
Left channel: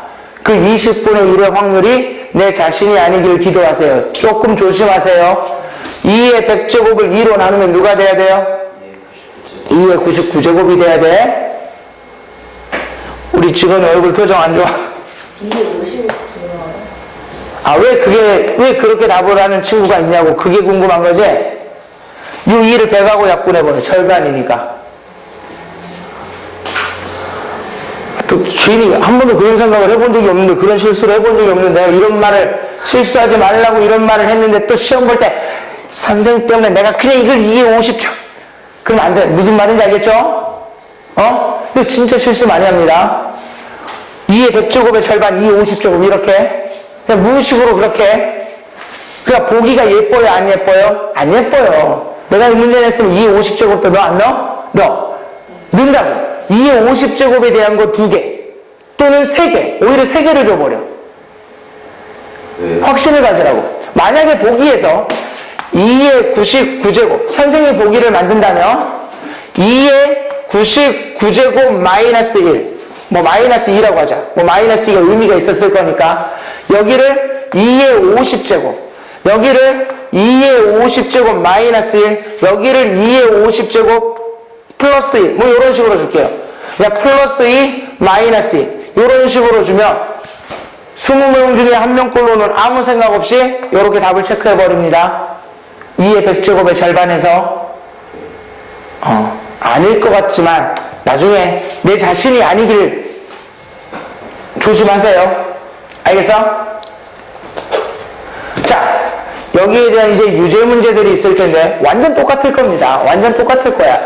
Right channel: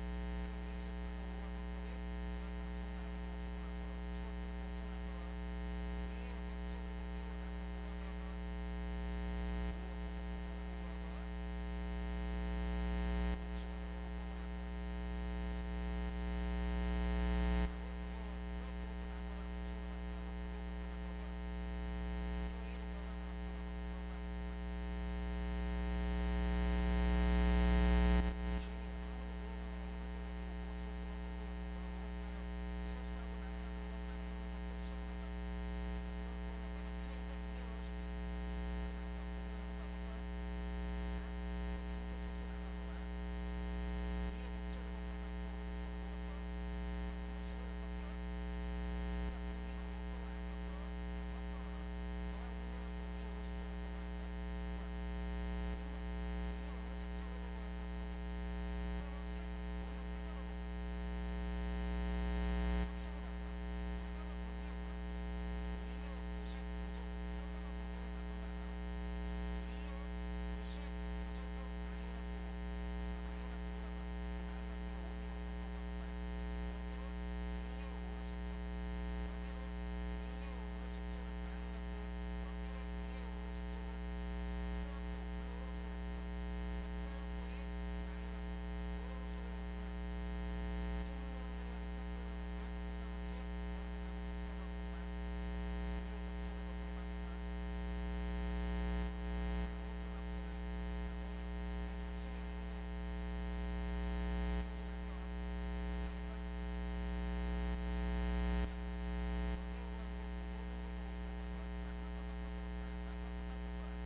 그 20분의 1의 확률이 내 자신이 아니길 기도하세요. 조금 조심하세요. 2의 100제곱을 2로 나누면 누가 돼야 돼요? 2의 99제곱이 돼야 돼. 우리 직원이 얼굴 표정 안 좋아. 왜 그렇게 답을 하는 친구가 있냐고 그게 궁금한 거지? 이 2를 100하고 약분해보네. 절반이니까. 또 괜히 한 번도 그런 생각을 해본 적이 없는데 그런 실수를 해본 적이 없는데 내가 이런 말을 실수하지 말라고 이런 말을 했는데 또 시험 볼 때 선생님 때문에 내가 그냥 이걸 2에 50점 그러면 안 돼. 무슨 말인지 알겠죠? 근데 진짜 실수 많이 합니다. 2의 100제곱의 절반 2의 50제곱 이렇게 그냥 무의식으로 그렇게 그러니까 보기가 예뻐요? 안 예뻐요? 안 예뻐요. 내가 이 문제 냈으면 2의 50제곱도 너 안 넣어? 넣어. 넣는다고. 2의 50제곱에 대한 거 2개 또는 3개 오히려 3개를 줘버려. 확신을 가지라고. 만약에 보기에서 2의 99제곱 선생님 보기를 만든다면 2의 99제곱 마이너스 1 뭐 마이너스 2라고 하자. 뭐 마이너스 2가 의미가 있었을 거니까 여기를 2의 50제곱, 여기를 2의 50제곱 마이너스 1, 여기를 2의 50제곱 플러스 1, 뭐 이런 식으로 줄게요. 그냥 플러스 2 마이너스 2 이런 식으로 주면 20명 중에 한 명꼴로는 아무 생각 없이 이렇게 답을 체크해 버립니다. 2의 100제곱의 절반에서 아닐 것 같지만 나중에 내 자신이 아니길 조심하세요. 알겠어? 자, 여기에 대한 이제 유제 문제들이 있을 텐데 완전 똑같을 겁니다. 완전 똑같을 거야.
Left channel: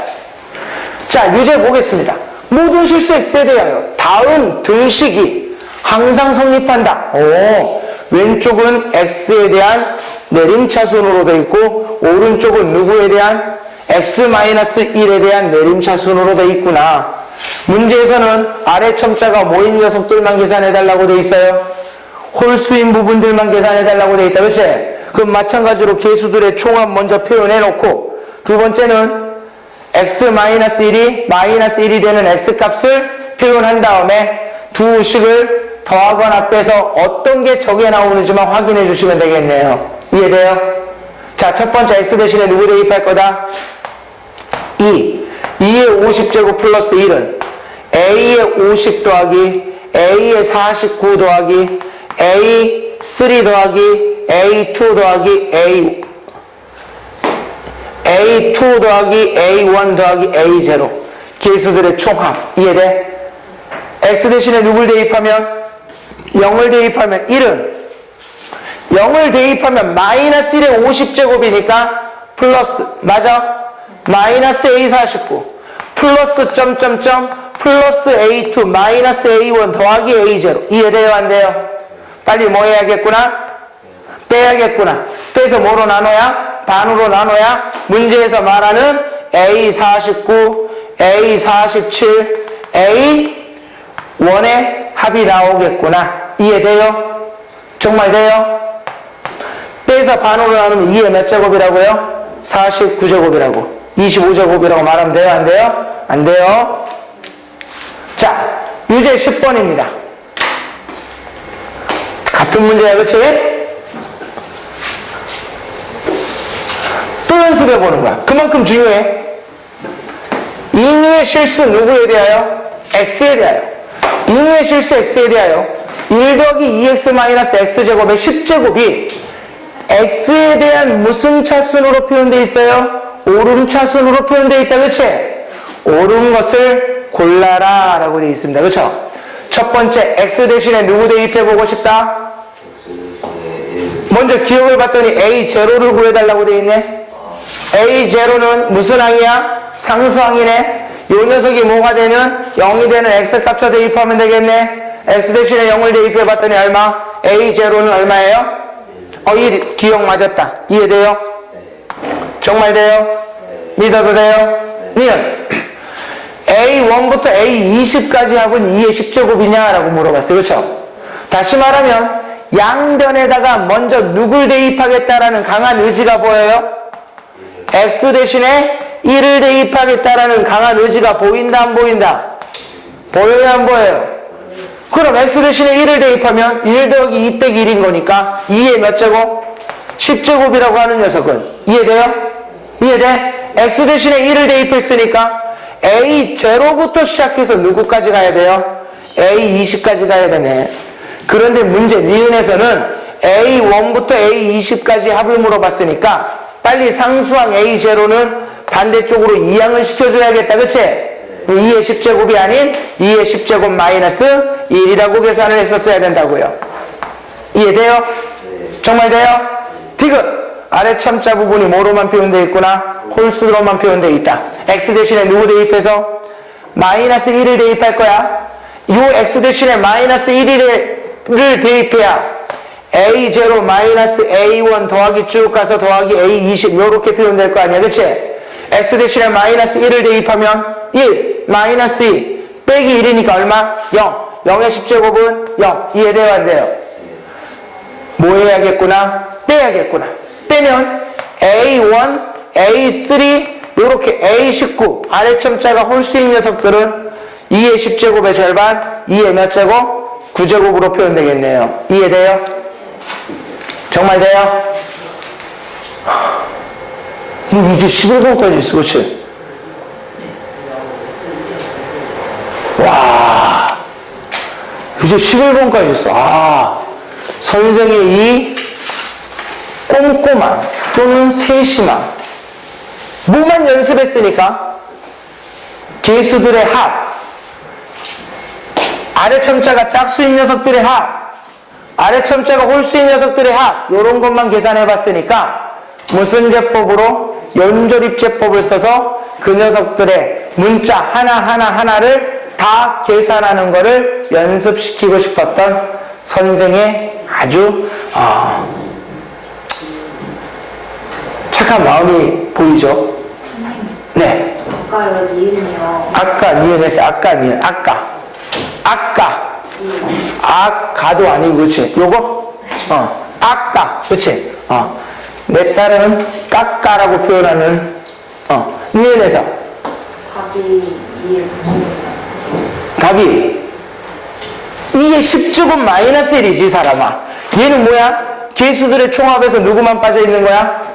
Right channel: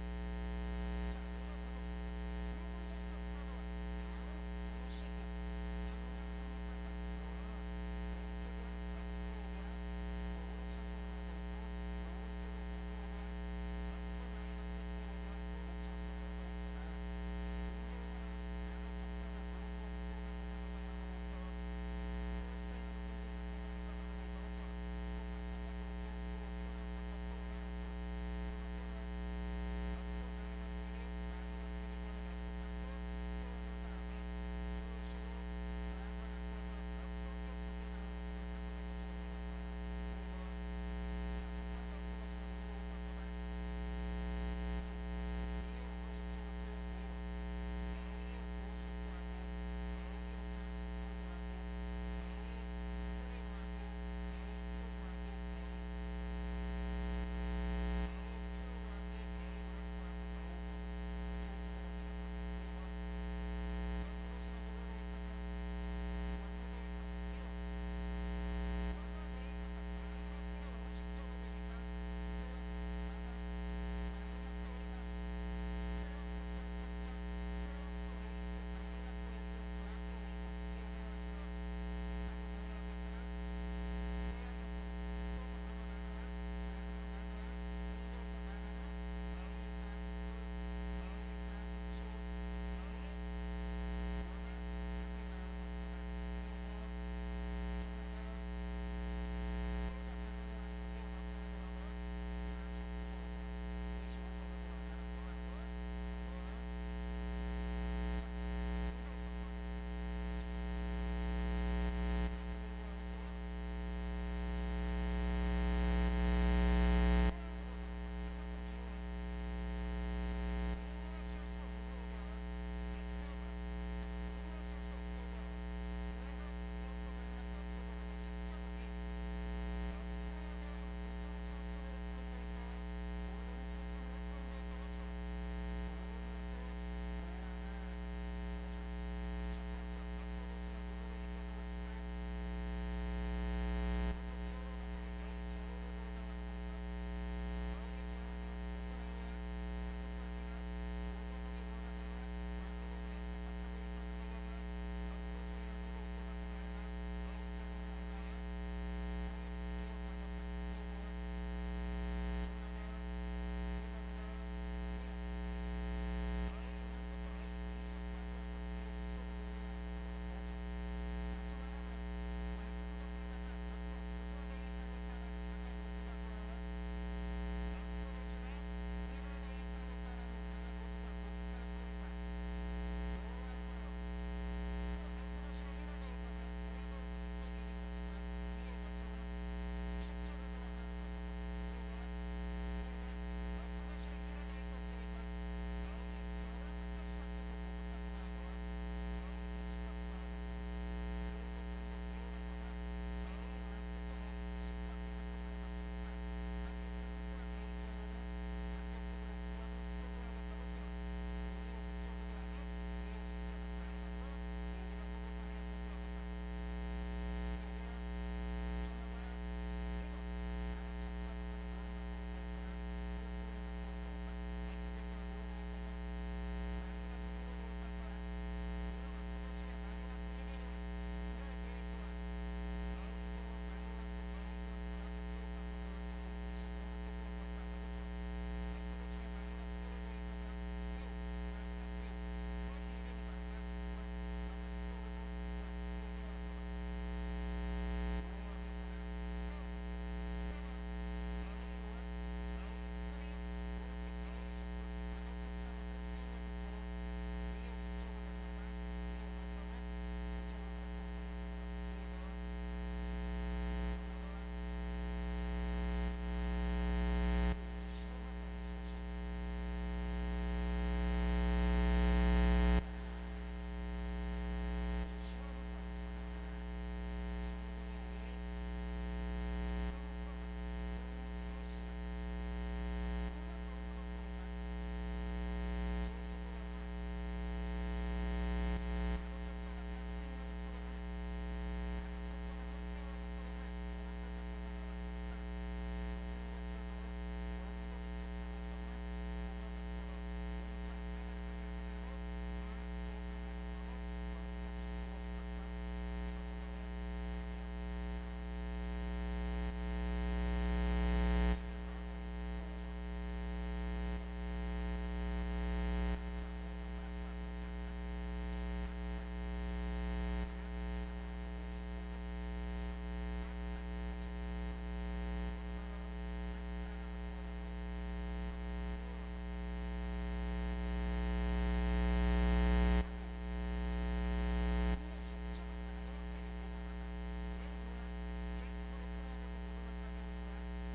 자, 유제 보겠습니다. 모든 실수 x에 대하여 다음 등식이 항상 성립한다. 오, 왼쪽은 x에 대한 내림차순으로 되어 있고 오른쪽은 누구에 대한 x-1에 대한 내림차순으로 되어 있구나. 문제에서는 아래 첨자가 모인 녀석들만 계산해달라고 되어 있어요. 홀수인 부분들만 계산해달라고 되어 있다. 그치? 그럼 마찬가지로 계수들의 총합 먼저 표현해놓고 두 번째는 x-1이 마이너스 1이 되는 x값을 표현한 다음에 두 식을 더하거나 빼서 어떤 게 적게 나오는지만 확인해 주시면 되겠네요. 이해돼요? 자, 첫 번째 x 대신에 누구 대입할 거다? 2의 50제곱 플러스 1은 a의 50 더하기 a의 49 더하기 a3 더하기 a2 더하기 a2 더하기 a1 더하기 a0 계수들의 총합. 이해돼? x 대신에 누굴 대입하면 0을 대입하면 1은 0을 대입하면 마이너스 1의 50제곱이니까 플러스, 맞아? 마이너스 a49 플러스 점점점 플러스 a2 마이너스 a1 더하기 a0 이해돼요? 안 돼요? 빨리 뭐 해야겠구나? 빼야겠구나. 빼서 뭐로 나눠야? 반으로 나눠야 문제에서 말하는 a49, a47, a1의 합이 나오겠구나. 이해돼요? 정말 돼요? 빼서 반으로 나누면 2의 몇 제곱이라고요? 49제곱이라고 25제곱이라고 말하면 돼요? 안 돼요? 안 돼요? 자, 유제 10번입니다. 같은 문제야, 그치? 또 연습해보는 거야. 그만큼 중요해. 임의의 실수 누구에 대하여? x에 대하여. 임의의 실수 x에 대하여 1 더하기 2x-x제곱의 10제곱이 x에 대한 무슨 차순으로 표현되어 있어요? 오름 차순으로 표현되어 있다. 그치? 옳은 것을 골라라 라고 되어 있습니다. 그쵸? 첫 번째 x 대신에 누구 대입해보고 싶다? 먼저 기억을 봤더니 a0를 구해달라고 되어 있네. a0는 무슨 항이야? 상수항이네. 요 녀석이 뭐가 되면 0이 되는 x값 대입하면 되겠네. x 대신에 0을 대입해봤더니 얼마? a0는 얼마예요? 이 기억 맞았다. 이해돼요? 정말 돼요? 믿어도 돼요? 니은 a1부터 a20까지 합은 2의 10제곱이냐? 라고 물어봤어요. 그렇죠? 다시 말하면 양변에다가 먼저 누굴 대입하겠다라는 강한 의지가 보여요? x 대신에 1을 대입하겠다라는 강한 의지가 보인다 안 보인다? 보여요 안 보여요? 그럼 x 대신에 1을 대입하면 1 더하기 2 빼기 1인 거니까 2의 몇 제곱? 10제곱이라고 하는 녀석은 이해돼요? 이해돼? x 대신에 1을 대입했으니까 a0부터 시작해서 누구까지 가야 돼요? a20까지 가야 되네. 그런데 문제 니은에서는 a1부터 a20까지 합을 물어봤으니까 빨리 상수항 a0는 반대쪽으로 이항을 시켜줘야겠다. 그치? 2의 10제곱이 아닌 2의 10제곱 마이너스 1이라고 계산을 했었어야 된다고요. 이해돼요? 정말 돼요? 디귿! 아래 첨자 부분이 뭐로만 표현되어 있구나? 홀수로만 표현되어 있다. x 대신에 누구 대입해서? 마이너스 1을 대입할 거야. 이 x 대신에 마이너스 1을 대입해야 a0 마이너스 a1 더하기 쭉 가서 더하기 a20 요렇게 표현될 거 아니야. 그치? x 대신에 마이너스 1을 대입하면 1 마이너스 2 빼기 1이니까 얼마? 0. 0의 10제곱은 0. 이해돼요 안 돼요? 뭐 해야겠구나? 빼야겠구나. 빼면 a1, a3 요렇게 a19 아래 첨자가 홀수인 녀석들은 2의 10제곱의 절반, 2의 몇 제곱? 9제곱으로 표현되겠네요. 이해돼요? 정말 돼요? 뭐 이제 11번까지 있어, 그치? 와, 이제 11번까지 있어. 아, 선생의 이 꼼꼼함 또는 세심함. 뭐만 연습했으니까? 개수들의 합, 아래 첨자가 짝수인 녀석들의 합, 아래 첨자가 홀수인 녀석들의 합, 요런 것만 계산해 봤으니까 무슨 제법으로? 연조립제법을 써서 그 녀석들의 문자 하나하나를 다 계산하는 거를 연습시키고 싶었던 선생의 아주 착한 마음이 보이죠? 네. 아까 여기 이름이요. 아까 니은했어요. 아까 니은. 아까. 아까도 아니고, 그치? 요거? 아까. 그치? 내 딸은 까까라고 표현하는, 니은에서. 답이 이해 부족해요. 답이. 이게 10제곱 마이너스 1이지, 사람아. 얘는 뭐야? 개수들의 총합에서 누구만 빠져 있는 거야?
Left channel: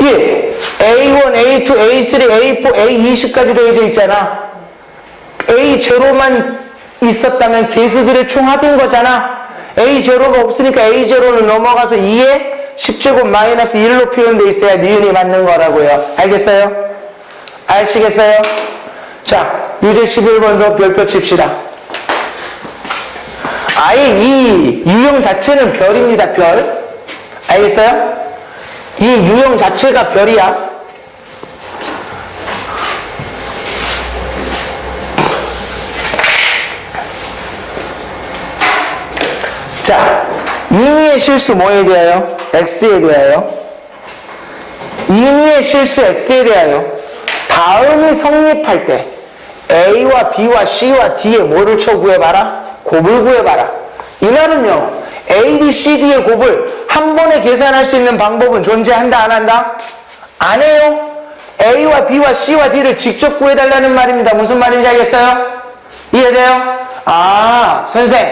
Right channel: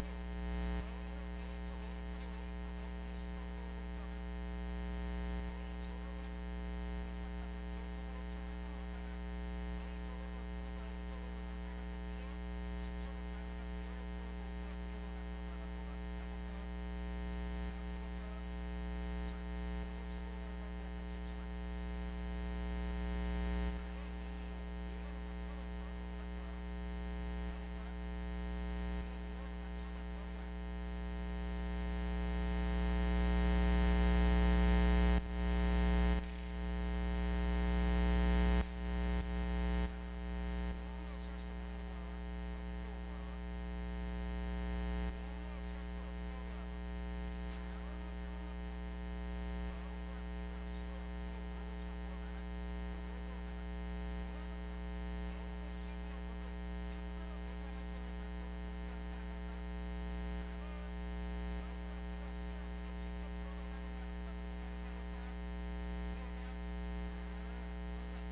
예, A1, A2, A3, A4, A20까지 되어져 있잖아. A0만 있었다면 개수들의 총합인 거잖아. A0가 없으니까 A0는 넘어가서 2에 10제곱 마이너스 1로 표현되어 있어야 니은이 맞는 거라고요. 알겠어요? 아시겠어요? 자, 유제 11번도 별표 칩시다. 아예 이 유형 자체는 별입니다, 별. 알겠어요? 이 유형 자체가 별이야. 자, 임의의 실수 뭐에 대하여? x에 대하여. 임의의 실수 x에 대하여 다음이 성립할 때 a와 b와 c와 d의 뭐를 쳐 구해봐라? 곱을 구해봐라. 이 말은요, a, b, c, d의 곱을 한 번에 계산할 수 있는 방법은 존재한다, 안 한다? 안 해요. a와 b와 c와 d를 직접 구해달라는 말입니다. 무슨 말인지 알겠어요? 이해돼요? 아, 선생,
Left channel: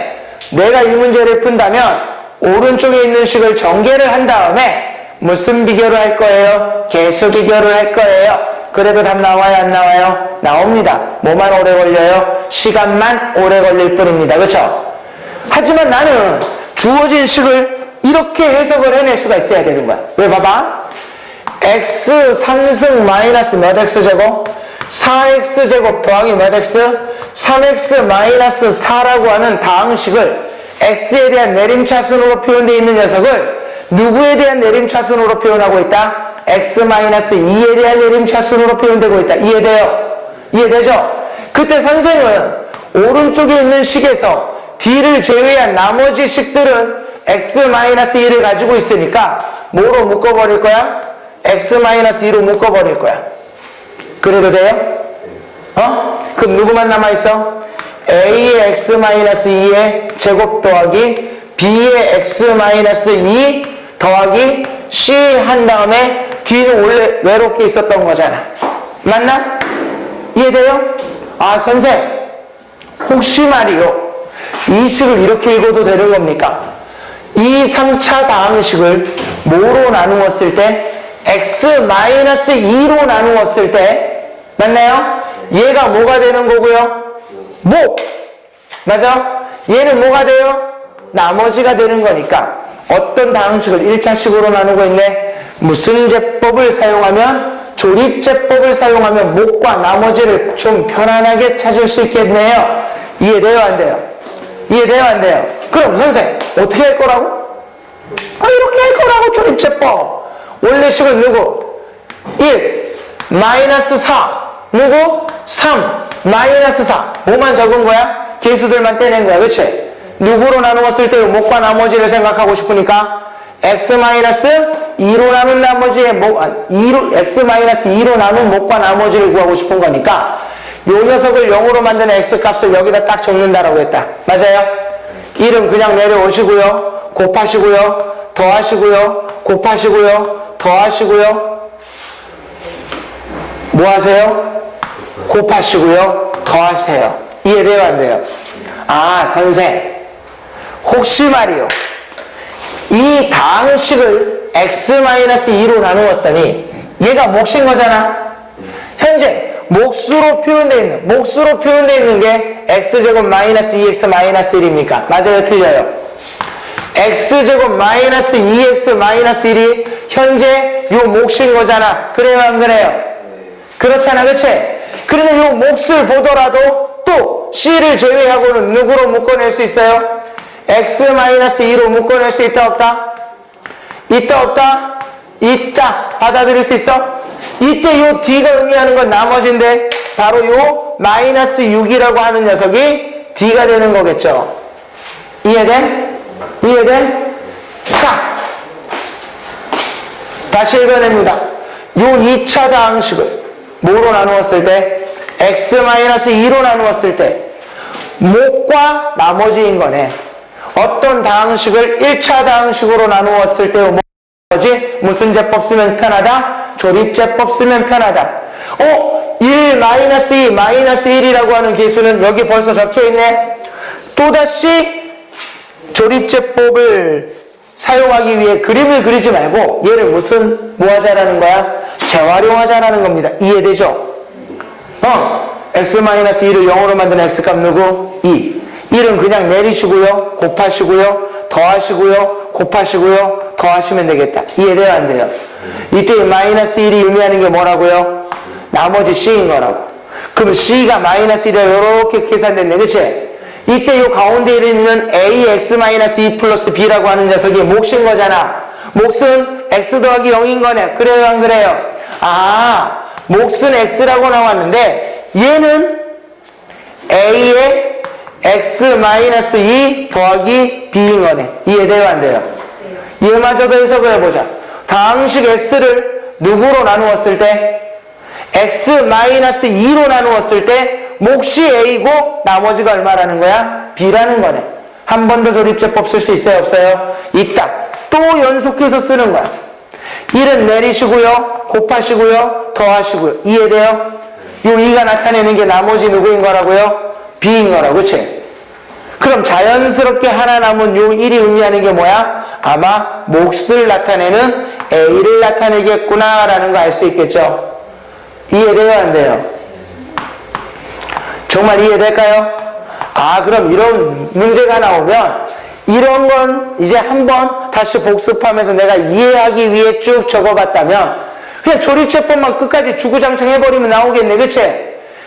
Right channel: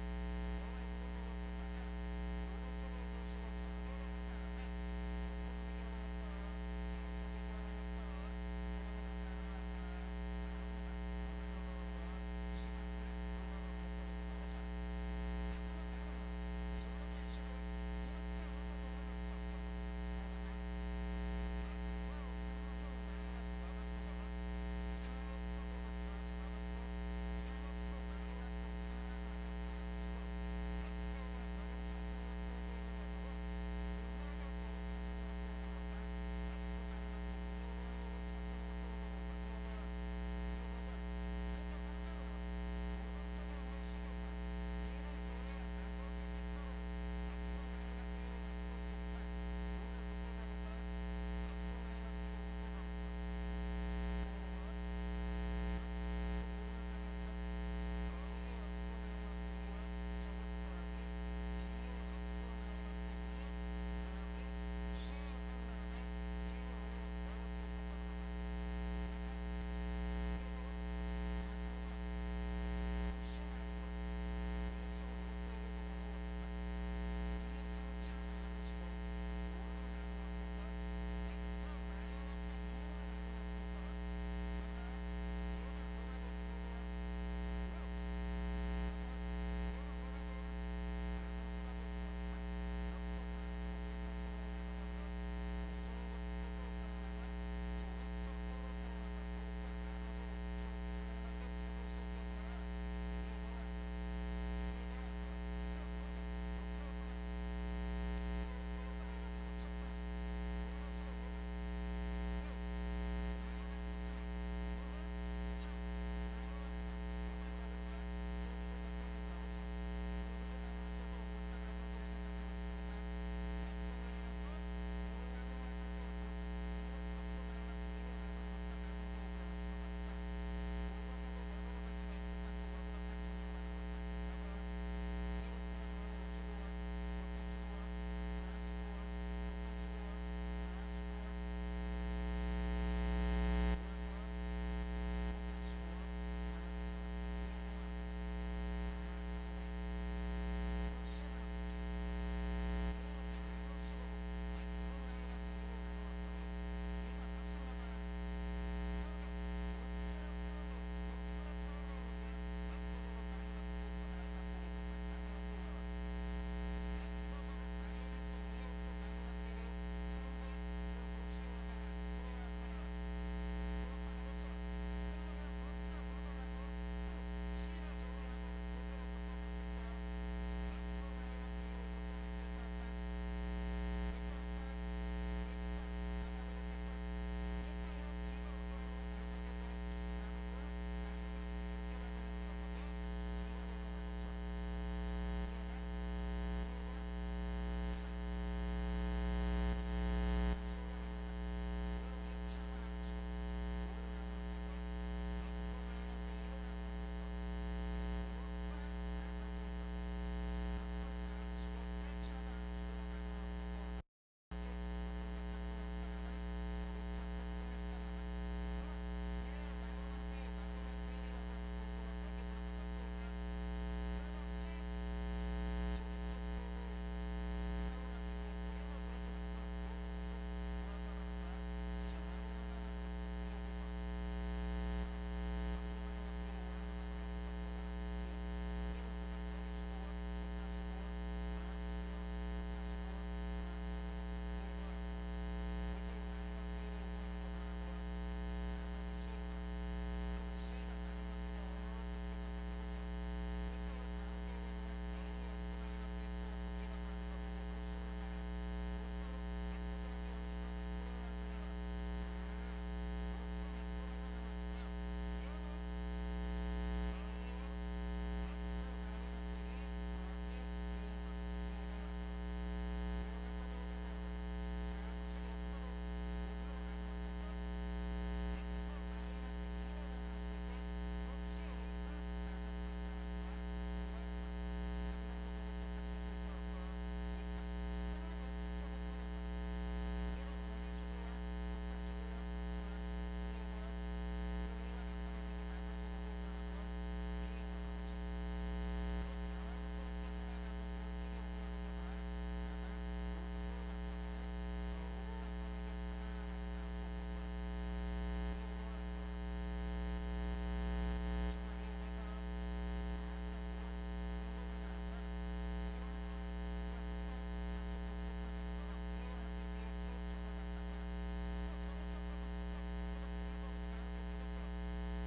내가 이 문제를 푼다면 오른쪽에 있는 식을 전개를 한 다음에 무슨 비교를 할 거예요? 개수 비교를 할 거예요. 그래도 답 나와요, 안 나와요? 나옵니다. 뭐만 오래 걸려요? 시간만 오래 걸릴 뿐입니다. 그렇죠? 하지만 나는 주어진 식을 이렇게 해석을 해낼 수가 있어야 되는 거야. 왜? 봐봐. x 3승 마이너스 몇 x제곱? 4x제곱 더하기 몇 x? 3x 마이너스 4라고 하는 다항식을 x에 대한 내림차순으로 표현되어 있는 녀석을 누구에 대한 내림차순으로 표현하고 있다? x 마이너스 2에 대한 내림차순으로 표현되고 있다. 이해돼요? 이해되죠? 그때 선생은 오른쪽에 있는 식에서 d를 제외한 나머지 식들은 x 마이너스 2를 가지고 있으니까 뭐로 묶어버릴 거야? x 마이너스 2로 묶어버릴 거야. 그래도 돼요? 그럼 누구만 남아있어? a의 x 마이너스 2의 제곱 더하기 b의 x 마이너스 2 더하기 c 한 다음에 d는 원래 외롭게 있었던 거잖아. 맞나? 이해돼요? 아, 선생, 혹시 말이요, 이 식을 이렇게 읽어도 되는 겁니까? 이 3차 다항식을 뭐로 나누었을 때? x-2로 나누었을 때, 맞나요? 얘가 뭐가 되는 거고요? 뭐? 맞아? 얘는 뭐가 돼요? 나머지가 되는 거니까 어떤 다항식을 1차식으로 나누고 있네? 무슨 제법을 사용하면? 조립제법을 사용하면 목과 나머지를 좀 편안하게 찾을 수 있겠네요. 이해돼요, 안 돼요? 이해돼요, 안 돼요? 그럼 선생, 어떻게 할 거라고? 이렇게 할 거라고, 조립제법. 원래 식은 누구? 1, 마이너스 4. 누구? 3, 마이너스 4. 뭐만 적은 거야? 개수들만 떼낸 거야, 그치? 누구로 나누었을 때 목과 나머지를 생각하고 싶으니까 x-2로 나눈 나머지의 x-2로 나눈 목과 나머지를 구하고 싶은 거니까 요 녀석을 0으로 만드는 x값을 여기다 딱 적는다라고 했다. 맞아요? 1은 그냥 내려오시고요, 곱하시고요, 더하시고요, 곱하시고요, 더하시고요. 뭐 하세요? 곱하시고요. 더하세요. 이해돼요? 안 돼요? 아, 선생. 혹시 말이요. 이 다항식을 x-2로 나누었더니 얘가 몫인 거잖아. 현재 몫으로 표현되어 있는 게 x제곱 마이너스 2x 마이너스 1입니까? 맞아요? 틀려요? x제곱 마이너스 2x 마이너스 1이 현재 요 몫인 거잖아. 그래요? 안 그래요? 그렇잖아. 그치? 그러면 요 몫을 보더라도 또 c를 제외하고는 누구로 묶어낼 수 있어요? x-2로 묶어낼 수 있다 없다? 있다 없다? 있다. 받아들일 수 있어? 이때 요 d가 의미하는 건 나머지인데 바로 요 마이너스 6이라고 하는 녀석이 d가 되는 거겠죠. 이해돼? 이해돼? 자, 다시 읽어냅니다. 요 2차 다항식을 뭐로 나누었을 때? x-2로 나누었을 때 목과 나머지인 거네. 어떤 다항식을 1차 다항식으로 나누었을 때 뭐지? 무슨 제법 쓰면 편하다? 조립제법 쓰면 편하다. 1 마이너스 2 마이너스 1이라고 하는 계수는 여기 벌써 적혀있네. 또다시 조립제법을 사용하기 위해 그림을 그리지 말고 얘를 뭐 하자라는 거야? 재활용하자라는 겁니다. 이해되죠? x-2를 0으로 만든 x값 누구? 2. 1은 그냥 내리시고요. 곱하시고요. 더하시고요. 곱하시고요. 더하시면 되겠다. 이해돼요? 안 돼요? 이때 마이너스 1이 의미하는 게 뭐라고요? 나머지 c인 거라고. 그럼 c가 마이너스 1에 이렇게 계산됐네. 그치? 이때 요 가운데 있는 ax-2 플러스 b라고 하는 녀석이 몫인 거잖아. 몫은 x 더하기 0인 거네. 그래요? 안 그래요? 아, 몫은 x라고 나왔는데 얘는 a의 x-2 더하기 b인 거네. 이해돼요? 안 돼요? 얘마저도 해석을 해보자. 다항식 x를 누구로 나누었을 때? x-2로 나누었을 때 몫이 a고 나머지가 얼마라는 거야? b라는 거네. 한 번 더 조립제법 쓸 수 있어요? 없어요? 있다. 또 연속해서 쓰는 거야. 1은 내리시고요. 곱하시고요. 더하시고요. 이해돼요? 요 2가 나타내는 게 나머지 누구인 거라고요? b인 거라고. 그치? 그럼 자연스럽게 하나 남은 요 1이 의미하는 게 뭐야? 아마 몫을 나타내는 a를 나타내겠구나 라는 거 알 수 있겠죠? 이해돼요? 안 돼요? 정말 이해될까요? 아, 그럼 이런 문제가 나오면 이런 건 이제 한번 다시 복습하면서 내가 이해하기 위해 쭉 적어봤다면 그냥 조립제법만 끝까지 주구장창 해버리면 나오겠네. 그치?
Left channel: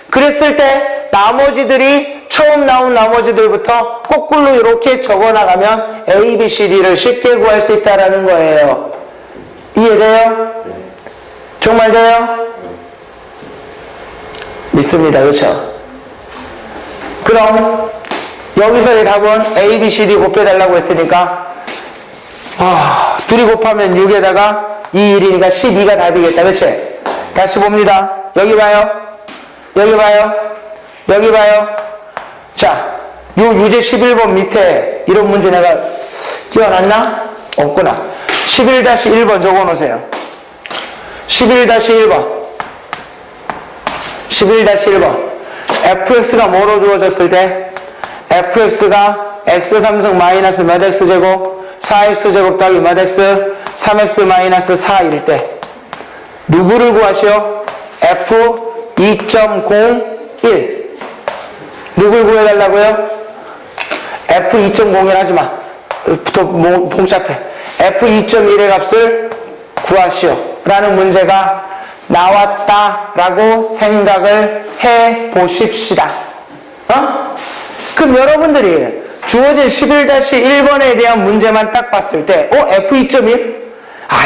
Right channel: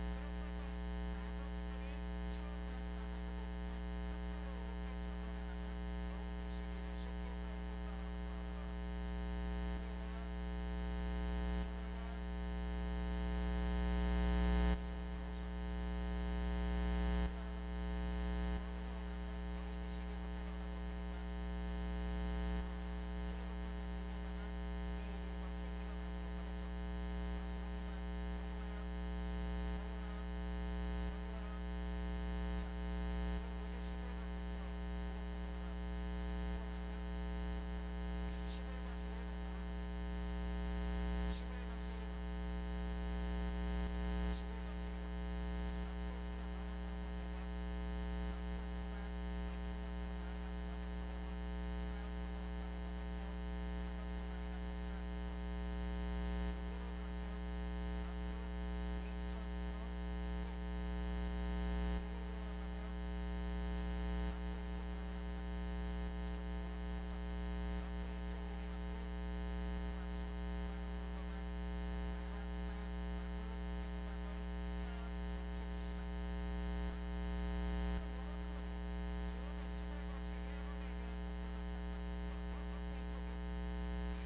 그랬을 때 나머지들이 처음 나온 나머지들부터 거꾸로 이렇게 적어나가면 A, B, C, D를 쉽게 구할 수 있다는 거예요. 이해돼요? 정말 돼요? 믿습니다. 그렇죠? 그럼 여기서의 답은 A, B, C, D 곱해달라고 했으니까 둘이 곱하면 6에다가 2, 1이니까 12가 답이겠다. 그치? 다시 봅니다. 여기 봐요. 여기 봐요. 여기 봐요. 자, 요 유제 11번 밑에 이런 문제 내가 끼워놨나? 없구나. 11-1번 적어놓으세요. 11-1번 11-1번 fx가 뭐로 주어졌을 때 fx가 x3승 마이너스 몇 x제곱 4x제곱 더하기 몇 x 3x 마이너스 4일 때 누구를 구하시오? f 2.01 누굴 구해달라고요? f 2.01 하지마 복잡해. f 2.1의 값을 구하시오 라는 문제가 나왔다라고 생각을 해 보십시다. 그럼 여러분들이 주어진 11-1번에 대한 문제만 딱 봤을 때 f 2.1?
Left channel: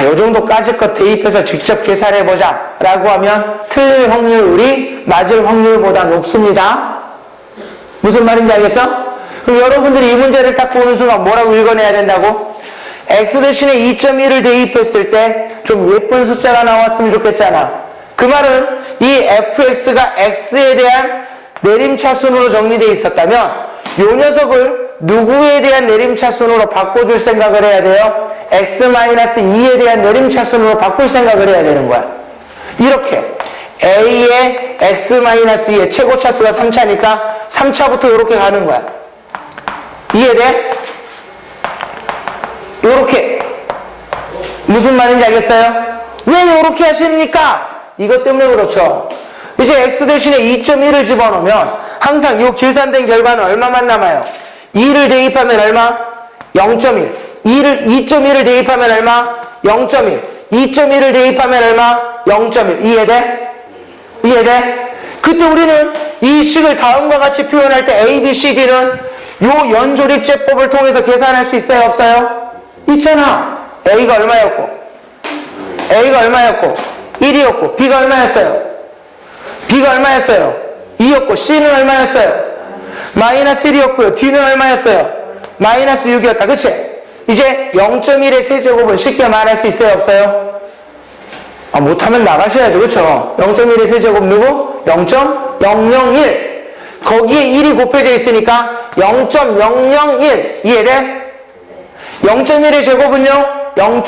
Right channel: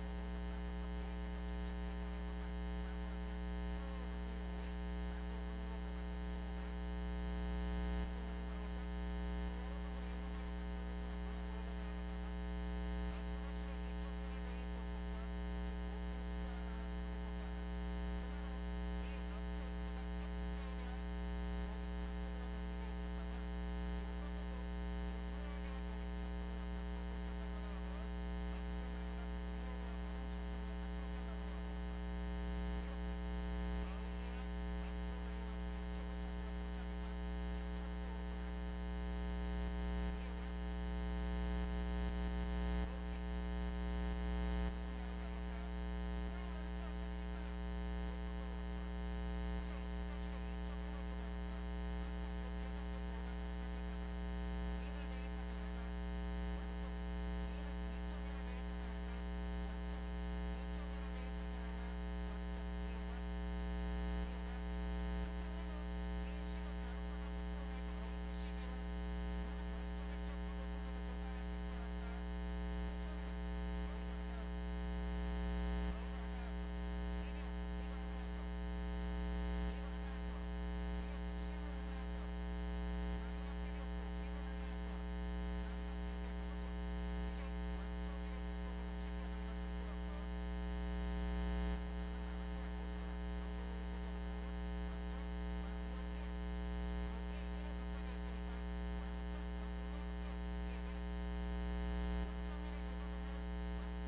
요 정도까지 것 대입해서 직접 계산해보자 라고 하면 틀릴 확률이 맞을 확률보다 높습니다. 무슨 말인지 알겠어? 그럼 여러분들이 이 문제를 딱 보는 순간 뭐라고 읽어내야 된다고? x 대신에 2.1을 대입했을 때 좀 예쁜 숫자가 나왔으면 좋겠잖아. 그 말은 이 fx가 x에 대한 내림차순으로 정리되어 있었다면 이 녀석을 누구에 대한 내림차순으로 바꿔줄 생각을 해야 돼요? x-2에 대한 내림차순으로 바꿀 생각을 해야 되는 거야. 이렇게 a의 x-2의 최고차수가 3차니까 3차부터 이렇게 가는 거야. 이해돼? 요렇게. 무슨 말인지 알겠어요? 왜 요렇게 하십니까? 이것 때문에 그렇죠. 이제 x 대신에 2.1을 집어넣으면 항상 요 계산된 결과는 얼마만 남아요? 2를 대입하면 얼마? 0.1. 2.1을 대입하면 얼마? 0.1. 2.1을 대입하면 얼마? 0.1. 이해돼? 이해돼? 그때 우리는 이 식을 다음과 같이 표현할 때 A, B, C, D는 요 연조립제법을 통해서 계산할 수 있어요? 없어요? 있잖아. A가 얼마였고? A가 얼마였고? 1이었고 B가 얼마였어요? B가 얼마였어요? 2였고 C는 얼마였어요? 마이너스 1이었고요. D는 얼마였어요? 마이너스 6이었다. 그치? 이제 0.1의 세제곱은 쉽게 말할 수 있어요? 없어요? 못하면 나가셔야죠. 그쵸? 0.1의 세제곱 누구? 0.001. 거기에 1이 곱해져 있으니까 0.001. 이해돼? 0.1의 제곱은요? 0.